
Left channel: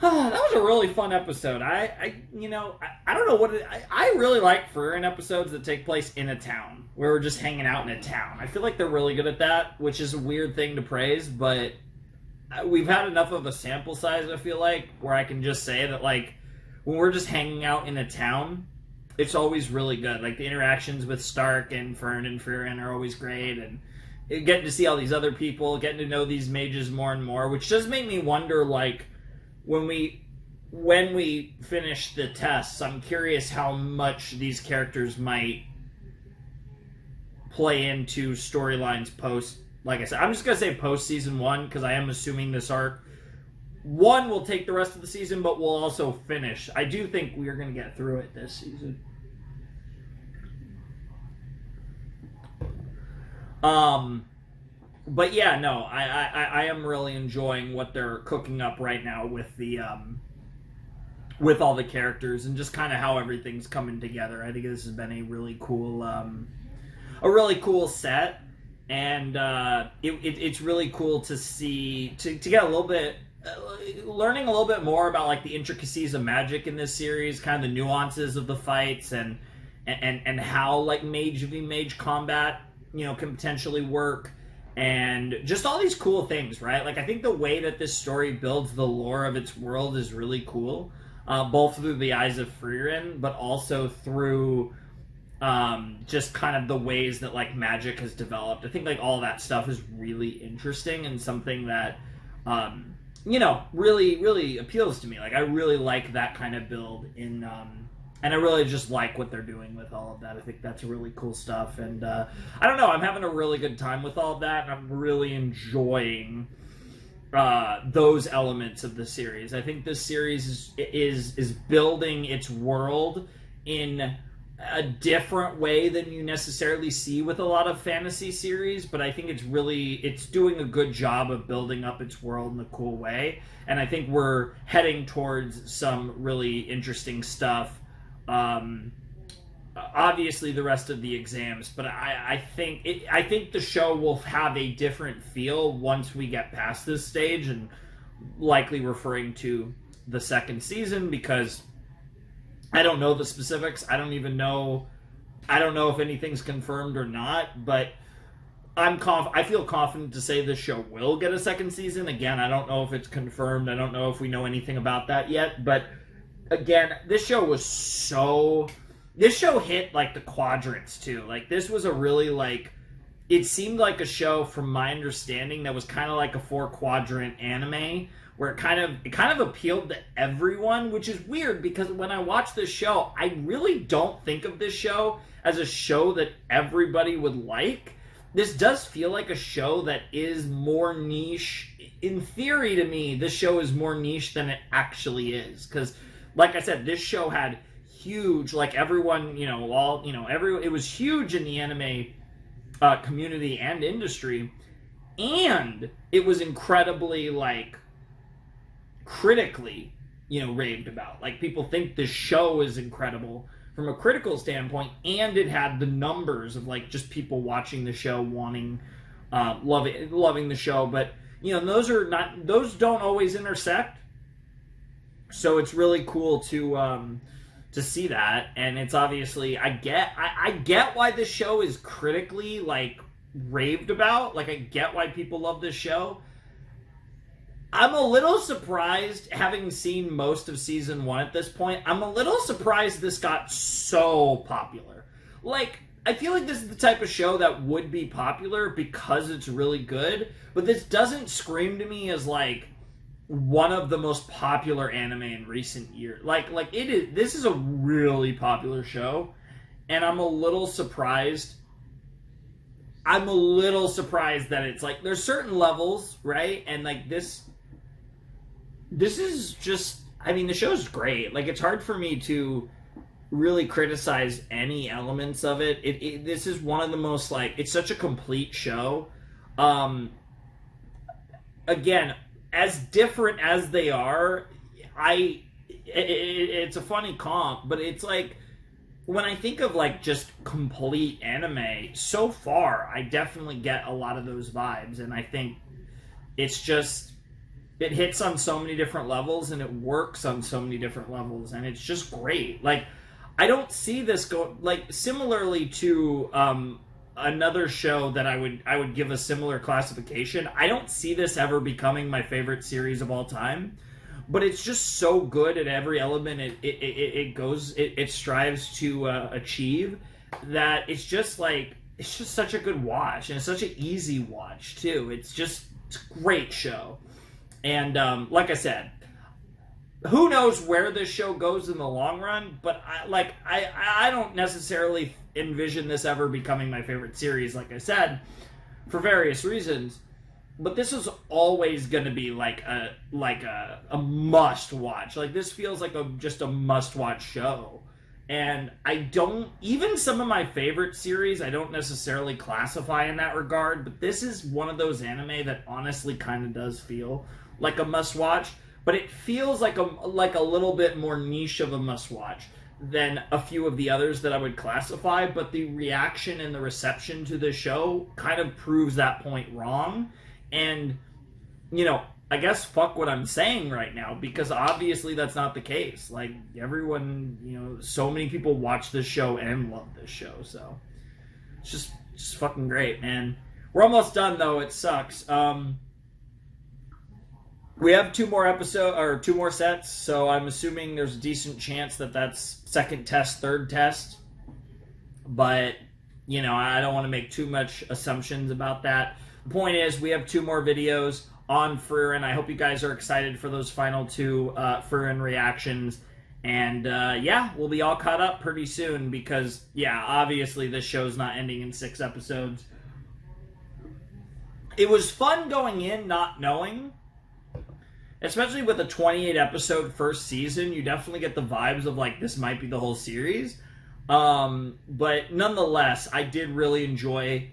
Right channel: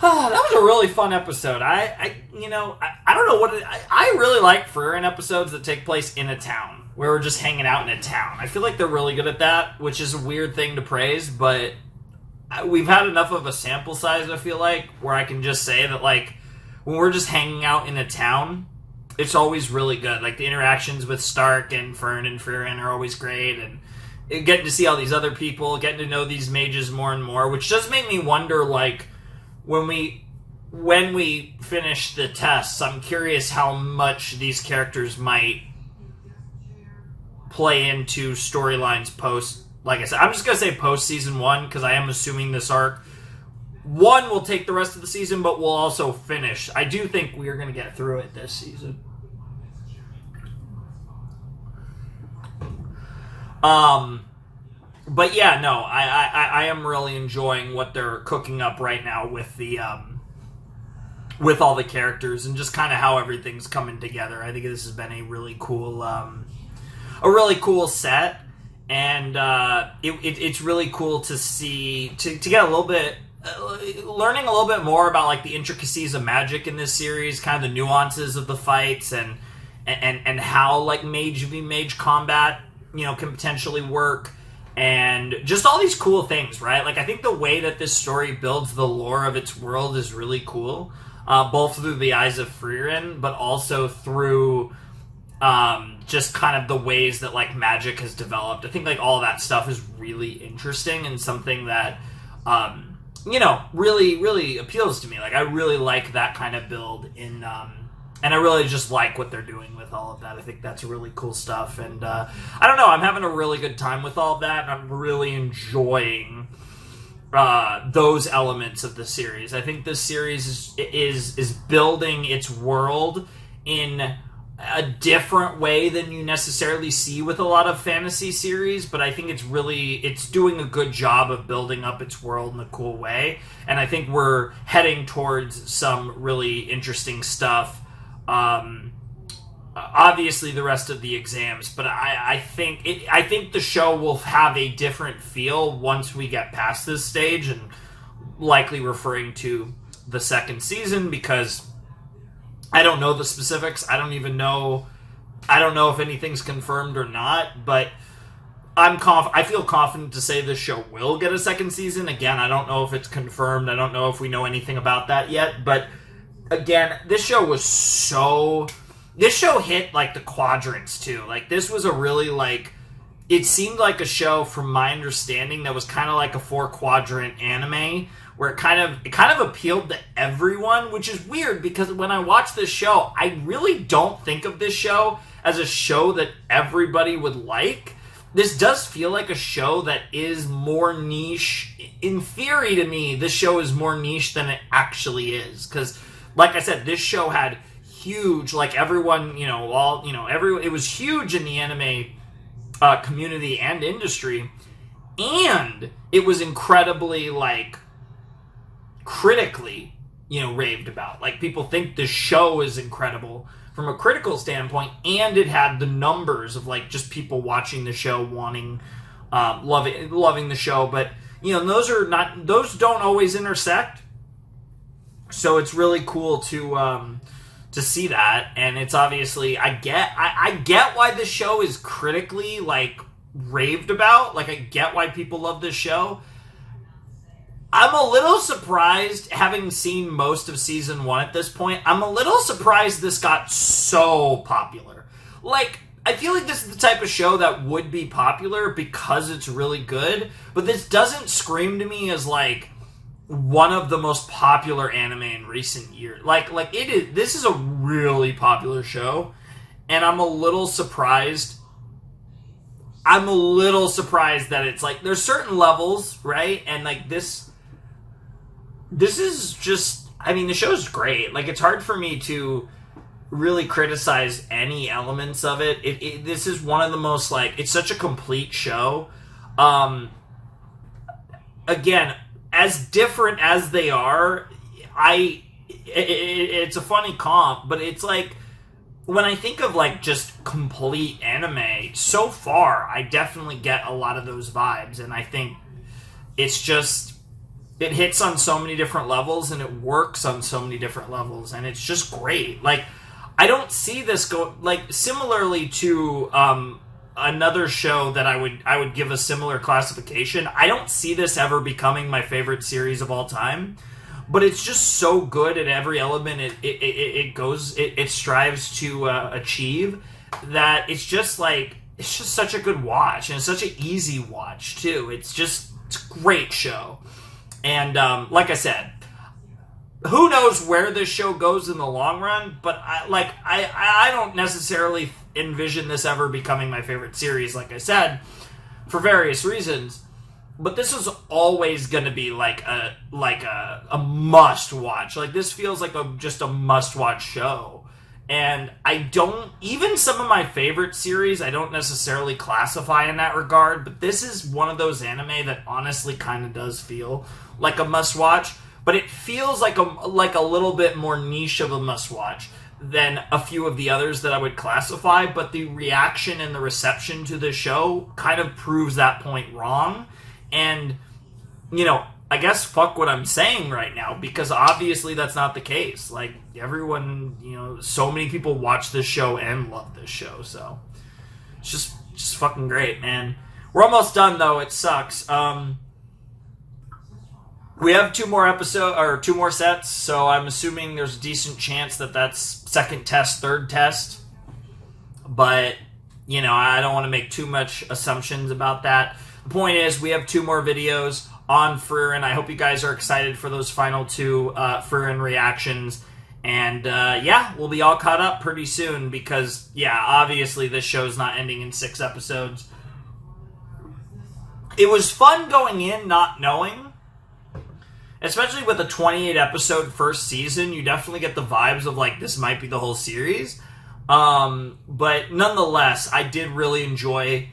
That was a really fun episode. I don't know what I really like Frieren episodes that take place in a town, where we're just hanging out in a town. I feel like they're really good at that, which is a weird thing to praise, but we've had enough of a sample size, I feel like, where I can just say that, like, when we're just hanging out in a town, it's always really good. Like, the interactions with Stark and Fern and Frieren are always great, and getting to see all these other people, getting to know these mages more and more, which does make me wonder, like, when we finish the tests, I'm curious how much these characters might play into storylines post, like I said, I'm just going to say post season 1, because I am assuming this arc, 1 will take the rest of the season, but will also finish. I do think we are going to get through it this season. But yeah, no, I am really enjoying what they're cooking up right now with the with all the characters and just kind of how everything's coming together. I think this has been a really cool set, and it's really cool to see to get a little bit learning a little bit more about, like, the intricacies of magic in this series, kind of the nuances of the fights, and how, like, mage v mage combat, you know, can potentially work. And just all these cool things, right? Like, I think the way that this story builds the lore of its world is really cool. Both through the eyes of Frieren, but also through just kind of the ways that, like, magic has developed. I think, like, all that stuff is really interesting and something that, really, really appeals to me. Like, I really like that kind of build in... And I really just like what they're doing with all of that. I think that's really cool stuff. And I don't know, I'm having a really good time with all of that, and I'm really enjoying those elements of the series. I think this series is building its world in a different way than you necessarily see with a lot of fantasy series, but I think it's doing a good job of building up its world in a cool way. And I think we're heading towards some really interesting stuff. Obviously the rest of the exams, but I think the show will have a different feel once we get past this stage, and likely referring to the second season, because I don't know the specifics. I don't know if anything's confirmed or not, but I feel confident to say this show will get a second season. Again, I don't know if it's confirmed. I don't know if we know anything about that yet, but again, this show hit, like, the quadrants too. Like, this was a really, like, it seemed like a show, from my understanding, that was kind of like a 4-quadrant anime, where it kind of appealed to everyone, which is weird, because when I watch this show, I really don't think of this show as a show that everybody would like. This does feel like a show that is more niche. In theory, to me, this show is more niche than it actually is, because, like I said, this show had huge, like, everyone, it was huge in the anime community and industry, and it was incredibly, like, critically, raved about. Like, people think the show is incredible from a critical standpoint, and it had the numbers of, like, just people watching the show, wanting, loving the show, but, those don't always intersect. So it's really cool to see that, and it's obviously, I get why this show is critically, like, raved about. Like, I get why people love this show. I'm a little surprised, having seen most of season 1 at this point, I'm a little surprised this got so popular. Like, I feel like this is the type of show that would be popular because it's really good, but this doesn't scream to me as, like, one of the most popular anime in recent years. Like it is. This is a really popular show, and I'm a little surprised. I'm a little surprised that it's, like, there's certain levels, right? And, like, this is just, I mean, the show's great. Like, it's hard for me to really criticize any elements of it. This is one of the most, like, it's such a complete show. Again, as different as they are, it's a funny comp, but it's like, when I think of like just complete anime, so far I definitely get a lot of those vibes, and I think it's just, it hits on so many different levels and it works on so many different levels, and it's just great. Like, I don't see this go like similarly to another show that I would give a similar classification. I don't see this ever becoming my favorite series of all time. But it's just so good at every element it strives to achieve, that it's just such a good watch, and it's such an easy watch too. It's a great show, and like I said, who knows where this show goes in the long run? But I don't necessarily envision this ever becoming my favorite series, like I said, for various reasons. But this is always going to be like a must watch. Like, this feels like just a must watch show. And I don't, even some of my favorite series, I don't necessarily classify in that regard. But this is one of those anime that honestly kind of does feel like a must watch. But it feels like a little bit more niche of a must watch than a few of the others that I would classify. But the reaction and the reception to the show kind of proves that point wrong. And, you know, I guess fuck what I'm saying right now, because obviously that's not the case. Like, everyone, you know, so many people watch this show and love this show, so it's just fucking great, man. We're almost done, though. It sucks. We have two more sets, so I'm assuming there's a decent chance that that's second test, third test. But, you know, I don't want to make too much assumptions about that. The point is, we have two more videos on Frieren. I hope you guys are excited for those final two Frieren reactions. And, yeah, we'll be all caught up pretty soon because, yeah, obviously this show's not ending in 6 episodes. It was fun going in not knowing. Especially with a 28-episode first season, you definitely get the vibes of, like, this might be the whole series. But nonetheless, I did really enjoy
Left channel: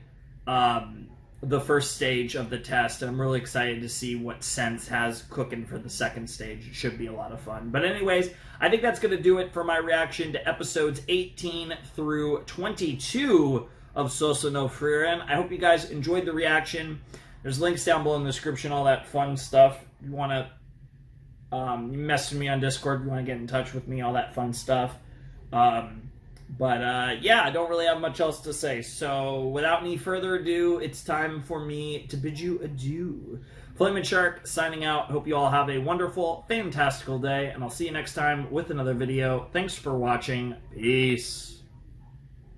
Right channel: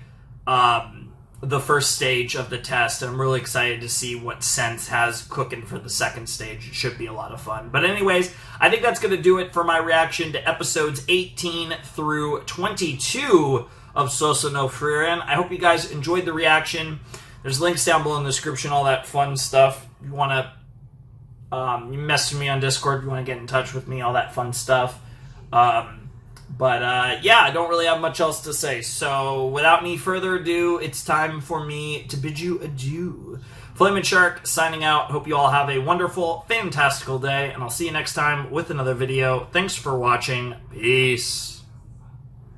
the first stage of the test, and I'm really excited to see what Sense has cooking for the second stage. It should be a lot of fun. But anyways, I think that's going to do it for my reaction to episodes 18 through 22 of Sōsō no Frieren. I hope you guys enjoyed the reaction. There's links down below in the description, all that fun stuff. If you want to message me on Discord, if you want to get in touch with me, all that fun stuff. But yeah, I don't really have much else to say. So without any further ado, it's time for me to bid you adieu. Flamin' Shark signing out. Hope you all have a wonderful, fantastical day, and I'll see you next time with another video. Thanks for watching. Peace.